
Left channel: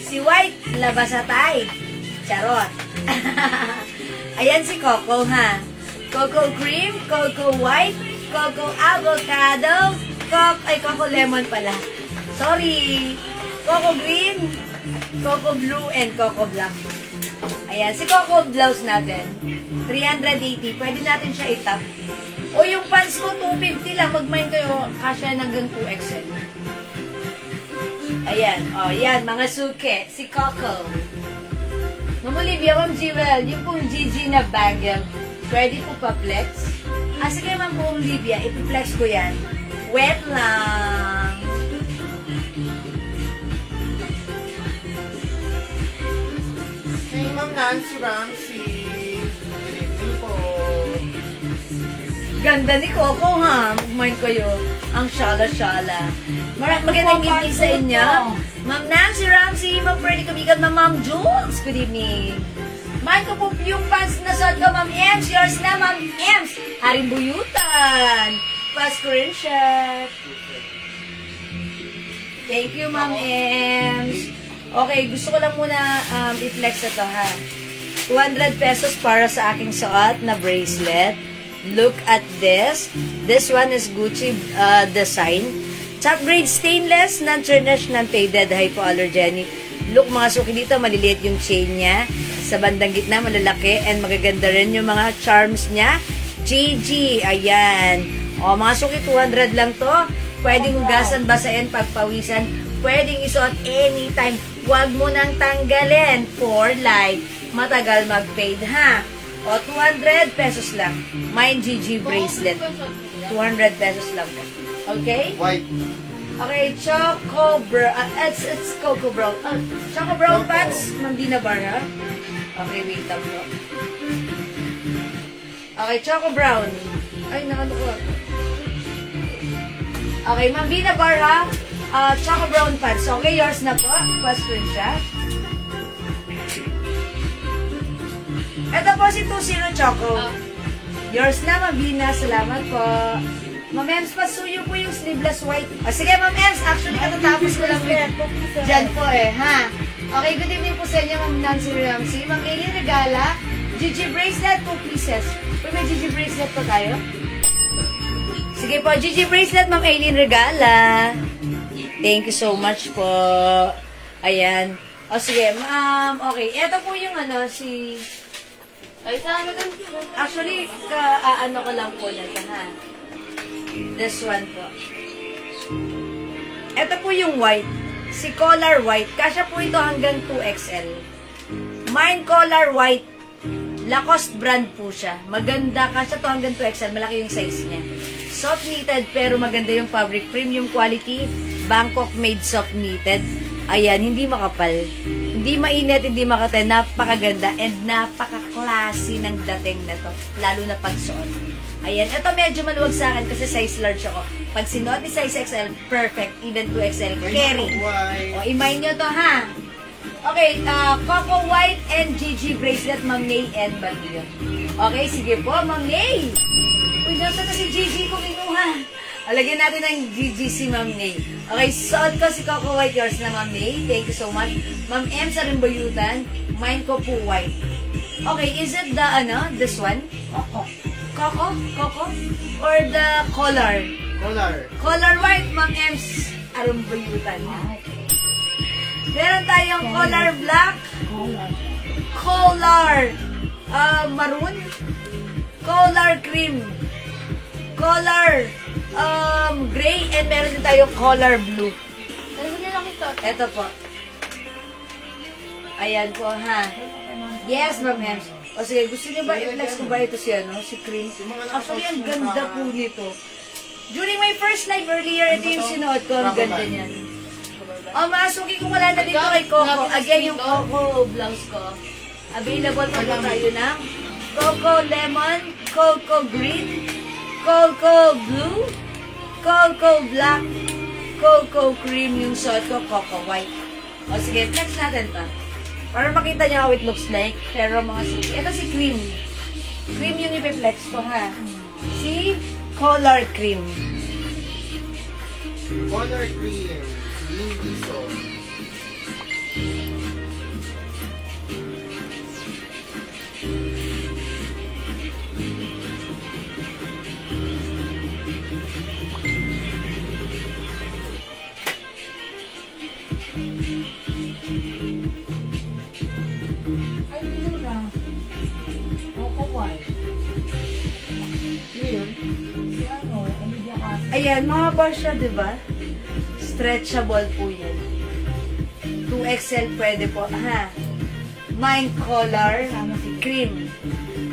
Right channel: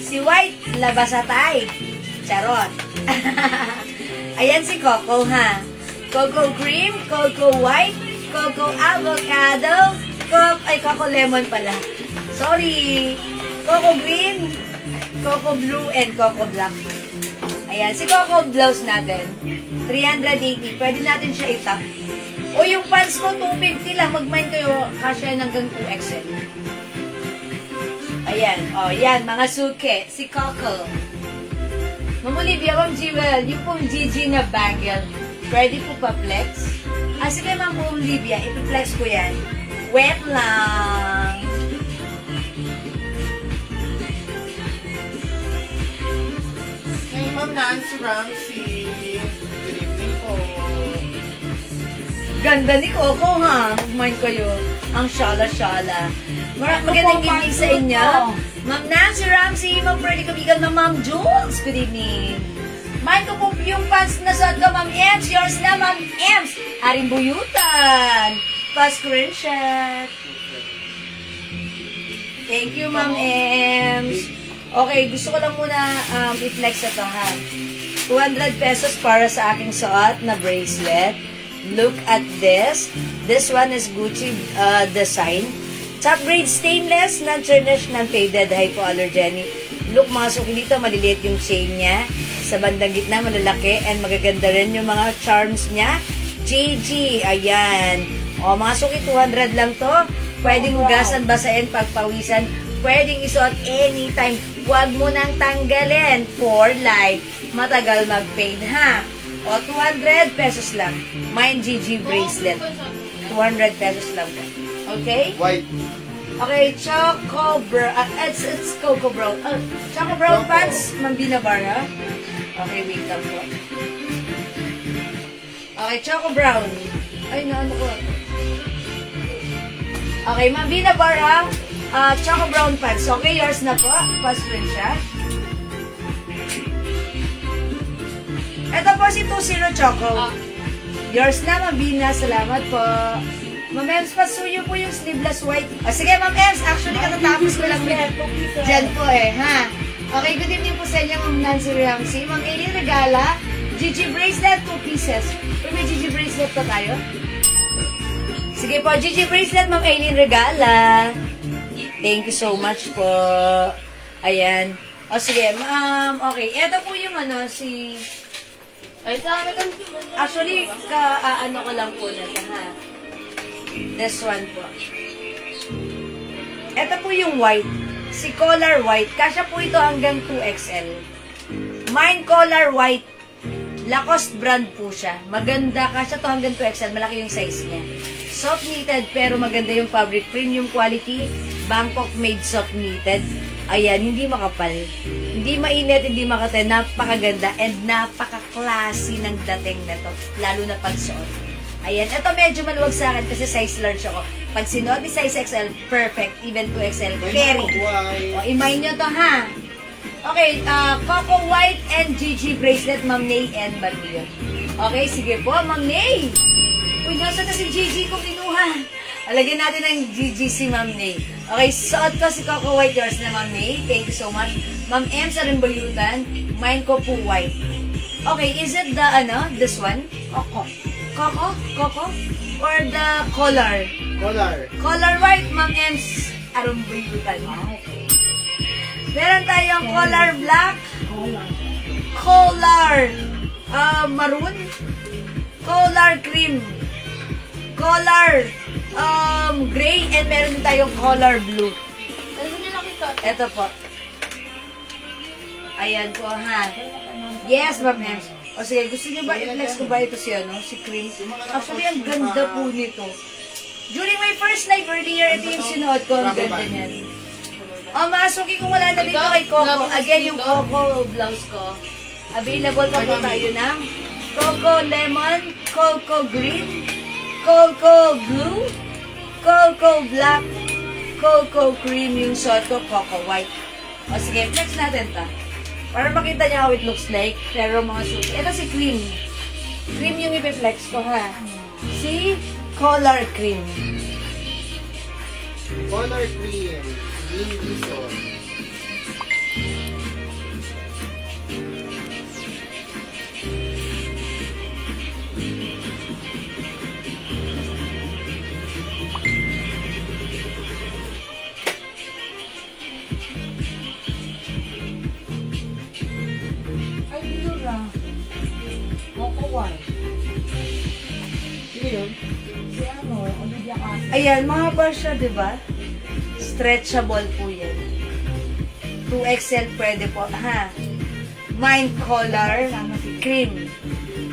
Si White, labas sa tay. Charot. Ayan si Coco, ha. Coco Cream, Coco White, Coco Avocado, Coco Lemon pala. Sorry. Coco Green, Coco Blue, and Coco Black. Ayan, si Coco Blouse natin. 380. Pwede natin siya itap. O yung pants ko, 250 lang. Mag-mind kayo, kasya hanggang 2XL. Ayan. O, yan, mga suke. Si Coco. Ma'am Olivia, kung Jewel, yung pong GG na bangle, pwede po pa-flex? Sige, Ma'am Olivia, ipiflex ko yan. Wet lang. Hey, Ma'am Nancy Ramsey. Good evening po. Ganda ni Coco, ha? Mind kayo. Ang shala-shala. Magandang evening sa inyo. Ma'am Nancy Ramsey, Ma'am Freddy Kabigan, Ma'am Jules. Good evening. Mind ko po yung pants na suot ko, Ma'am Ems. Yours na, Ma'am Ems. Haring buyutan. Pa-screenshot. Thank you, Ma'am Ems. Okay, gusto ko lang muna i-flex ito, ha. 200 pesos para sa aking suot na bracelet. Look at this. This one is Gucci design. Top grade stainless, non-tarnished, non-faded, hypoallergenic. Look, mga suki dito, maliliit yung chain niya. Sa bandang gitna, malalaki. And magaganda rin yung mga charms niya. GG, ayan. O, mga suki, 200 lang to. Pwedeng hugasan, basain, pagpawisan. Pwedeng isuot anytime. Huwag mo nang tanggalin for life. Matagal mag-fade, ha? O, 200 pesos lang. Mine GG bracelet. 200 pesos lang po. Okay? White. Okay, Choco Brown. It's Coco Brown. Choco Brown pants, Mambina Bar, ha? Okay, wait lang po. Okay, Choco Brown. Ay, naano ko. Okay, Mambina Bar, ha? Choco Brown pants. Okay, yours na po. Pa-screen siya. Ito po si 20 Choco. Yours na, Mambina. Salamat po. Ma'am Ems, pasuyo po yung sleeveless white. Sige, Ma'am Ems. Actually, katatapos ko lang yan. Diyan po ha. Okay, good evening po sa inyo, Ma'am Nancy Ramsey. Ma'am Eli Regala, GG bracelet, 2 pieces. May GG bracelet po tayo? Sige po, GG bracelet, Ma'am Eli Regala. Thank you so much po. Ayan. O sige, Ma'am. Okay, ito po yung si... Actually, ano ko lang po nito, ha? This one po. Ito po yung white. Si collar white. Kasya po ito hanggang 2XL. Mine collar white. Lacoste brand po siya. Maganda. Kasya to hanggang 2XL. Malaki yung size niya. Soft knitted pero maganda yung fabric. Premium quality. Bangkok made soft knitted. Ayan, hindi makapal. Hindi mainit, hindi makatay. Napakaganda and napaka-classy ng dating na to. Lalo na pagsuot. Ayan, ito medyo maluwag sa akin kasi size large ako. Pag sinuot ni size XL, perfect. Even 2XL, carry. O, imay nyo to, ha? Okay, Coco White and Gigi bracelet, Ma'am Nay and Mario. Okay, sige po, Ma'am Nay. Uy, nasa na si Gigi ko kinuha. Alagyan natin ng Gigi si Ma'am Nay. Okay, suot ko si Coco White, yours na Ma'am Nay. Thank you so much. Ma'am M sa Rimbayutan, mine ko po white. Okay, is it the, this one? Coco. Coco? Or the color? Color white, Ma'am M's Rimbayutan. Okay. Meron tayong color black, color maroon, color cream, color gray, and meron din tayong color blue. Ito po. Ayan po, ha. Yes, Ma'am M. O sige, gusto niyo ba i-flex ko ba ito si cream? Actually, ang ganda po nito. During my first night earlier, ito yung sinuot ko. Ang ganda niyan. Mga suki, kung wala na dito kay Coco, again, yung Coco blouse ko. Available pa po tayo ng Coco Lemon, Coco Green, Coco Blue, Coco Black, Coco Cream, yung suot ko, Coco White. O sige, flex natin ta. Para makita niyo how it looks like. Pero mga suki, ito si Cream. Cream yung ipiflex ko, ha. Si Color Cream. Color Cream. Lindison. Ayan, mahaba siya, diba? Stretchable po yan. 2XL pwede po, ha? Mine color, cream.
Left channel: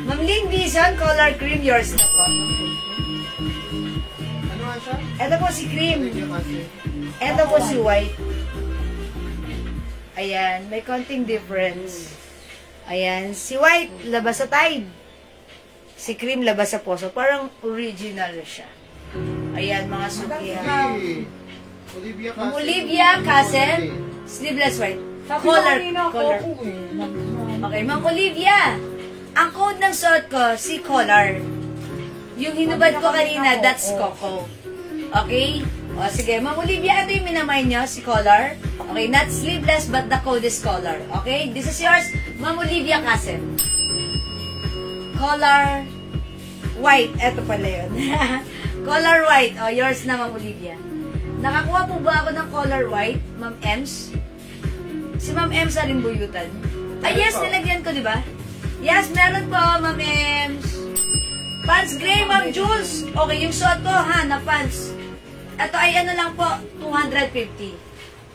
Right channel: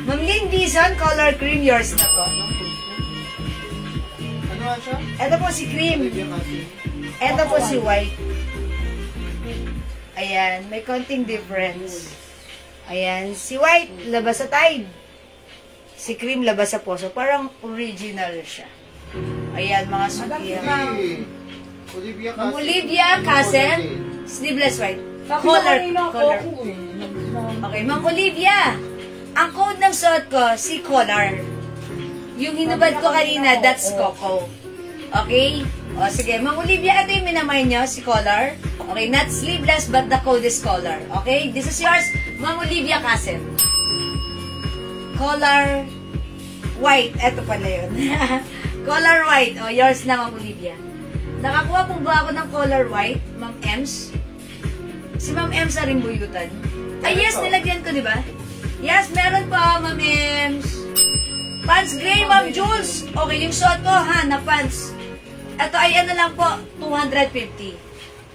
Ma'am Lindison, color cream, yours na po. Ano siya? Ito po si cream. Ito po si white. Ayan, may konting difference. Ayan, si white, labas sa Tide. Si cream, labas sa Poso. Parang original siya. Ayan, mga suki. Ma'am Olivia Casen, sleeveless white. Color. Okay, Ma'am Olivia. Ang code ng suot ko, si color. Yung hinubad ko kanina, that's Coco. Okay? O, sige. Ma'am Olivia, ito yung minamay nyo, si color. Okay, not sleeveless, but the code is color. Okay? This is yours, Ma'am Olivia Casen. Color white. Ito pala yun. Color white. O, yours na, Ma'am Olivia. Nakakuha po ba ako ng color white, Ma'am Ems? Si Ma'am Ems sa Rimbayutan. Ay, yes, nilagyan ko, di ba? Yes, meron po, Ma'am Ems. Pants gray, Ma'am Jules. Okay, yung suot ko, ha, na pants. Ito ay ano lang po, 250.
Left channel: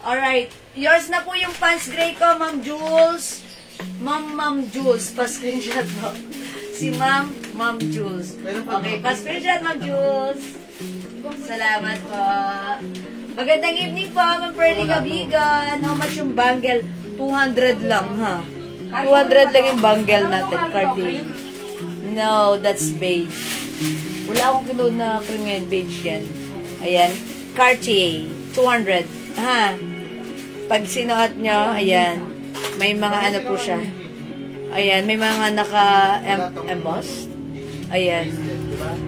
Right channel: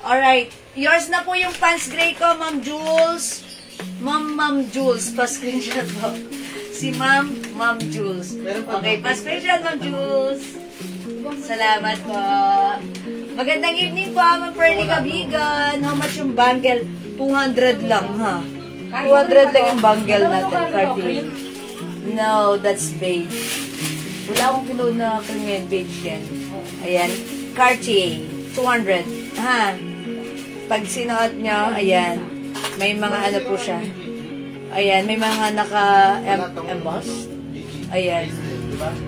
Alright. Yours na po yung pants gray ko, Ma'am Jules. Ma'am Jules. Pa-screenshot po. Si Ma'am Jules. Okay, pa-screenshot, Ma'am Jules. Salamat po. Magandang evening po, Ma'am Pearly Gabigan. How much yung bangle? 200 lang, ha? 200 lang yung bangle natin, Cartier. No, that's beige. Wala akong kilo na premium beige yan. Ayan. Cartier. 200. Ha? Pag sinukat nyo, ayan. May mga ano po siya. Ayan. May mga naka-emboss. Ayan.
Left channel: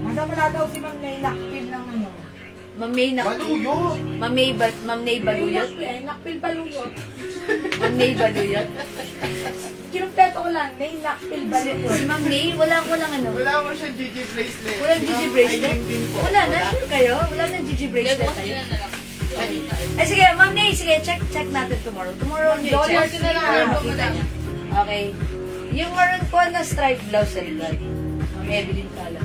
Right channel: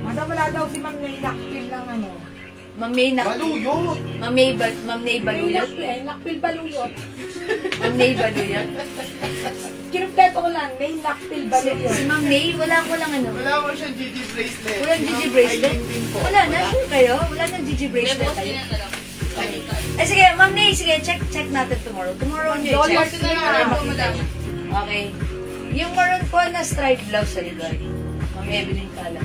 Madam, wala daw si Ma'am Nay Lakpil ng ano. Ma'am May Baluyot. Ma'am Nay Baluyot. Lakpil Baluyot. Ma'am Nay Baluyot. Kinumpleto ko lang, Nay Lakpil Baluyot. Si Ma'am May, wala ano. Wala mo siya GG bracelet. Walang GG bracelet? Wala na, sure kayo? Wala nang GG bracelet. Eh sige, Ma'am Nay, sige, check natin tomorrow. Tomorrow nyo i-check. Okay. Yung maroon po na striped blouse sa likod. Ma'am Evelyn Kala.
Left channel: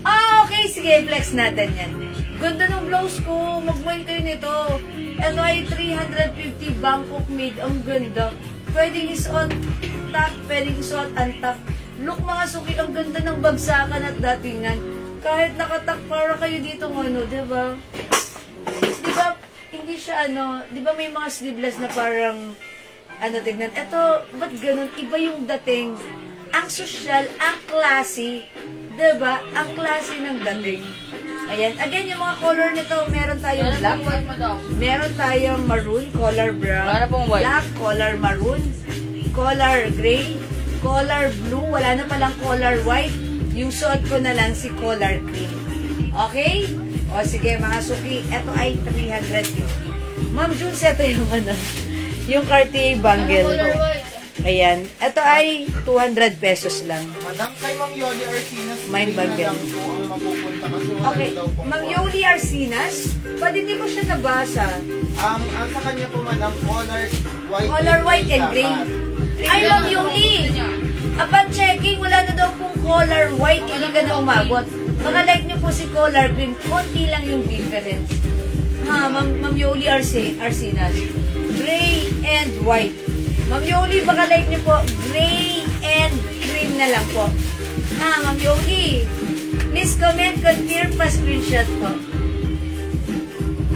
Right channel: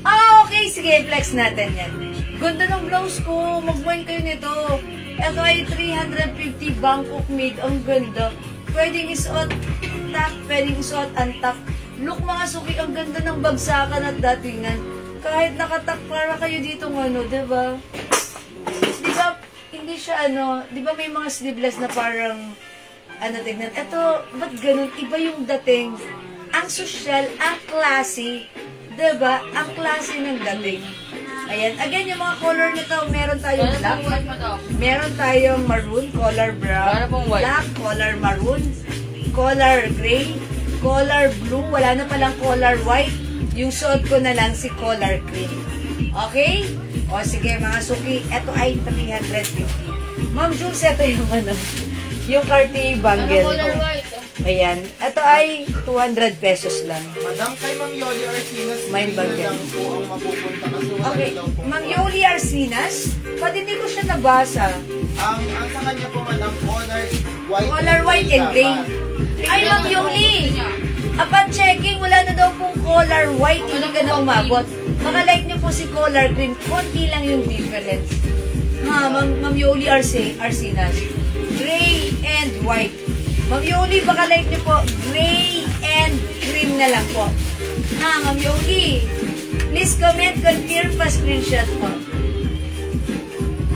Okay, sige, flex natin yan. Ganda ng blouse ko. Mag-join kayo nito. Ito ay 350 Bangkok made. Ang ganda. Pwedeng isuot top, pwedeng isuot top. Look mga suki, ang ganda ng bagsakan at datingan. Kahit nakatak para kayo dito ano, diba? Diba, hindi siya diba may mga sleeveless na parang, tignan. Ito, ba't ganun? Iba yung dating. Ang social, ang classy. Diba? Ang classy ng dating. Ayan. Again, yung mga color na to, meron tayong black. Meron tayong maroon, color brown. Black, color maroon. Color gray. Color blue. Wala na palang color white. Yung suot ko na lang si color cream. Okay? O sige mga suki, ito ay 350. Ma'am Jules, ito yung ano, yung Cartier bangle. Ayan. Ito ay 200 pesos lang. Madam, kay Ma'am Yoli Arcinas, Mind bangle. lang po ang mapupunta kasi wala Okay. na daw po. Ma'am Yoli Arcinas, ba't hindi ko siya nabasa? Ang sa kanya po, Madam, color white and gray. Ay, Ma'am Yoli! Upon checking, wala na daw pong color white, hindi ka na umabot. Makalike niyo po si color green, konti lang yung difference. Ha, Ma'am Yoli Arcinas. Gray and white. Ma'am Yoli, baka like niyo po, gray and green na lang po. Ha, Ma'am Yoli. Please comment, confirm pa screenshot po.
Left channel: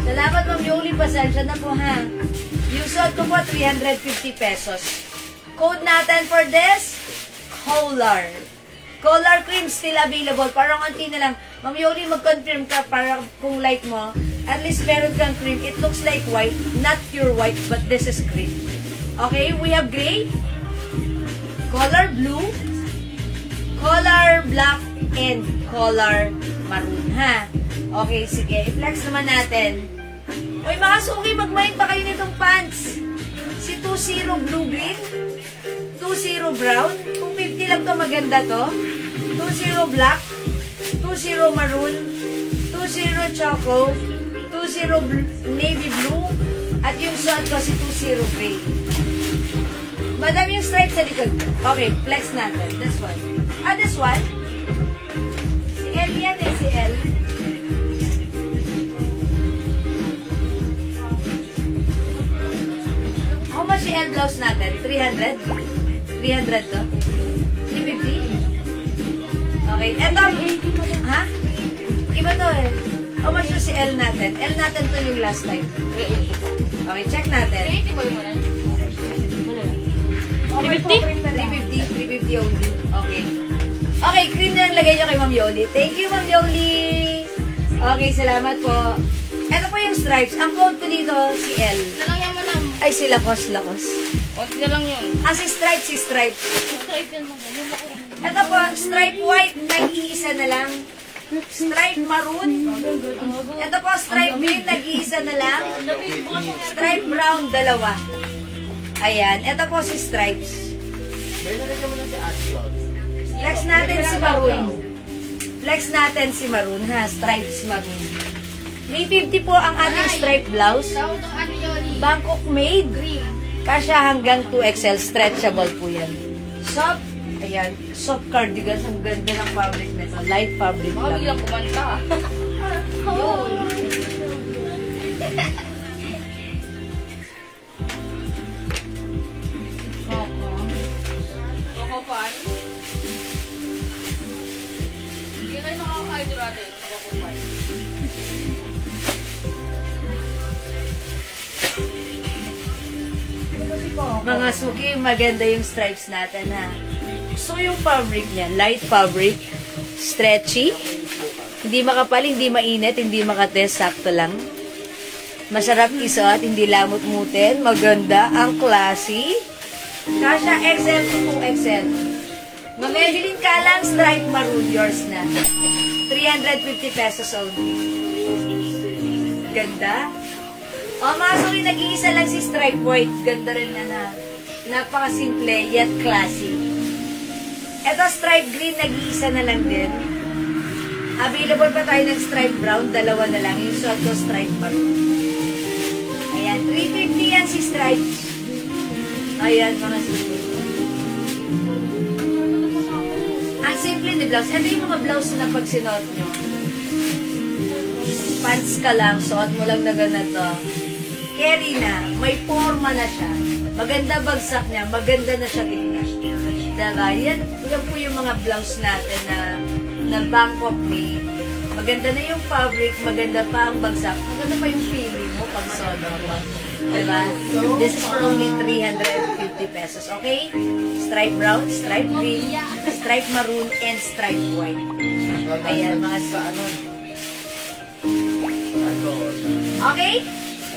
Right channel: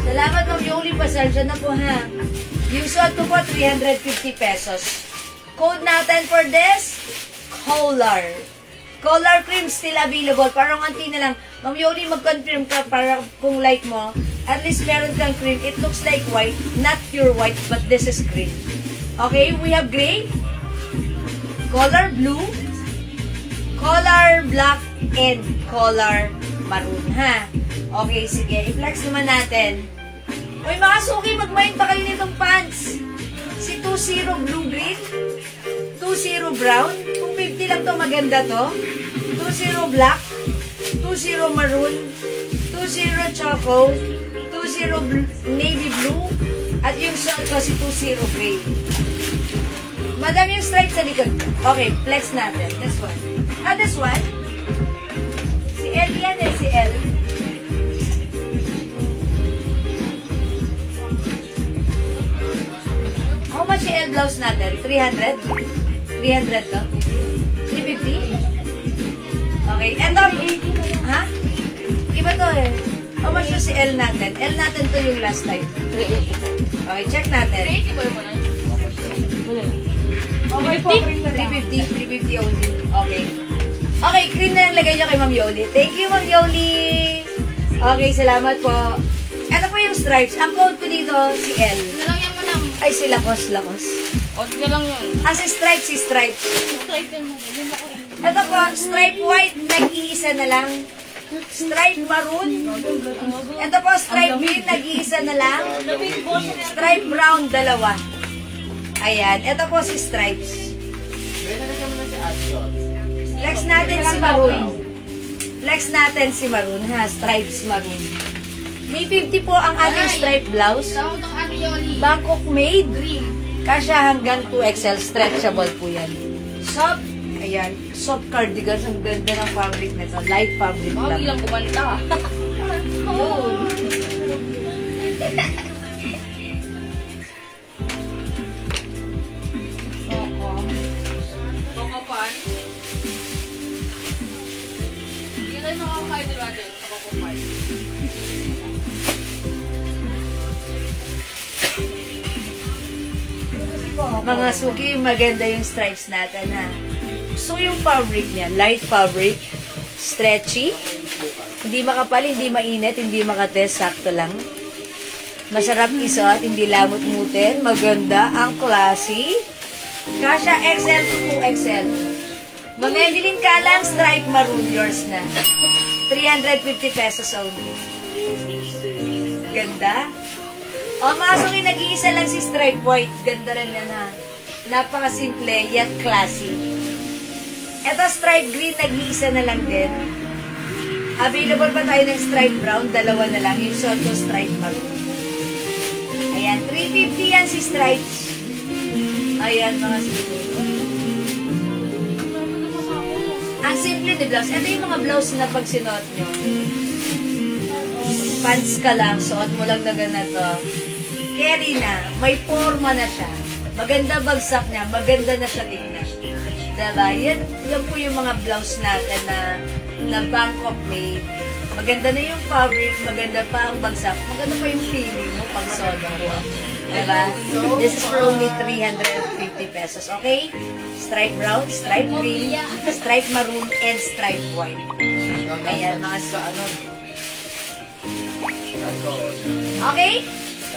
Salamat, Ma'am Yoli. Pasensya na po, ha. Yung suot ko po, 350 pesos. Code natin for this, Color. Color cream still available. Parang konti na lang. Ma'am Yoli, mag-confirm ka para kung like mo. At least meron kang cream. It looks like white. Not pure white, but this is cream. Okay, we have gray, color blue, color black, and color maroon, ha? Okay, sige. I-flex naman natin. Uy, mga suki, mag-mind pa kayo nitong pants. Si 20 blue green, 20 brown, 250 lang to, maganda to. 20 black, 20 maroon, 20 choco, 20 navy blue, at yung suot ko si 20 gray. Madam yung stripe sa likod. Okay, flex natin. This one. Ah, this one? Si L yan eh, si L. How much si L blouse natin? 300? 300 to? 350? Okay, eto. Ha? Iba to eh. How much si L natin? L natin to yung last time. Okay, check natin. 380 ba yung muna? Okay po, 350 only. Okay. Okay, cream na yung lagay niyo kay Ma'am Yoli. Thank you, Ma'am Yoli. Okay, salamat po. Ito po yung stripes. Ang code ko dito, si L. Nalagyan mo lang. Ay, si Lakos. Odd na lang yun. Ah, si stripes. Stripe yan mo. Ito po, stripe white, nag-iisa na lang. Stripe maroon. Ito po, stripe green, nag-iisa na lang. Stripe brown, dalawa. Ayan, ito po si stripes. Flex natin si maroon. Flex natin si maroon, ha? Stripes maroon. May 50 po ang ating stripe blouse. Bangkok made. Kasya hanggang 2XL. Stretchable po yan. Soft. Ayan. Soft cardigan. Ang ganda ng fabric nito. Light fabric lang. Hindi lang kumanta. Yun. Kukupan. Hindi tayo makakain doon natin. Kukupan. Mga suki, maganda yung stripes natin, ha? So, yung fabric niya, light fabric, stretchy, hindi makapal, hindi mainit, hindi makates, sakto lang. Masarap isuot, hindi lamot-mutin, maganda, ang classy. Kasha XL to 2XL. Mamedilin ka lang, stripe maroon, yours na. 350 pesos only. Ganda. O, mga suki, nag-iisa lang si stripe white. Ganda rin yan, ha? Napaka-simple, yet classy. Ito, stripe green, nag-iisa na lang din. Available pa tayo ng stripe brown, dalawa na lang. Yung suot ko, stripe maroon. Ayan, 350 yan si stripes. Ayan, mga suki. Ang simple ni blouse. Ito yung mga blouse na pag sinuot nyo. Pants ka lang, suot mo lang na ganito. Carry na, may forma na siya. Maganda bagsak niya, maganda na siya tingnan. Diba? Yan po yung mga blouse natin na Bangkok made. Maganda na yung fabric, maganda pa ang bagsak, maganda pa yung feeling mo pag suot mo. Diba? This is for only 350 pesos, okay? Stripe brown, stripe green, stripe maroon, and stripe white. Ayan, mga Okay?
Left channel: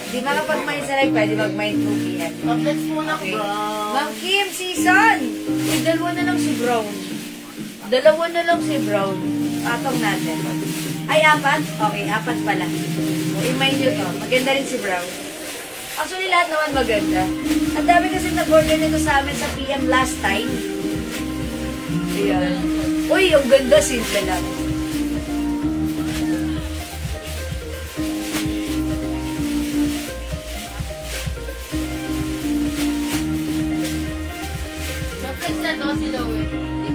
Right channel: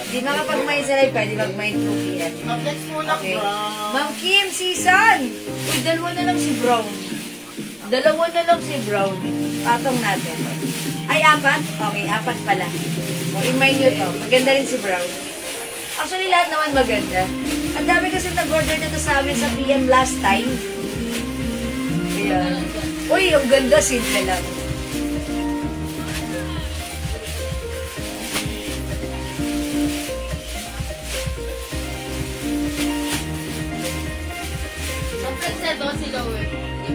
Hindi makapag-mind sa live, pwede mag-mind 2 p.m. Okay. Ma'am Kim, season! Dalawa na lang si Brown. Dalawa na lang si Brown. Patong natin. Ay, 4? Okay, 4 pala. O, in-mind nyo to. Maganda rin si Brown. Actually, lahat naman maganda. Ang dami kasi nag-order nito sa amin sa PM last time. Ayan. Uy, yung ganda, simple lang.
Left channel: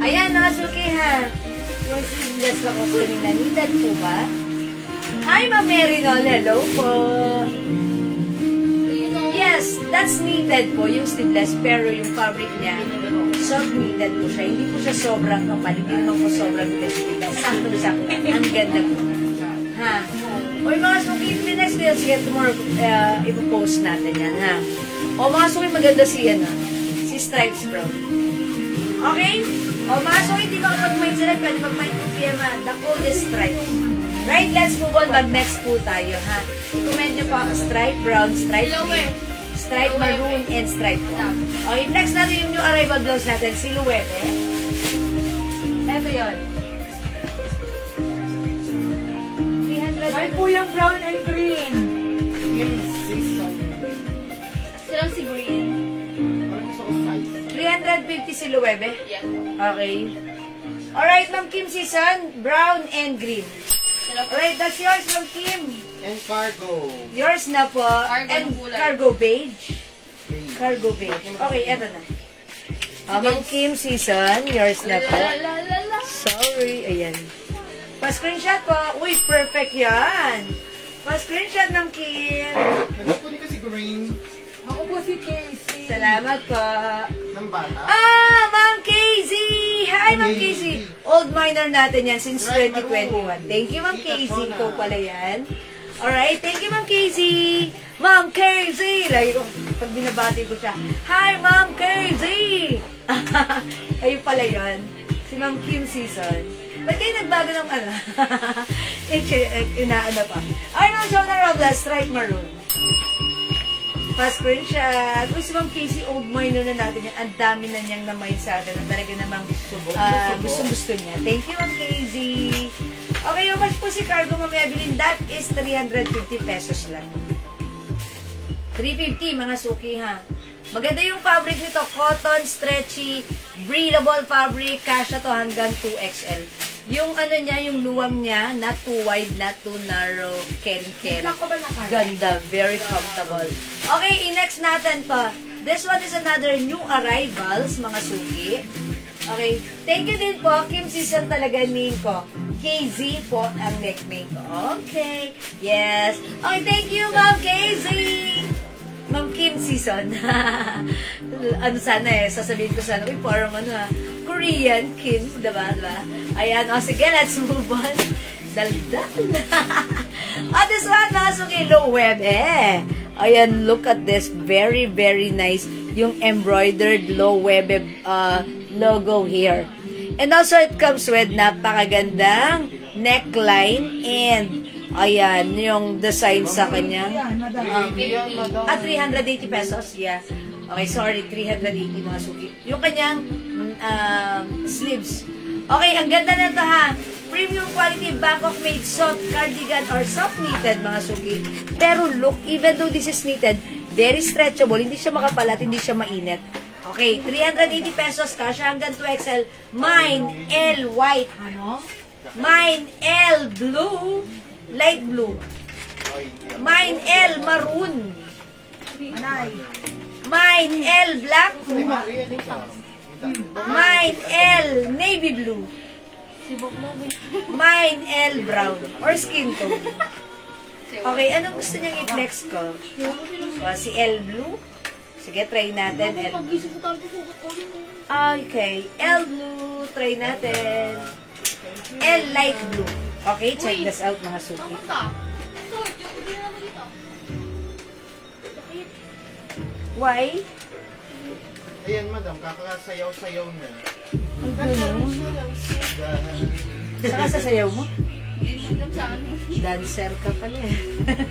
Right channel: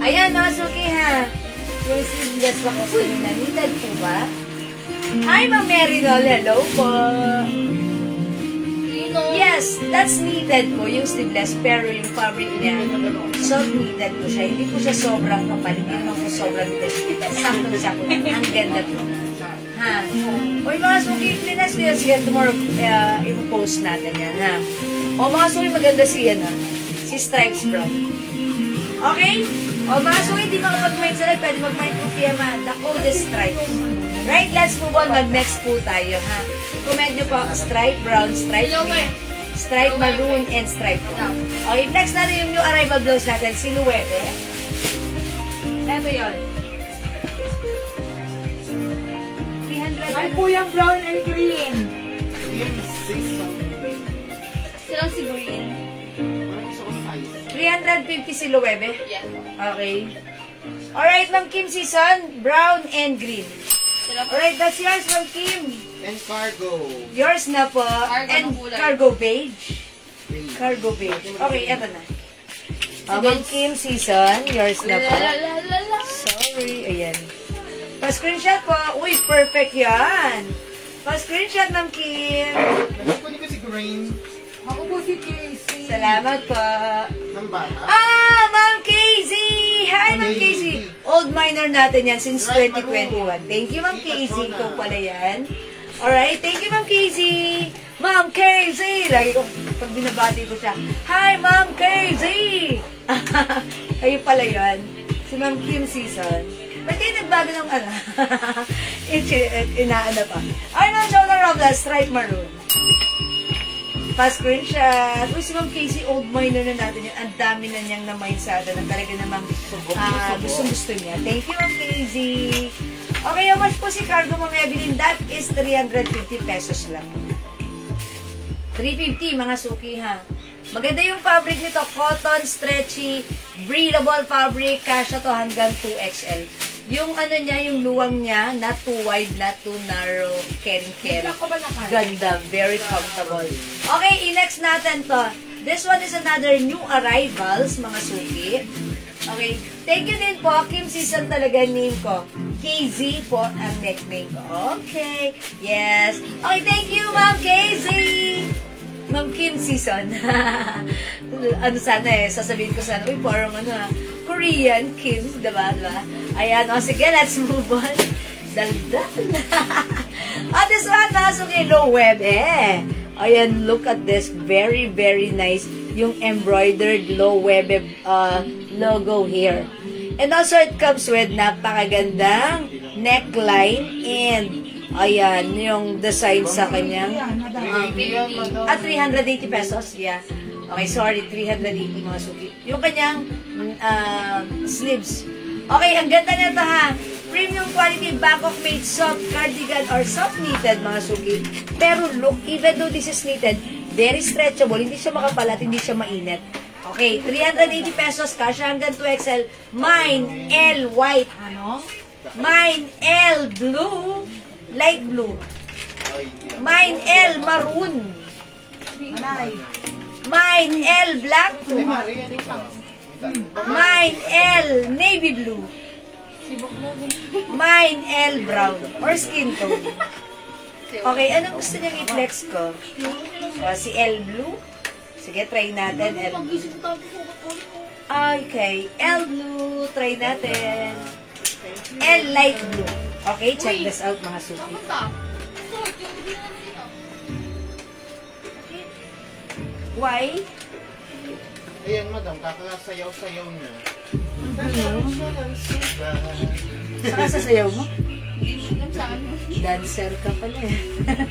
Ayan, namasuki ha. Yung seamless na costume na needed po ba? Hi, Ma'am Marinol. Hello po. Yes, that's needed po, yung sleeveless. Pero yung fabric niya, soft needed po siya. Hindi po siya sobrang kapal. Hindi naman po sobrang sleeveless. Sakto-sakto. Ang ganda po. Ha? O yung mga suki, nice ko yan. Sige, tomorrow, ipopost natin yan, ha? O mga suki, maganda siya, ha? Si Stripes Brown. Okay? O mga suki, di makapag-mind sila. Pwede mag-mind po PM, ha? The coldest stripes. Right, let's move on. Mag-next po tayo, ha? I-comment nyo po, stripe brown, stripe green, stripe maroon, and stripe black. Okay, next natin yung new arrival gloves natin, silhouette. Ito yun. 300. Ay po yung brown and green. Silang si green. 350 silhouette. Yes. Okay. Alright, Ma'am Kim season, brown and green. Alright, that's yours, Ma'am Kim. And cargo. Yours na po. Cargo And ng kulay. cargo beige. Cargo beige. Okay, eto na. Ma'am Kim season, yours na po. Sorry, ayan. Pa-screenshot po. Uy, perfect yan. Pa-screenshot, Ma'am Kim. Nagpunin ko si Green. Ako po si Casey. Salamat po. Ng bata. Ah, Ma'am Casey! Hi, Ma'am Casey! Old miner natin yan since 2021. Thank you, Ma'am Casey. Ikaw pala yan. Alright, thank you, Ma'am Casey! Ma'am Casey! Lagi ko, pag binabati ko siya, hi, Ma'am Casey! Kayo pala yan. Si Ma'am Kim season. Ba't kayo nagbago ng ano? Inaano pa. Ay, Ma'am Jonah Robles, stripe maroon. Pa-screenshot. Uy, si Ma'am Casey, old miner na natin yan. Ang dami na niyang namaysada na talaga namang gusto niya. Thank you, Ma'am Casey. Okay, how much po si cargo, Ma'am Evelyn? That is 350 pesos lang. 350, mga suki, ha? Maganda yung fabric nito. Cotton, stretchy, breathable fabric. Kasha to hanggang 2XL. Yung ano niya, yung luwang niya, not too wide, not too narrow, carry. Ganda, very comfortable. Okay, next natin to. This one is another new arrivals, mga suki. Okay, thank you din po. Kim season talaga name ko. KZ po ang nickname ko. Okay, yes. Okay, thank you, Ma'am KZ. Ma'am Kim season. Ano sana sasabihin ko sana, uy, parang Korean Kim, diba? Ayan, o sige, let's move on. Daldal. This one, mga suki, low web, Ayan, look at this. Very, very nice. Yung embroidered low web logo here. And also, it comes with napakagandang neckline and ayan, yung design sa kanya. At 380 pesos, yeah. Okay, sorry, 380 mga suki. Yung kanyang sleeves. Okay, ang ganda nito ha. Premium quality Bangkok made soft cardigan or soft knitted mga suki. Pero look, even though this is knitted, very stretchable, hindi siya makapalat, hindi siya mainit. Okay, 380 pesos, kasha hanggang 2XL. Mine, L white. Ano? Mine, L blue, light blue. Mine, L maroon. Mine, L black. Mine, L navy blue. Mine, L brown. Or skin tone. Okay, anong gusto niyang i-flex ko? Si L blue. Sige, try natin. L blue. Okay, L blue. Try natin. L light blue. Okay, check this out mga suki. Why? Ayan, madam, kakasayaw-sayaw niya. Saka sasayaw mo? Hindi mo sa akin. Dancer ka pala eh.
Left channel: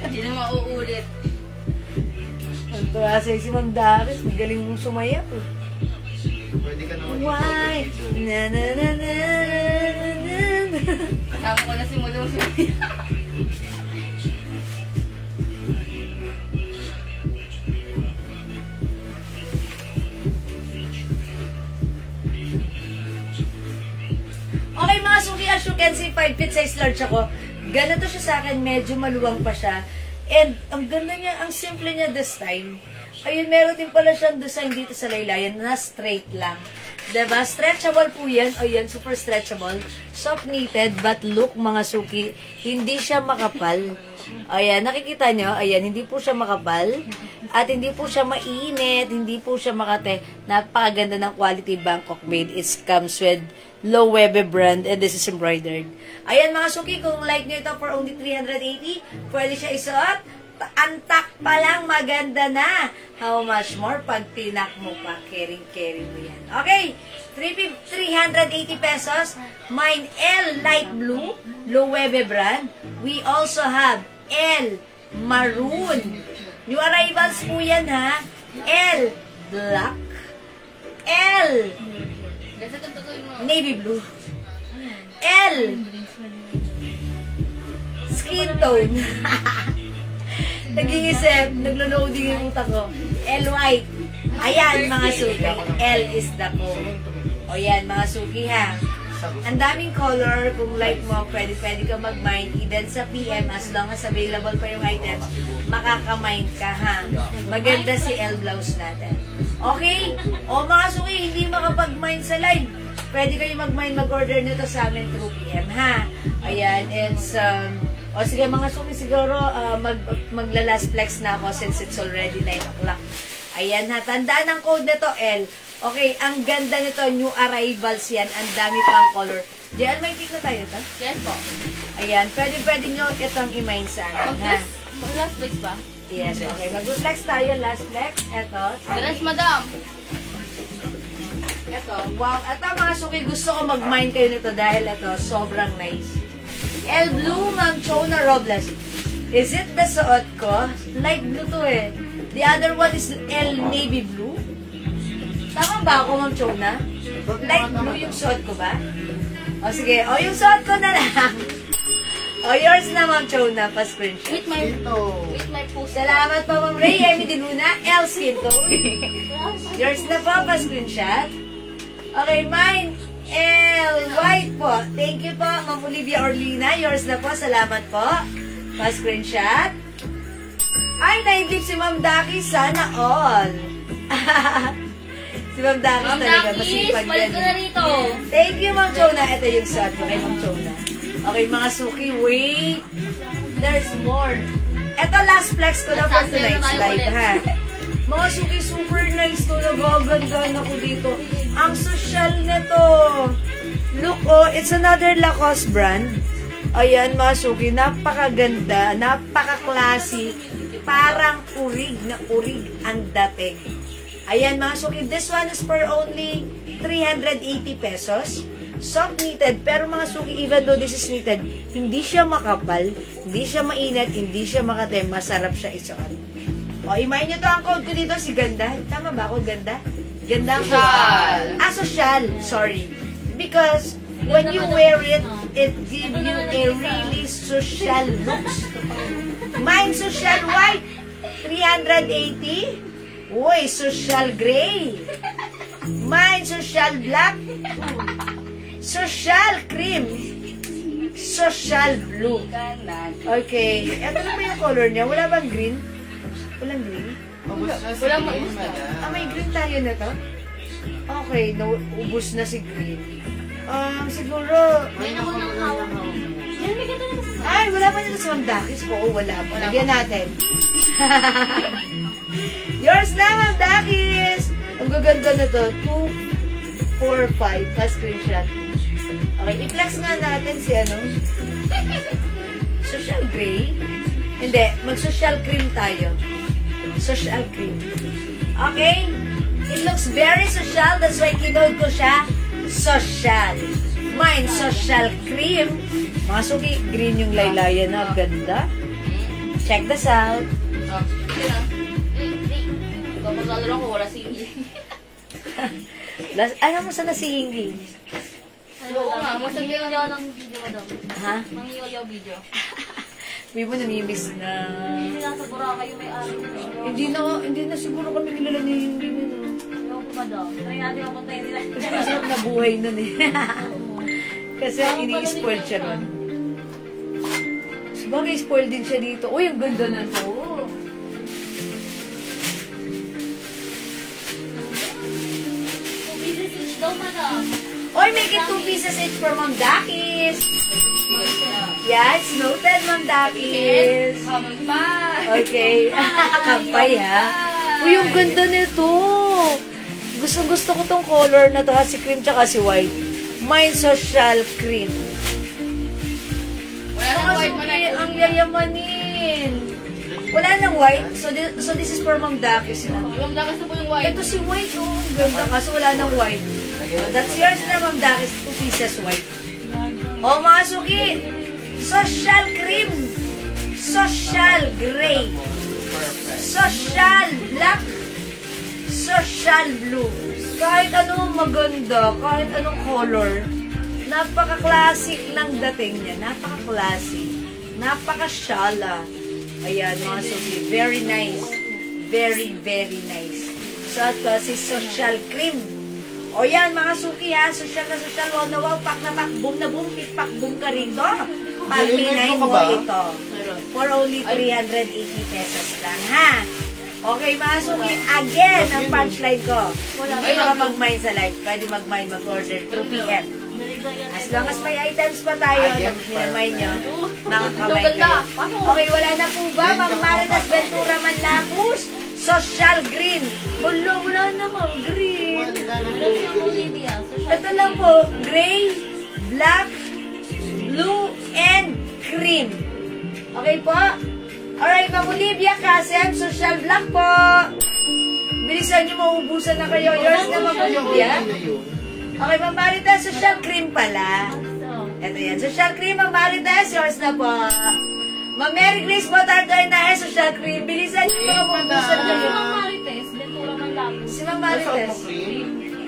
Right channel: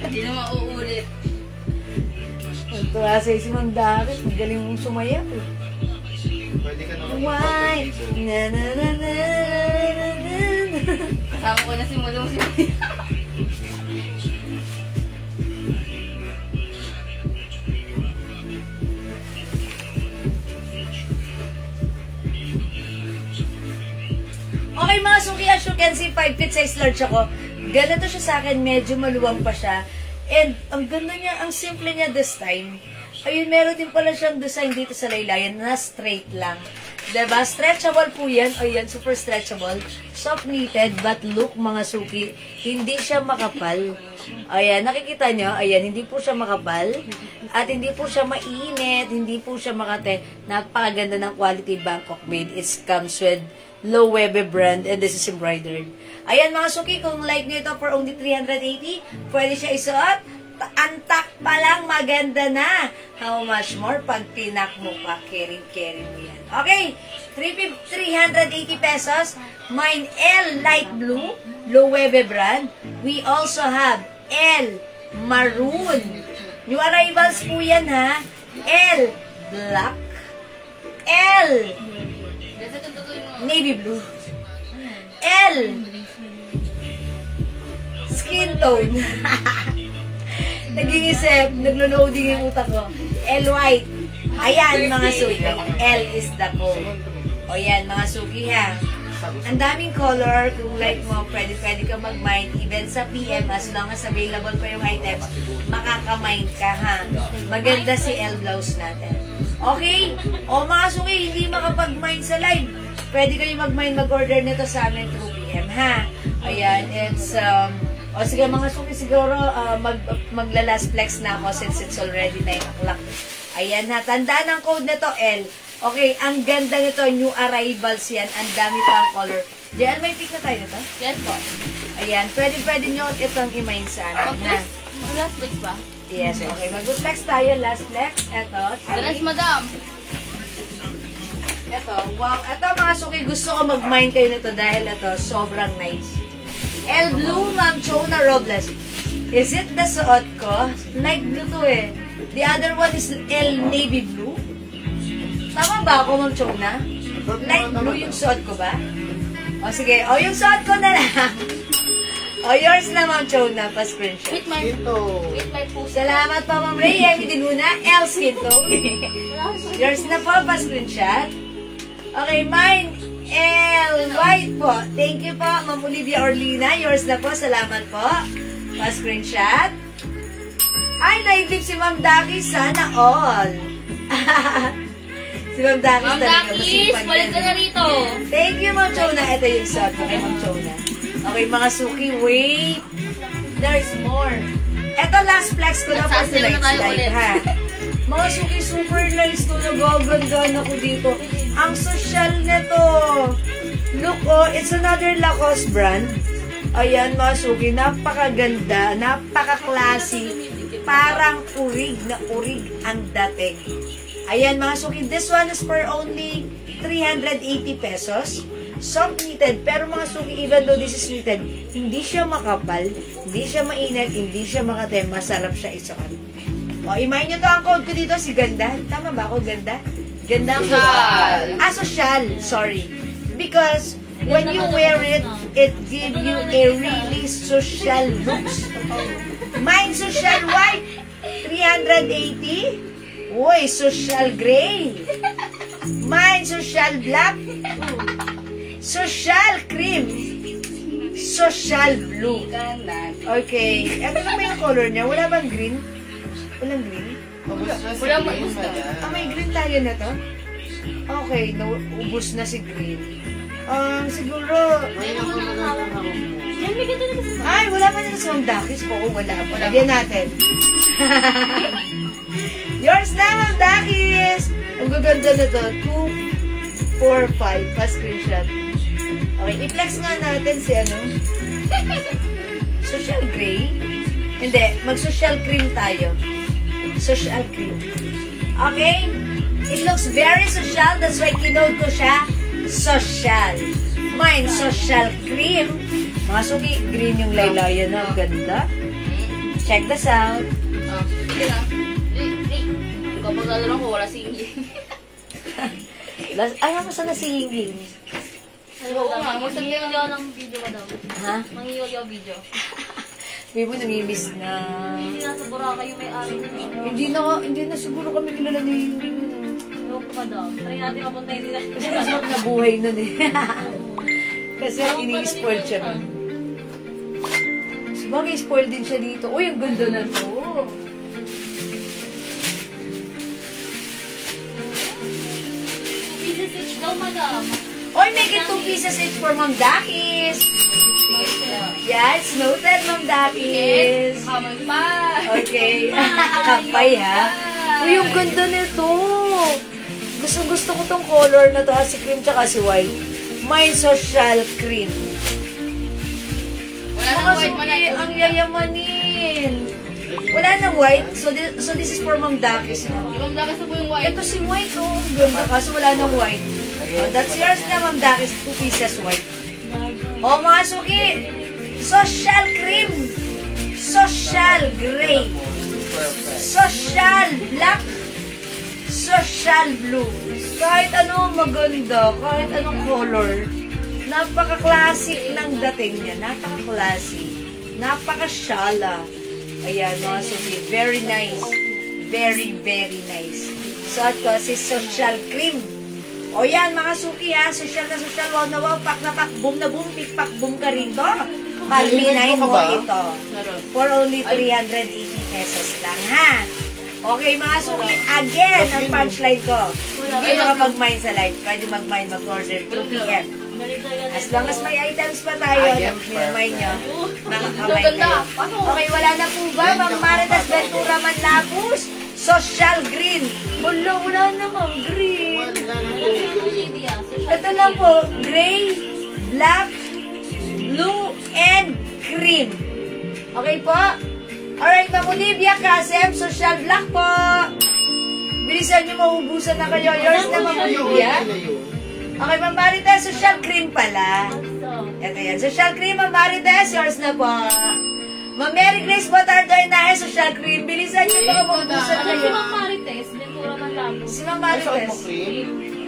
Hindi na mauulit. Ang tuwa sa'yo si Ma'am Darit. Magaling mong sumayak eh. Pwede ka naman. Why? Na na na na na. Kasama ko na si Mulong si Okay mga suki, as you can see, 5 feet 6 large ako. Ganito siya sa akin, medyo maluwang pa siya. And ang ganda niya, ang simple niya this time. Ayun, meron din pala siyang design dito sa laylayan na straight lang. Diba? Stretchable po yan. Ayan, super stretchable. Soft knitted, but look mga suki, hindi siya makapal. Ayan, nakikita nyo? Ayan, hindi po siya makapal. At hindi po siya mainit. Hindi po siya makate. Napakaganda ng quality Bangkok made. It comes with Low Webe brand and this is embroidered. Ayan mga suki, kung like nyo ito for only 380, pwede siya isuot. Antak pa lang, maganda na. How much more? Panpinak mo pa, carry mo yan. Okay, 380 pesos. Mine L light blue, Low Webe brand. We also have L maroon. New arrivals po yan ha. L black. L navy blue. L skin tone. Nag-iisip, naglo-loading yung utak ko. L white. Ayan mga suki. L is the code. O yan mga suki ha. Ang daming color. Kung like mo, pwede ka mag-mind. Even sa PM, as long as available pa yung items, makaka-mind ka ha. Maganda si L blouse natin. Okay? O mga suki, hindi makapag-mind sa live. Pwede kayo mag-mind, mag-order nito sa amin through PM ha. Ayan, it's o sige mga suki, siguro magla-last flex na ako since it's already 9 o'clock. Ayan ha, tandaan ang code nito L. Okay, ang ganda nito, new arrivals yan. Ang dami pang color. JL, may pick na tayo ito? Yes po. Ayan, pwede nyo itong i-mind sa akin ha. Mag-last flex ba? Yes, okay. Mag-flex tayo, last flex. Ito. Dress madam. Ito, wow. Ito mga suki, gusto ko mag-mind kayo nito dahil ito, sobrang nice. L blue, Ma'am Chona Robles. Is it the suot ko? Light blue to eh. The other one is L navy blue. Tama ba ako, Ma'am Chona? Light blue yung suot ko ba? O sige, o yung suot ko na lang. O yours na, Ma'am Chona, pa-screenshot. With my post. Salamat po, Ma'am Ray. Emi Diluna, L skin tone. Yours na po, pa-screenshot. Okay, mine. L white po. Thank you po, Ma'am Olivia Orlina. Yours na po. Salamat po. Pa-screenshot. Ay, naidlip si Ma'am Daki. Sana all. Si Ma'am Daki talaga. Masipag yan. Thank you, Ma'am Chona. Ito yung sad ko kay Ma'am Chona. Okay, mga suki. Wait. There's more. Ito, last flex ko na for tonight's live, ha? Mga suki, super nice to. Nagagandaan ako dito. Ang social nito. Look, oh, it's another Lacoste brand. Ayan, mga suki, napakaganda, napaka-classy. Parang urig na urig ang dating. Ayan, mga suki, this one is for only 380 pesos. Soft knitted, pero mga suki, even though this is knitted, hindi siya makapal, hindi siya mainit, hindi siya makate, masarap siya isuot. O, imayin nyo to ang code ko dito, si Ganda. Tama ba ako, Ganda? Ganda ang social. Social. Sorry. Because when you wear it, it gives you a really social looks. Mine, social white. 380. Uy, social gray. Mine, social black. Social cream. Social blue. Okay. Ito na ba yung color niya? Wala bang green? Walang green? Walang green. May green tayo na to? Okay, ubus na si green. Siguro... Ay, wala pa na yung Dakis. Oo, wala pa. Lagyan natin. Yours na, Ma'am Dakis! Ang gaganda na to. 2, 4, 5. Pa-screenshot. Okay, i-flex nga natin si ano. Social gray. Hindi, mag-social cream tayo. Social cream. Okay? It looks very social. That's why kinode ko siya social. Mine, social cream. Mga suki, green yung laylayan na. Ganda. Check this out. Sige na. Kapag lalaro ko, wala singing. Ano mo sa nasinging? Oo nga, magsasayaw ako ng video mo daw. Ha? Mangiyaw video. Hindi mo namimiss na. Hindi na sa Boracay yung may-ari na. Hindi na siguro kami kilala niya yung Ewan ko ba daw? Try natin mapuntayin nila. kasi masarap na buhay nun eh. Kasi ini-spoil siya nun. Sabagay, spoil din siya dito. Uy, ang ganda na to. Pieces each daw, madam. Uy, make it 2 pieces each for Ma'am Dakis. Yeah, it's noted, Ma'am Dakis. Hamon pa. Okay. Kampay, ha? Uy, ang ganda nito. Gusto ko tong color na to, ha? Si cream tsaka si white. Mine social cream. Wala nang white man na. Ang yayamanin. Wala nang white. So this is for Ma'am Dakis. No? Yung dakas na po yung white. Ito si white, oh. Ang ganda. Kaso wala nang white. That's yours na, Ma'am Dakis. 2 pieces white. Oh, mga suki. Social cream. Social gray. Social black. Social blue. Kahit ano maganda, kahit anong color, napaka-classic ng dating niya. Napaka-classic. Napaka-shala. Ayan, mga suki. Very nice. Very, very nice. So, ito si social cream. O yan, mga suki ha. Social na social. Wow na wow. Pak na pak. Boom na boom. Tik pak boom ka rin to. Palinay mo ito. For only 380 pesos lang ha. Okay, mga suki. Again, ang punchline ko. Hindi makapag-mine sa live. Pwede mag-mine, mag-order through PM. As long as may items pa tayo, mag-mine nyo. Nakaka-mine kayo. Okay, wala na po ba? Mga Maritas Ventura Manlapus. Social green. Wala namang green. Ito lang po, gray, black, blue, and cream. Okay po? Alright, Ma'am Olivia Kasem, social black po. Bilisan niyo, maubusan na kayo. Yours na, Ma'am Olivia. Okay, Ma'am Marites, social cream pala. Ito yan, social cream, Ma'am Marites, yours na po. Ma'am Mary Grace Botardoy na social cream. Bilisan niyo, baka maubusan na kayo. Si Ma'am Marites, Ventura Manlapus. Si Ma'am Marites.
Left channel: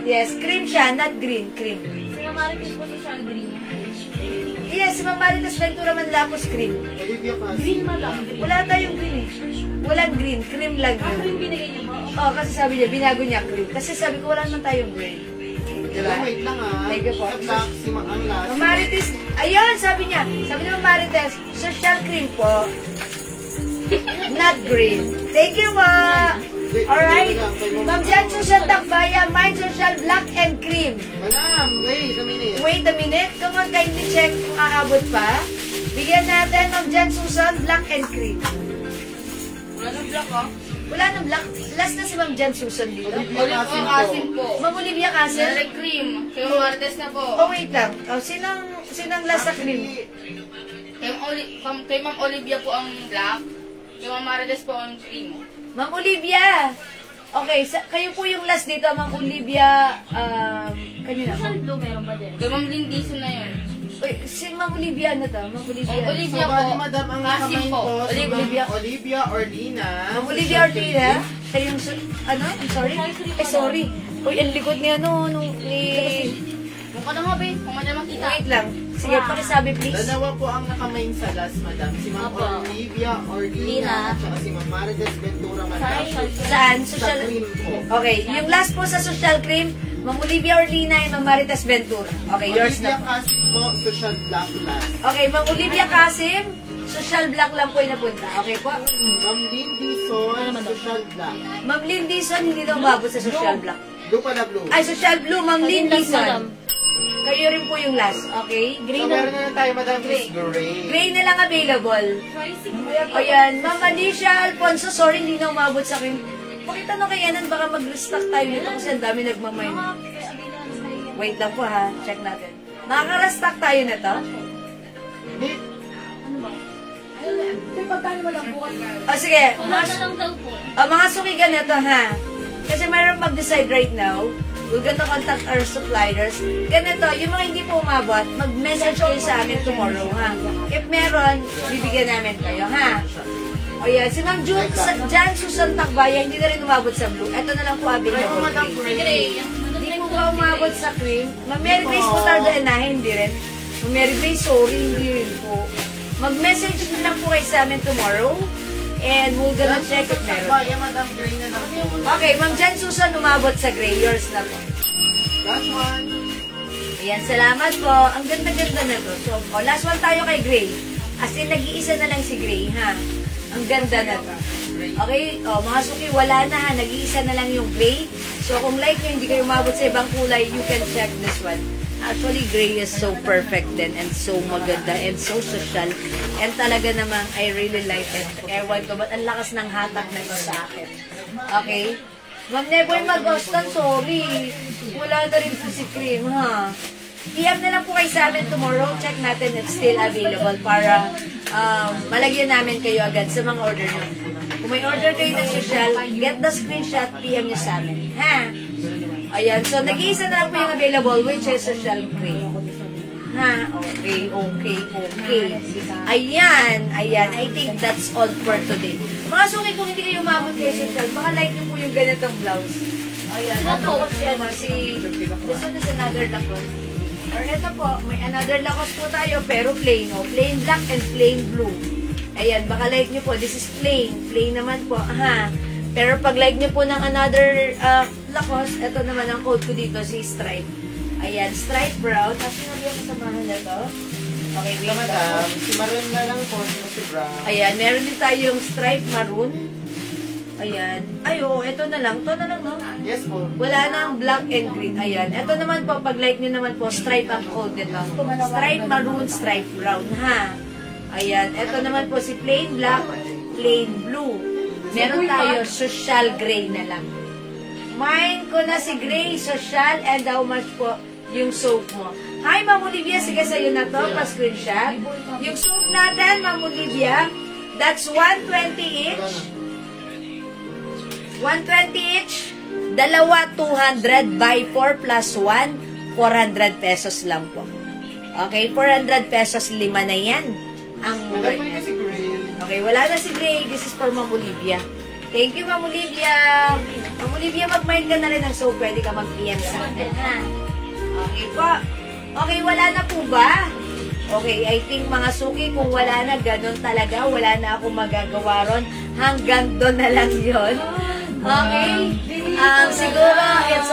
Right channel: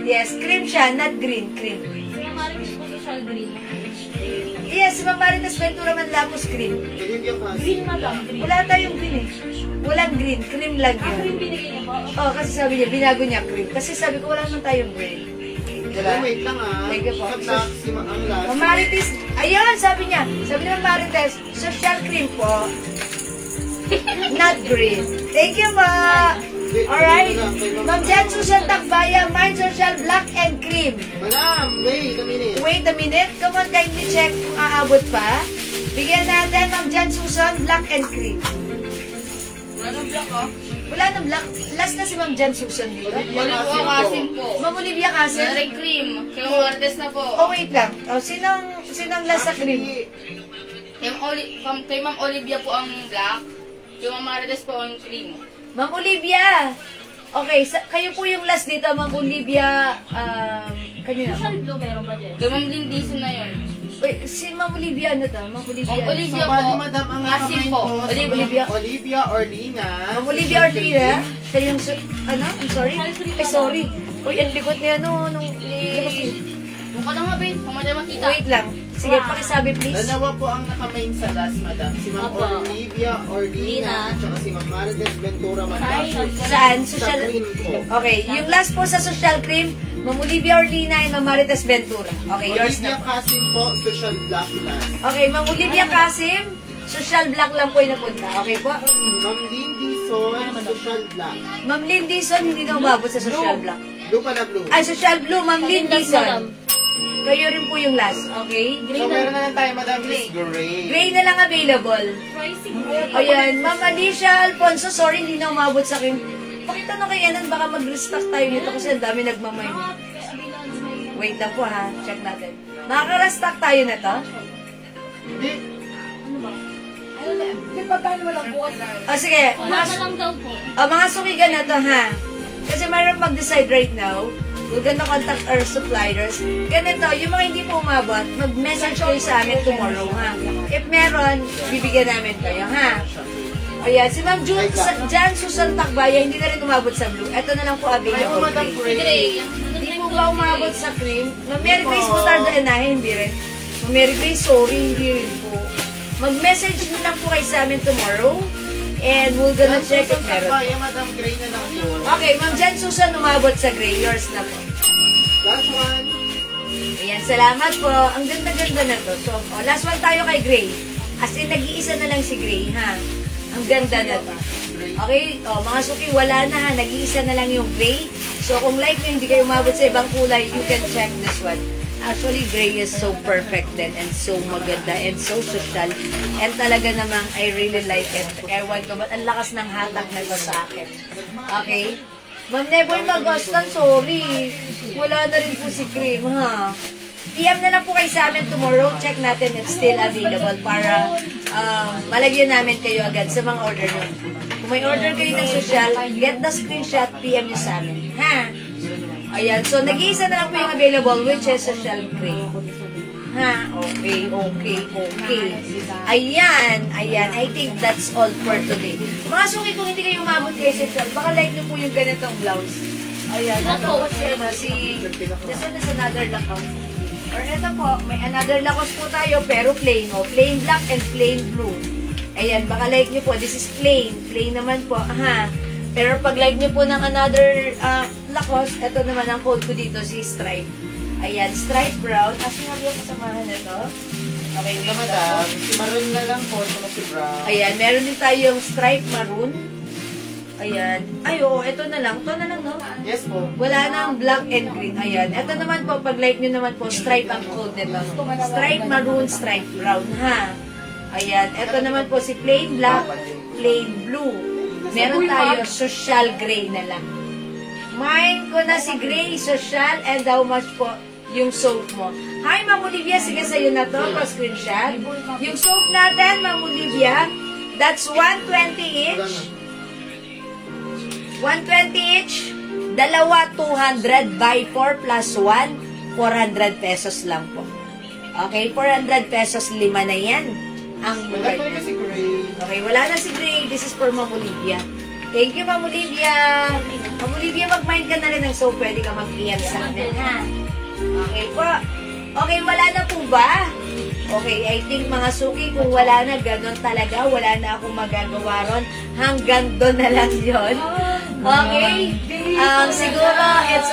Yes, cream siya, not green, cream. Si Ma'am Marites po social green. Yes, si Ma'am Marites Ventura Manlapus cream. Green madam, green. Wala tayong green eh. Walang green, cream lang yun. Green binigay niya ba? Oo, kasi sabi niya, binago niya cream. Kasi sabi ko, wala naman tayong green. Diba? Wait lang ah. Thank you po. Ang last. Ma'am Marites, ayun, sabi niya. Sabi ni Ma'am Marites, social cream po. Not green. Thank you, ma. Alright. Ma'am Jan, social takbaya, mine social black and cream. Madam, wait a minute. Wait a minute. Come on, kindly check kung aabot pa. Bigyan natin, Ma'am Jan Susan, black and cream. Wala nang black ah. Wala nang black. Last na si Ma'am Jan Susan dito. Olivia Kasim po. Ma'am Olivia Kasim. Red cream. Kay Ma'am Marites na po. Oh, wait lang. Oh, sinong last sa cream? Kay Ma'am Olivia po ang black. Kay Ma'am Marites po ang cream. Ma'am Olivia. Okay, kayo po yung last dito, Ma'am Olivia. Kanina. Social blue meron ba din? Kay Ma'am Lindison na yun. Wait, si Ma'am Olivia ano to? Ma'am Olivia. Ma'am Olivia po. Madam, ang Kasim nakamay po. ko. Olivia Orlina. Ma'am Olivia Ortega. Siya yung, ano? I'm sorry? Ay, sorry. Uy, ang likod niya, no? Kung ka na nga, Ben. Kung may na makita. Wait lang. Sige, pakisabi, please. Dalawa po ang nakamain sa last, madam. Si Ma'am Opo. Olivia Orlina at saka si Ma'am Marites Ventura Manlapus. Saan? Sa Social... cream po. Okay, yung last po sa social cream, Ma'am Olivia Orlina and Ma'am Marites Ventura. Okay, yours Olivia na. Kasim po, social black last. Okay, Ma'am Olivia Kasim, social black lang po yung napunta. Okay po? Ma'am Lindy Son, social black. Ma'am Lynn Dizon, hindi na umabot sa social black. Blue pala blue. Ay, social blue, Ma'am Lynn Dizon. Kayo rin po yung last. Okay? So, meron na lang tayo, madam, is gray. Gray na lang available. O yan, Ma'am Alicia Alfonso, sorry, hindi na umabot sa akin. Pakita na kaya nan, baka mag-restock tayo nito kasi ang dami nagmamay. Wait lang po ha, check natin. Makaka-restock tayo na to? Hindi. O sige, Wala na lang daw po. mga sumigan na to ha. Kasi mayroon mag-decide right now. we're gonna contact our suppliers. Ganito, yung mga hindi po umabot, mag-message kayo sa amin tomorrow, ha? If meron, bibigyan namin kayo, ha? O yan, si Ma'am Jan Susan Takbaya, hindi na rin umabot sa blue. Ito na lang po available. Hindi po ba umabot sa cream? Ma'am Mary Grace po hindi rin. Ma'am Mary Grace, sorry, hindi rin po. Mag-message din lang po kayo sa amin tomorrow. And we're gonna check it meron. Okay, Ma'am Jan Susan, umabot sa gray. Yours na po. Last one. Ayan, salamat po. Ang ganda-ganda na to. So, last one tayo kay Gray. As in, nag-iisa na lang si Gray, ha? Ang ganda na to. Okay? Mga suki, wala na, ha? Nag-iisa na lang yung Gray. So, kung like nyo, hindi kayo umabot sa ibang kulay, you can check this one. Actually, Gray is so perfect din and so maganda and so social. And talaga namang, I really like it. Ewan ko, ba't ang lakas ng hatak na ito sa akin? Okay? Ma'am Neboy Magostan, sorry. Wala na rin po si Cream, ha? PM na lang po kayo sa amin tomorrow. Check natin if still available para malagyan namin kayo agad sa mga order nyo. Kung may order kayo ng social, get the screenshot, PM nyo sa amin. Ha? Ayan. So, nag-iisa na lang po yung available, which is social Cream. Ha? Okay. Ayan. I think that's all for today. Mga suki, kung hindi kayo umabot kayo sa chat, baka like nyo po yung ganitong blouse. Ayan. This one is another Lacoste. Or ito po, may another Lacoste po tayo, pero plain. Plain black and plain blue. Ayan, baka like nyo po. This is plain. Plain naman po. Aha. Pero pag like nyo po ng another Lacoste, ito naman ang code ko dito, si Stripe. Ayan, stripe brown. Kasi nga yung kasamahan na to. Okay, wait madam. Si maroon na lang po, si brown. Ayan, meron din tayong stripe maroon. Ayan. Ay, oo, ito na lang. Ito na lang, no? Yes po. Wala na ang black and green. Ayan. Ito naman po, pag like nyo naman po, stripe ang code nito. Stripe maroon, stripe brown, ha? Ayan. Ito naman po si plain black, plain blue. Meron tayo social gray na lang. Mine ko na si gray, social, and how much po yung soap mo. Hi, Ma'am Olivia. Sige, sa'yo na to. Pa-screenshot. Yung soap natin, Ma'am Olivia, that's 120 each. 120 each. Dalawa, 200 by 4 plus 1, 400 pesos lang po. Okay, 400 pesos, 5 na yan. Ang Madam, si Gray. Okay, wala na si Gray. This is for Ma'am Olivia. Thank you, Ma'am Olivia. Ma'am Olivia, mag-mind ka na rin ng soap. Pwede ka mag-PM sa akin, ha? Okay po. Okay, wala na po ba? Okay, I think mga suki, kung wala na, ganon talaga. Wala na akong magagawa ron. Hanggang doon na lang yun. Okay? Siguro, it's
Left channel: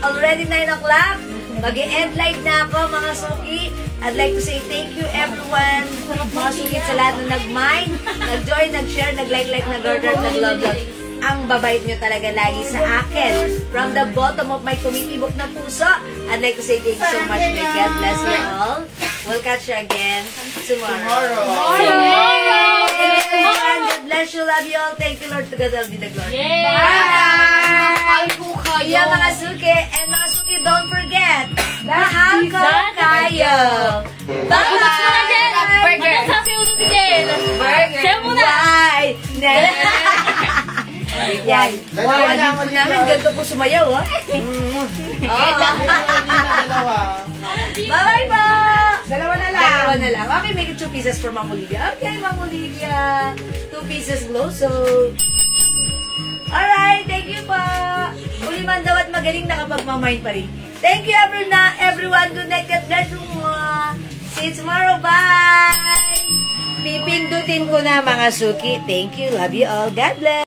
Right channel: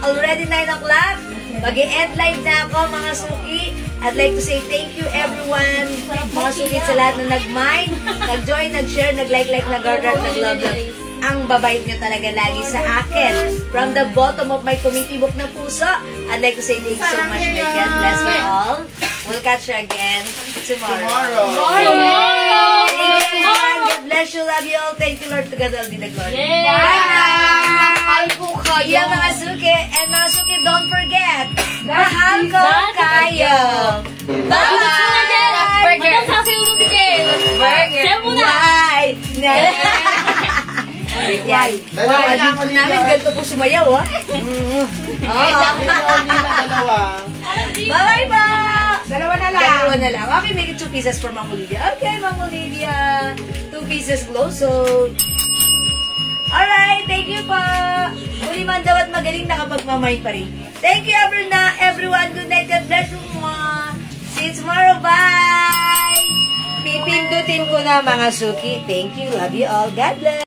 already 9 o'clock. Mag-e-end live na ako, mga suki. I'd like to say thank you, everyone. Mga suki sa lahat na nag-mind, nag-join, nag-share, nag-like, nag-order, nag-love. Ang babait nyo talaga lagi sa akin. From the bottom of my tumitibok na puso, I'd like to say thank you so much. May God bless you all. We'll catch you again tomorrow. God bless you, love you all. Thank you, Lord. Together, be the glory. Mahal ko kayo. Yeah, mga suki. And mga suki, don't forget, mahal ko kayo. Bye! Burger. Sasayaw ng bigay. Burger. Sayo muna. Yan. Dalawa Namin ganito po sumayaw, ha? Bye-bye pa! Dalawa na lang. Dalawa na lang. Okay, make it 2 pieces for Ma'am Olivia. Okay, Ma'am Olivia. 2 pieces glow soap. Alright, thank you po. Uliman daw at magaling nakapagmamay pa rin. Thank you everyone. Good night. God bless you mga. See you tomorrow. Bye! Pipindutin ko na mga suki. Thank you. Love you all. God bless.